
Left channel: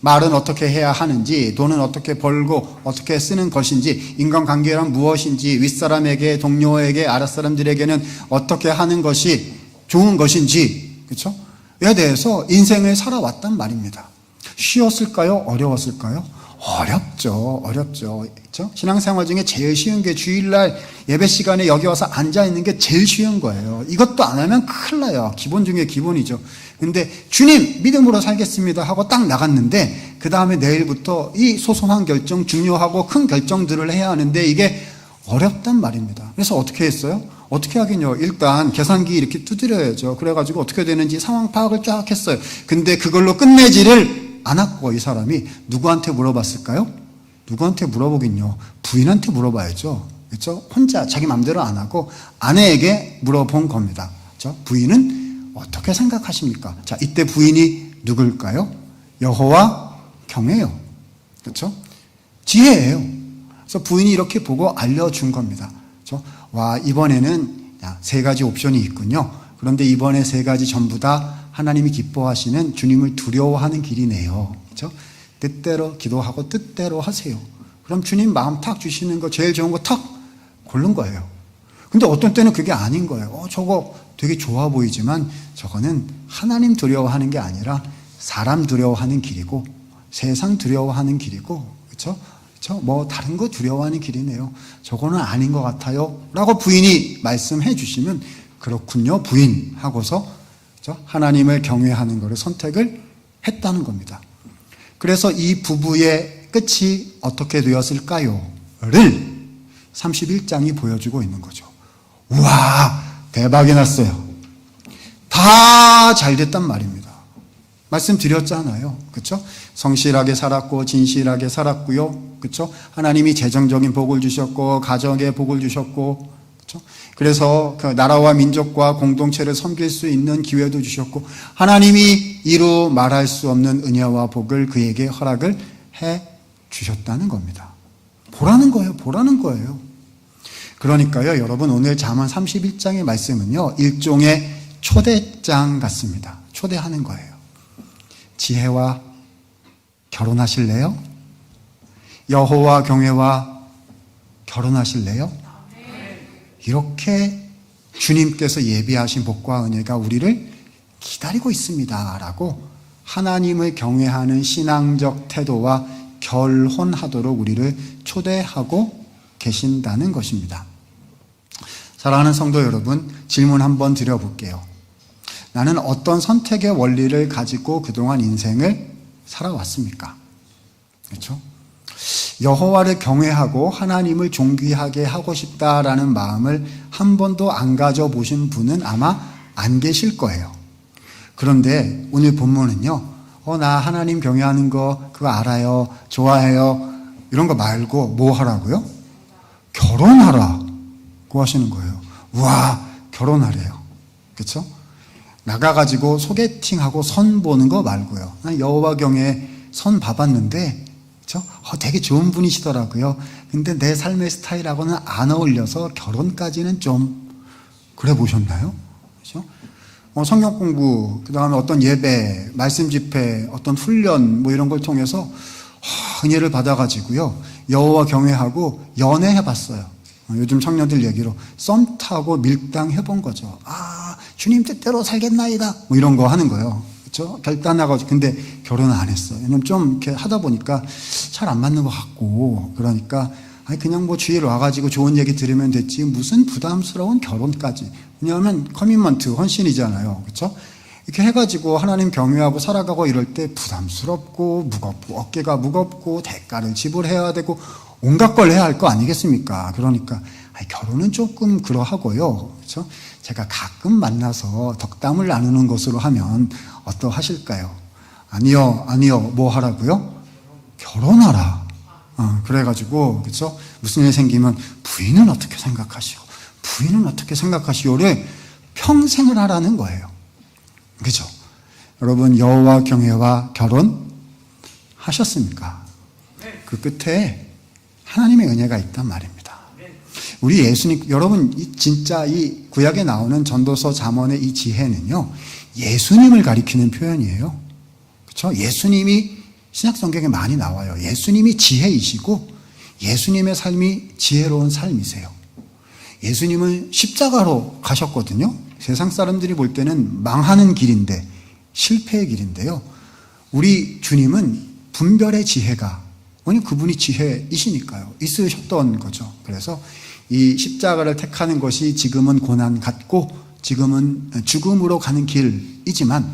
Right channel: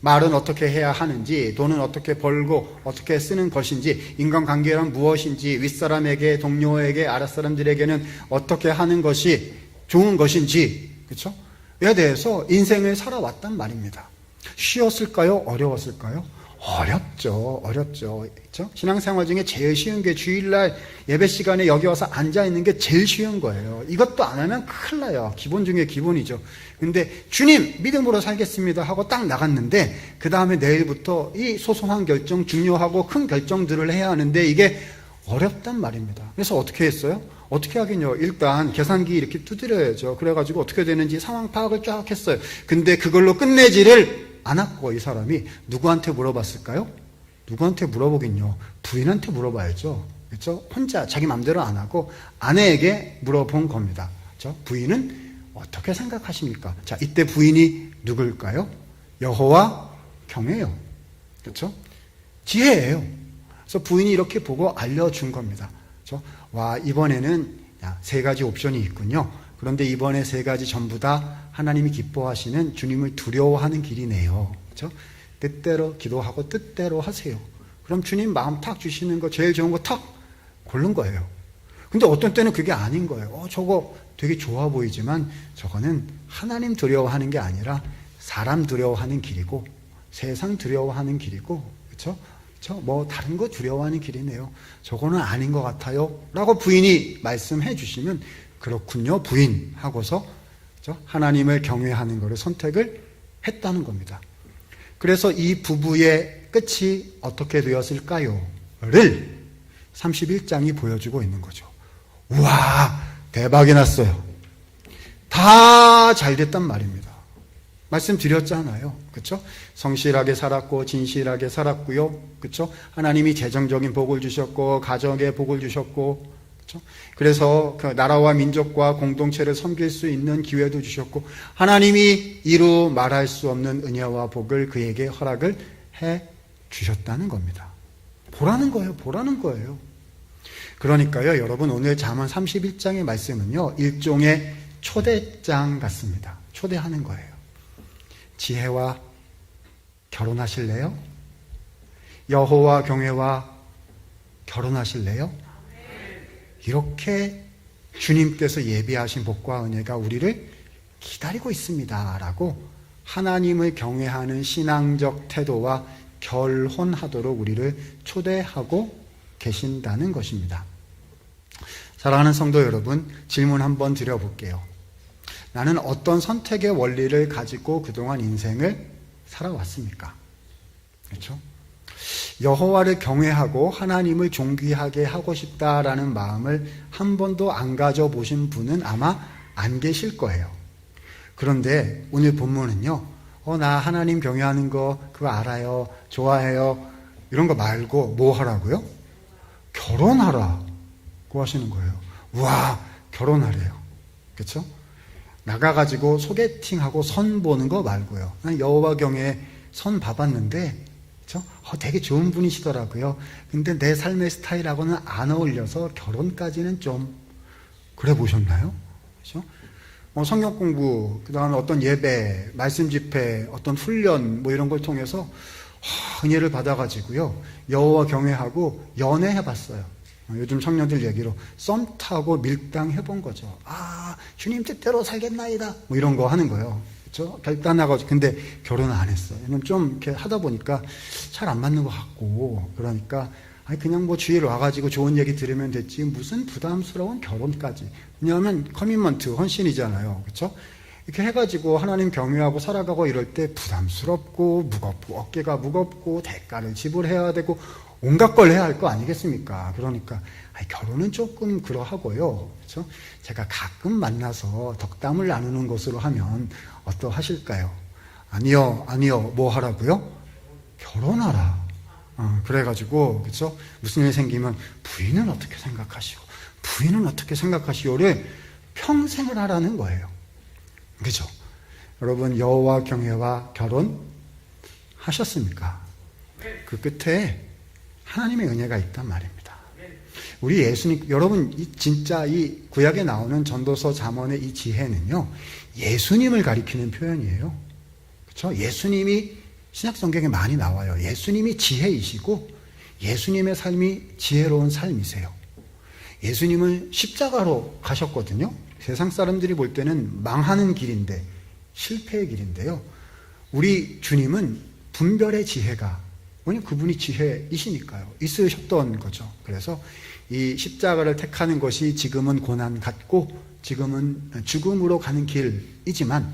말은 어떻게 해야 하는지, 돈은 어떻게 벌고 어떻게 쓰는 것인지, 인간관계란 무엇인지, 윗사람에게, 동료에게, 아랫사람들에게는 어떻게 하는 것이 좋은 것인지, 그렇죠? 에 대해서 인생을 살아왔단 말입니다. 쉬웠을까요? 어려웠을까요? 어렵죠. 그렇죠? 신앙생활 중에 제일 쉬운 게 주일날 예배 시간에 여기 와서 앉아 있는 게 제일 쉬운 거예요. 이것도 안 하면 큰일 나요. 기본 중에 기본이죠. 근데 주님 믿음으로 살겠습니다 하고 딱 나갔는데 그 다음에 내일부터 이 소소한 결정, 중요하고 큰 결정들을 해야 하는데 이게 어렵단 말입니다. 그래서 어떻게 했어요? 어떻게 하긴요. 일단 계산기 이렇게 두드려야죠. 그래가지고 어떻게 되는지 상황 파악을 쫙 했어요. 근데 그걸로 끝내지를 않았고 이 사람이 누구한테 물어봤을까요? 누구한테 물어보긴요. 부인한테 물어봐야죠. 그렇죠? 혼자 자기 마음대로 안 하고 아내에게 물어본 겁니다. 그렇죠? 부인은 어떻게 생각하십니까? 자, 이때 부인이 누굴까요? 여호와 경외요. 그렇죠? 지혜예요. 그래서 부인이 이렇게 보고 알려준 겁니다. 그렇죠? 와, 이번에는 세 가지 옵션이 있군요. 그런데 이번에 세 가지 전부 다 하나님이 기뻐하시는 주님을 두려워하는 길이네요. 그렇죠? 뜻대로 기도하고 뜻대로 하세요. 그럼 주님 마음 탁 주시는 거 제일 좋은 거 탁 고른 거예요. 근데 어떤 때는 그게 아닌 거예요. 저거 되게 좋아 보이지만 저거는 하나님 두려워하는 게 아니라 사람 두려워하는 길이고 세상 두려워하는 길이고, 그렇죠? 뭐 다른 거 두려워하는 길이네요. 저거는 아닌 것 같아요. 라고 부인이 말씀해 주시면 그렇군요, 부인 하고서 하나님을 경외하는 것을 선택을 했다는 겁니다. 그래서 이 부부의 끝이 어떻게 되었을까요?를 31장이 보여주고 있는 거죠. 우와, 대박이 났어요. 다 잘 됐단 말입니다. 말씀드렸잖아요. 그렇죠? 성실하게 살았고 진실하게 살았고요. 그렇죠? 하나님이 재정적인 복을 주셨고 가정에 복을 주셨고, 그렇죠? 그래서 그 나라와 민족과 공동체를 섬길 수 있는 기회도 주셨고, 하나님이 이루 말할 수 없는 은혜와 복을 그에게 허락을 해 주셨다는 겁니다. 보라는 거예요. 보라는 거예요. 그러니까요, 여러분, 오늘 잠언 31장의 말씀은요, 일종의 초대장 같습니다. 초대하는 거예요. 지혜와 결혼하실래요? 여호와 경외와 결혼하실래요? 이렇게 주님께서 예비하신 복과 은혜가 우리를 기다리고 있습니다. 라고 하나님을 경외하는 신앙적 태도와 결혼하도록 우리를 초대하고 계신다는 것입니다. 사랑하는 성도 여러분, 질문 한번 드려볼게요. 나는 어떤 선택의 원리를 가지고 그동안 인생을 살아왔습니까? 그렇죠? 여호와를 경외하고 하나님을 존귀하게 하고 싶다라는 마음을 한 번도 안 가져보신 분은 아마 안 계실 거예요. 그런데 오늘 본문은요, 나 하나님 경외하는 거 그거 알아요, 좋아해요, 이런 거 말고 뭐 하라고요? 결혼하라고 하시는 거예요. 우와, 결혼하래요. 그렇죠? 나가가지고 소개팅하고 선 보는 거 말고요. 난 여호와 경외 선 봐봤는데, 그렇죠? 되게 좋은 분이시더라고요. 근데 내 삶의 스타일하고는 안 어울려서 결혼까지는 좀 그래 보셨나요? 그렇죠? 성경 공부, 그 다음에 어떤 예배, 말씀 집회, 어떤 훈련 뭐 이런 걸 통해서 은혜를 받아가지고요, 여호와 경외하고 연애해봤어요. 요즘 청년들 얘기로 썸 타고 밀당 해본 거죠. 주님 뜻대로 살겠나이다, 뭐 이런 거 하는 거예요. 그렇죠? 결단하고. 근데 결혼은 안 했어요. 왜냐면 좀 이렇게 하다 보니까 잘 안 맞는 것 같고, 그러니까 그냥 뭐 주일 와가지고 좋은 얘기 들으면 됐지 무슨 부담스러운 결혼까지. 왜냐하면 커미먼트, 헌신이잖아요. 그렇죠? 이렇게 해가지고 하나님 경외하고 살아가고 이럴 때 부담스럽고 무겁고 어깨가 무겁고 대가를 지불해야 되고 온갖 걸 해야 할 거 아니겠습니까? 그러니까 결혼은 조금 그러하고요. 그렇죠? 제가 가끔 만나서 덕담을 나누는 것으로 하면 어떠하실까요? 아니요, 뭐 하라고요? 결혼하라. 그래가지고, 그렇죠? 무슨 일 생기면 부인은 어떻게 생각하시고, 부인은 어떻게 생각하시오를 평생을 하라는 거예요. 그죠? 여러분, 여호와 경외와 결혼하셨습니까? 그 끝에 하나님의 은혜가 있단 말입니다. 우리 예수님, 여러분, 진짜 이 구약에 나오는 전도서 잠언의 이 지혜는요, 예수님을 가리키는 표현이에요. 그렇죠? 예수님이 신약 성경에 많이 나와요. 예수님이 지혜이시고 예수님의 삶이 지혜로운 삶이세요. 예수님은 십자가로 가셨거든요. 세상 사람들이 볼 때는 망하는 길인데, 실패의 길인데요. 우리 주님은 분별의 지혜가, 왜냐면 그분이 지혜이시니까요. 있으셨던 거죠. 그래서 이 십자가를 택하는 것이 지금은 고난 같고 지금은 죽음으로 가는 길이지만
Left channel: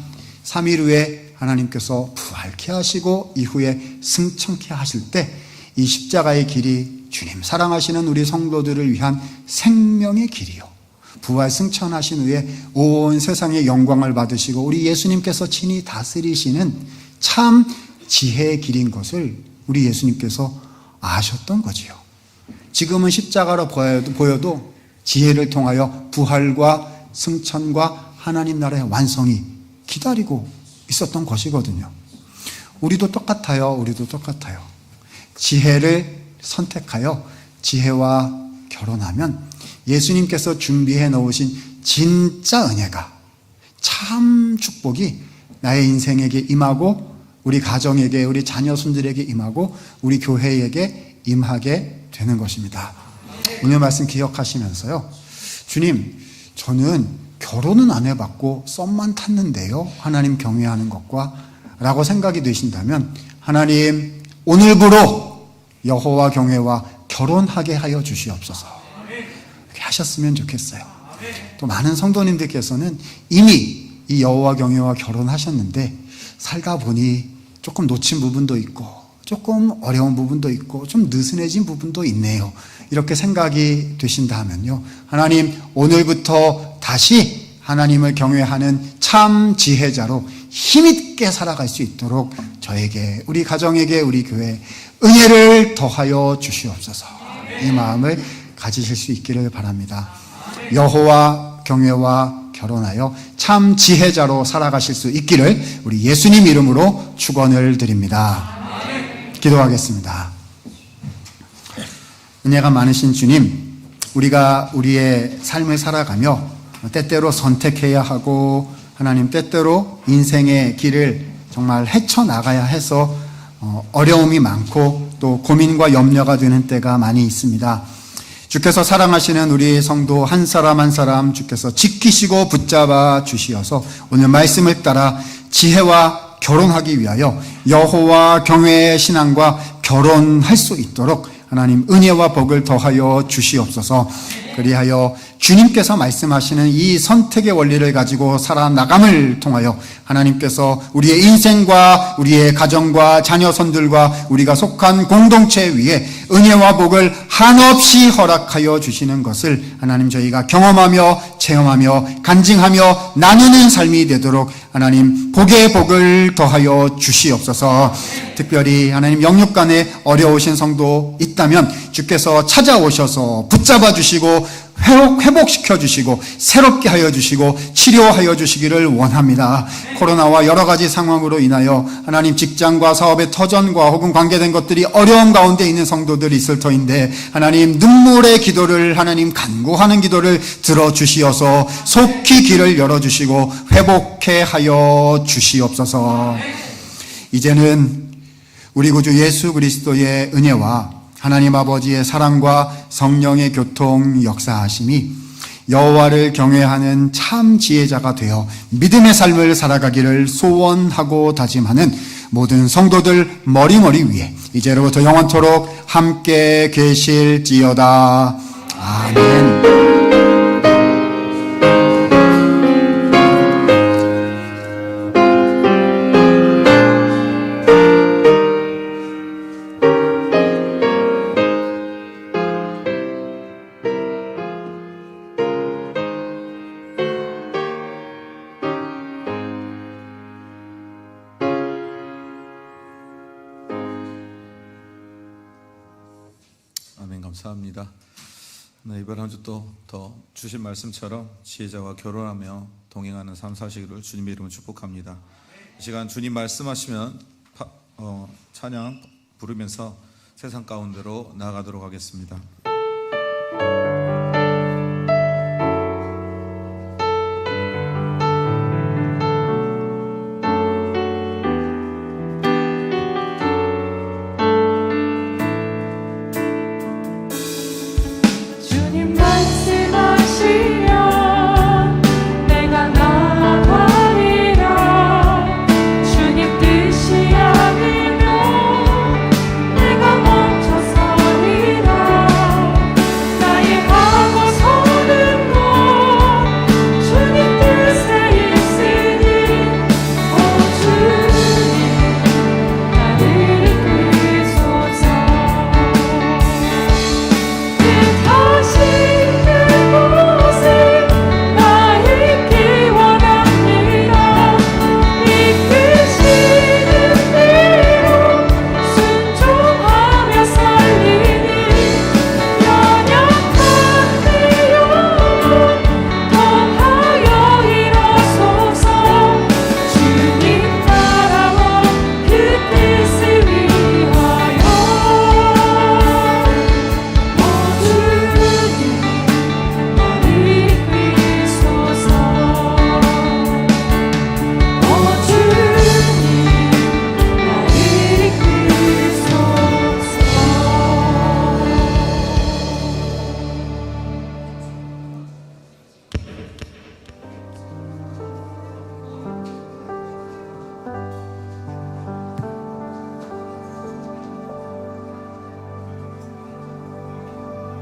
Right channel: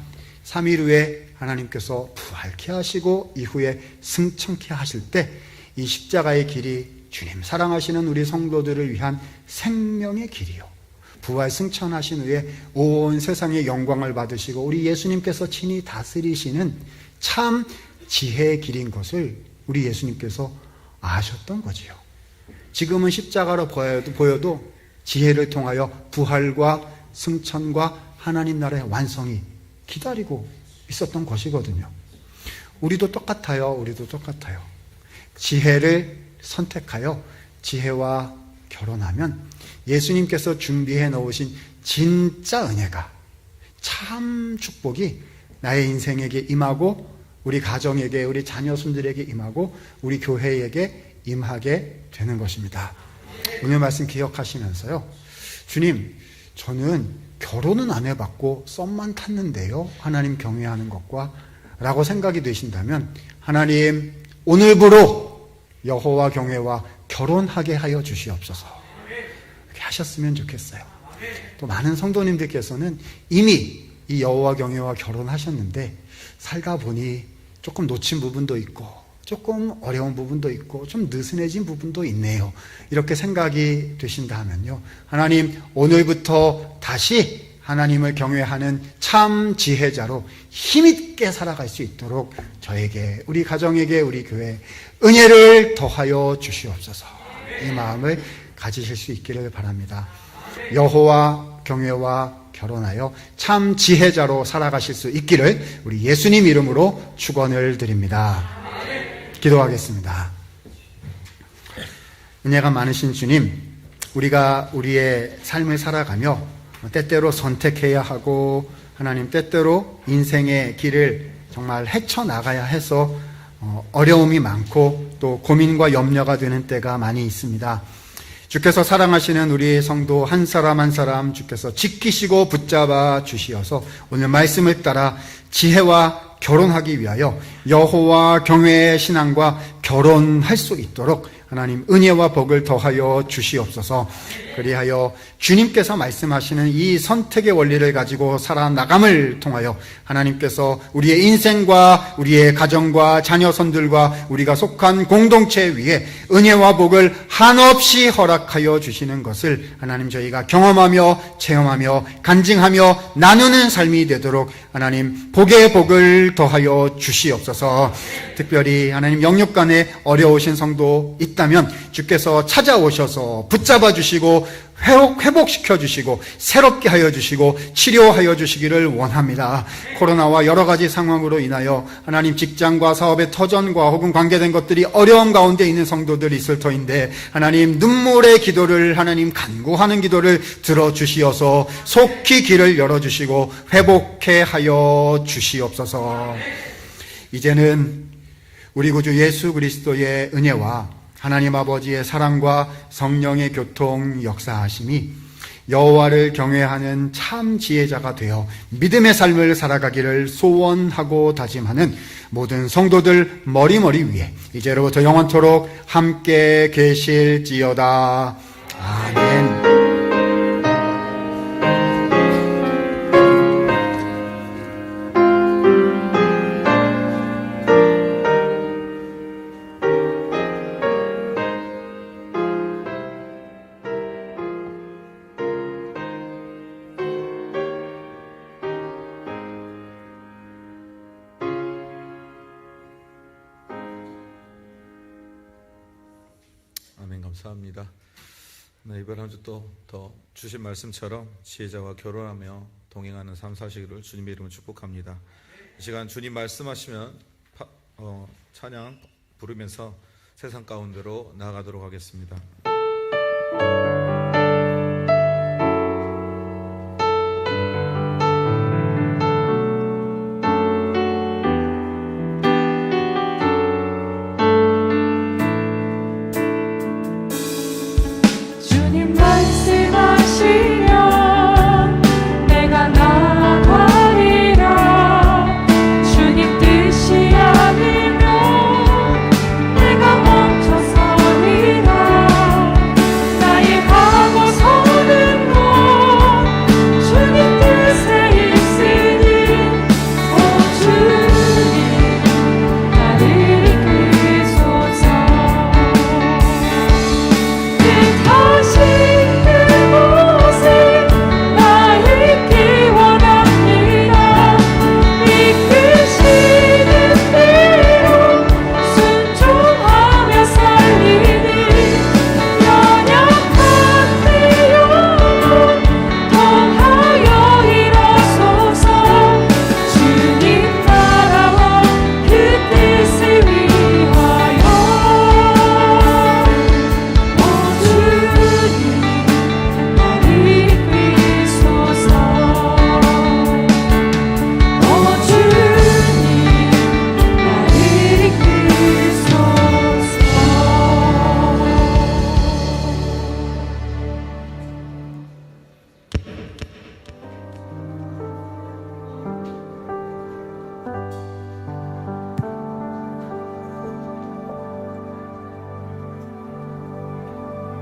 3일 후에 하나님께서 부활케 하시고 이후에 승천케 하실 때 이 십자가의 길이 주님 사랑하시는 우리 성도들을 위한 생명의 길이요, 부활 승천하신 후에 온 세상의 영광을 받으시고 우리 예수님께서 친히 다스리시는 참 지혜의 길인 것을 우리 예수님께서 아셨던 거지요. 지금은 십자가로 보여도 지혜를 통하여 부활과 승천과 하나님 나라의 완성이 기다리고 있었던 것이거든요. 우리도 똑같아요. 지혜를 선택하여 지혜와 결혼하면 예수님께서 준비해 놓으신 진짜 은혜가, 참 축복이 나의 인생에게 임하고 우리 가정에게, 우리 자녀손들에게 임하고 우리 교회에게 임하게 되는 것입니다. 오늘 말씀 기억하시면서요, 주님, 저는 결혼은 안 해봤고 썸만 탔는데요, 하나님 경외하는 것과 라고 생각이 되신다면 하나님 오늘부로 여호와 경외와 결혼하게 하여 주시옵소서. 이렇게 하셨으면 좋겠어요. 또 많은 성도님들께서는 이미 이 여호와 경외와 결혼하셨는데 살다 보니 조금 놓친 부분도 있고 조금 어려운 부분도 있고 좀 느슨해진 부분도 있네요, 이렇게 생각이 되신다 하면요, 하나님 오늘부터 다시 하나님을 경외하는 참 지혜자로 힘있게 살아갈 수 있도록 저에게, 우리 가정에게, 우리 교회 은혜를 더하여 주시옵소서. 이 마음을 가지실 수 있기를 바랍니다. 여호와 경외와 결혼하여 참 지혜자로 살아가실 수 있기를 우리 예수님 이름으로 축원을 드립니다. 기도하겠습니다. 은혜가 많으신 주님, 우리가 우리의 삶을 살아가며 때때로 선택해야 하고 하나님 때때로 인생의 길을 정말 헤쳐나가야 해서 어려움이 많고 또 고민과 염려가 되는 때가 많이 있습니다. 주께서 사랑하시는 우리 성도 한 사람 한 사람 주께서 지키시고 붙잡아 주시어서 오늘 말씀을 따라 지혜와 결혼하기 위하여 여호와 경외의 신앙과 결혼할 수 있도록 하나님 은혜와 복을 더하여 주시옵소서. 그리하여 주님께서 말씀하시는 이 선택의 원리를 가지고 살아나감을 통하여 하나님께서 우리의 인생과 우리의 가정과 자녀손들과 우리가 속한 공동체 위에 은혜와 복을 한없이 허락하여 주시는 것을 하나님 저희가 경험하며 체험하며 간증하며 나누는 삶이 되도록 하나님 복의 복을 더하여 주시옵소서. 특별히 하나님 영육간에 어려우신 성도 있다면 주께서 찾아오셔서 붙잡아 주시고 회복시켜 주시고 새롭게 하여 주시고 치료하여 주시기를 원합니다. 코로나와 여러 가지 상황으로 인하여 하나님 직장과 사업의 터전과 혹은 관계된 것들이 어려움 가운데 있는 성도들이 있을 터인데 하나님 눈물의 기도를 하나님 간구하는 기도를 들어주시어서 속히 길을 열어주시고 회복해 하여 주시옵소서. 이제는 우리 구주 예수 그리스도의 은혜와 하나님 아버지의 사랑과 성령의 교통 역사하심이 여호와를 경외하는 참 지혜자가 되어 믿음의 삶을 살아가기를 소원하고 다짐하는 모든 성도들 머리머리 위에 이제로부터 영원토록 함께 계실지어다. 아멘. 아멘. 감사합니다. 네, 이번 한 주 또 더 주신 말씀처럼 지혜자와 결혼하며 동행하는 삶 사시기를 주님의 이름으로 축복합니다. 이 시간 주님 말씀하시면 찬양 부르면서 세상 가운데로 나아가도록 하겠습니다.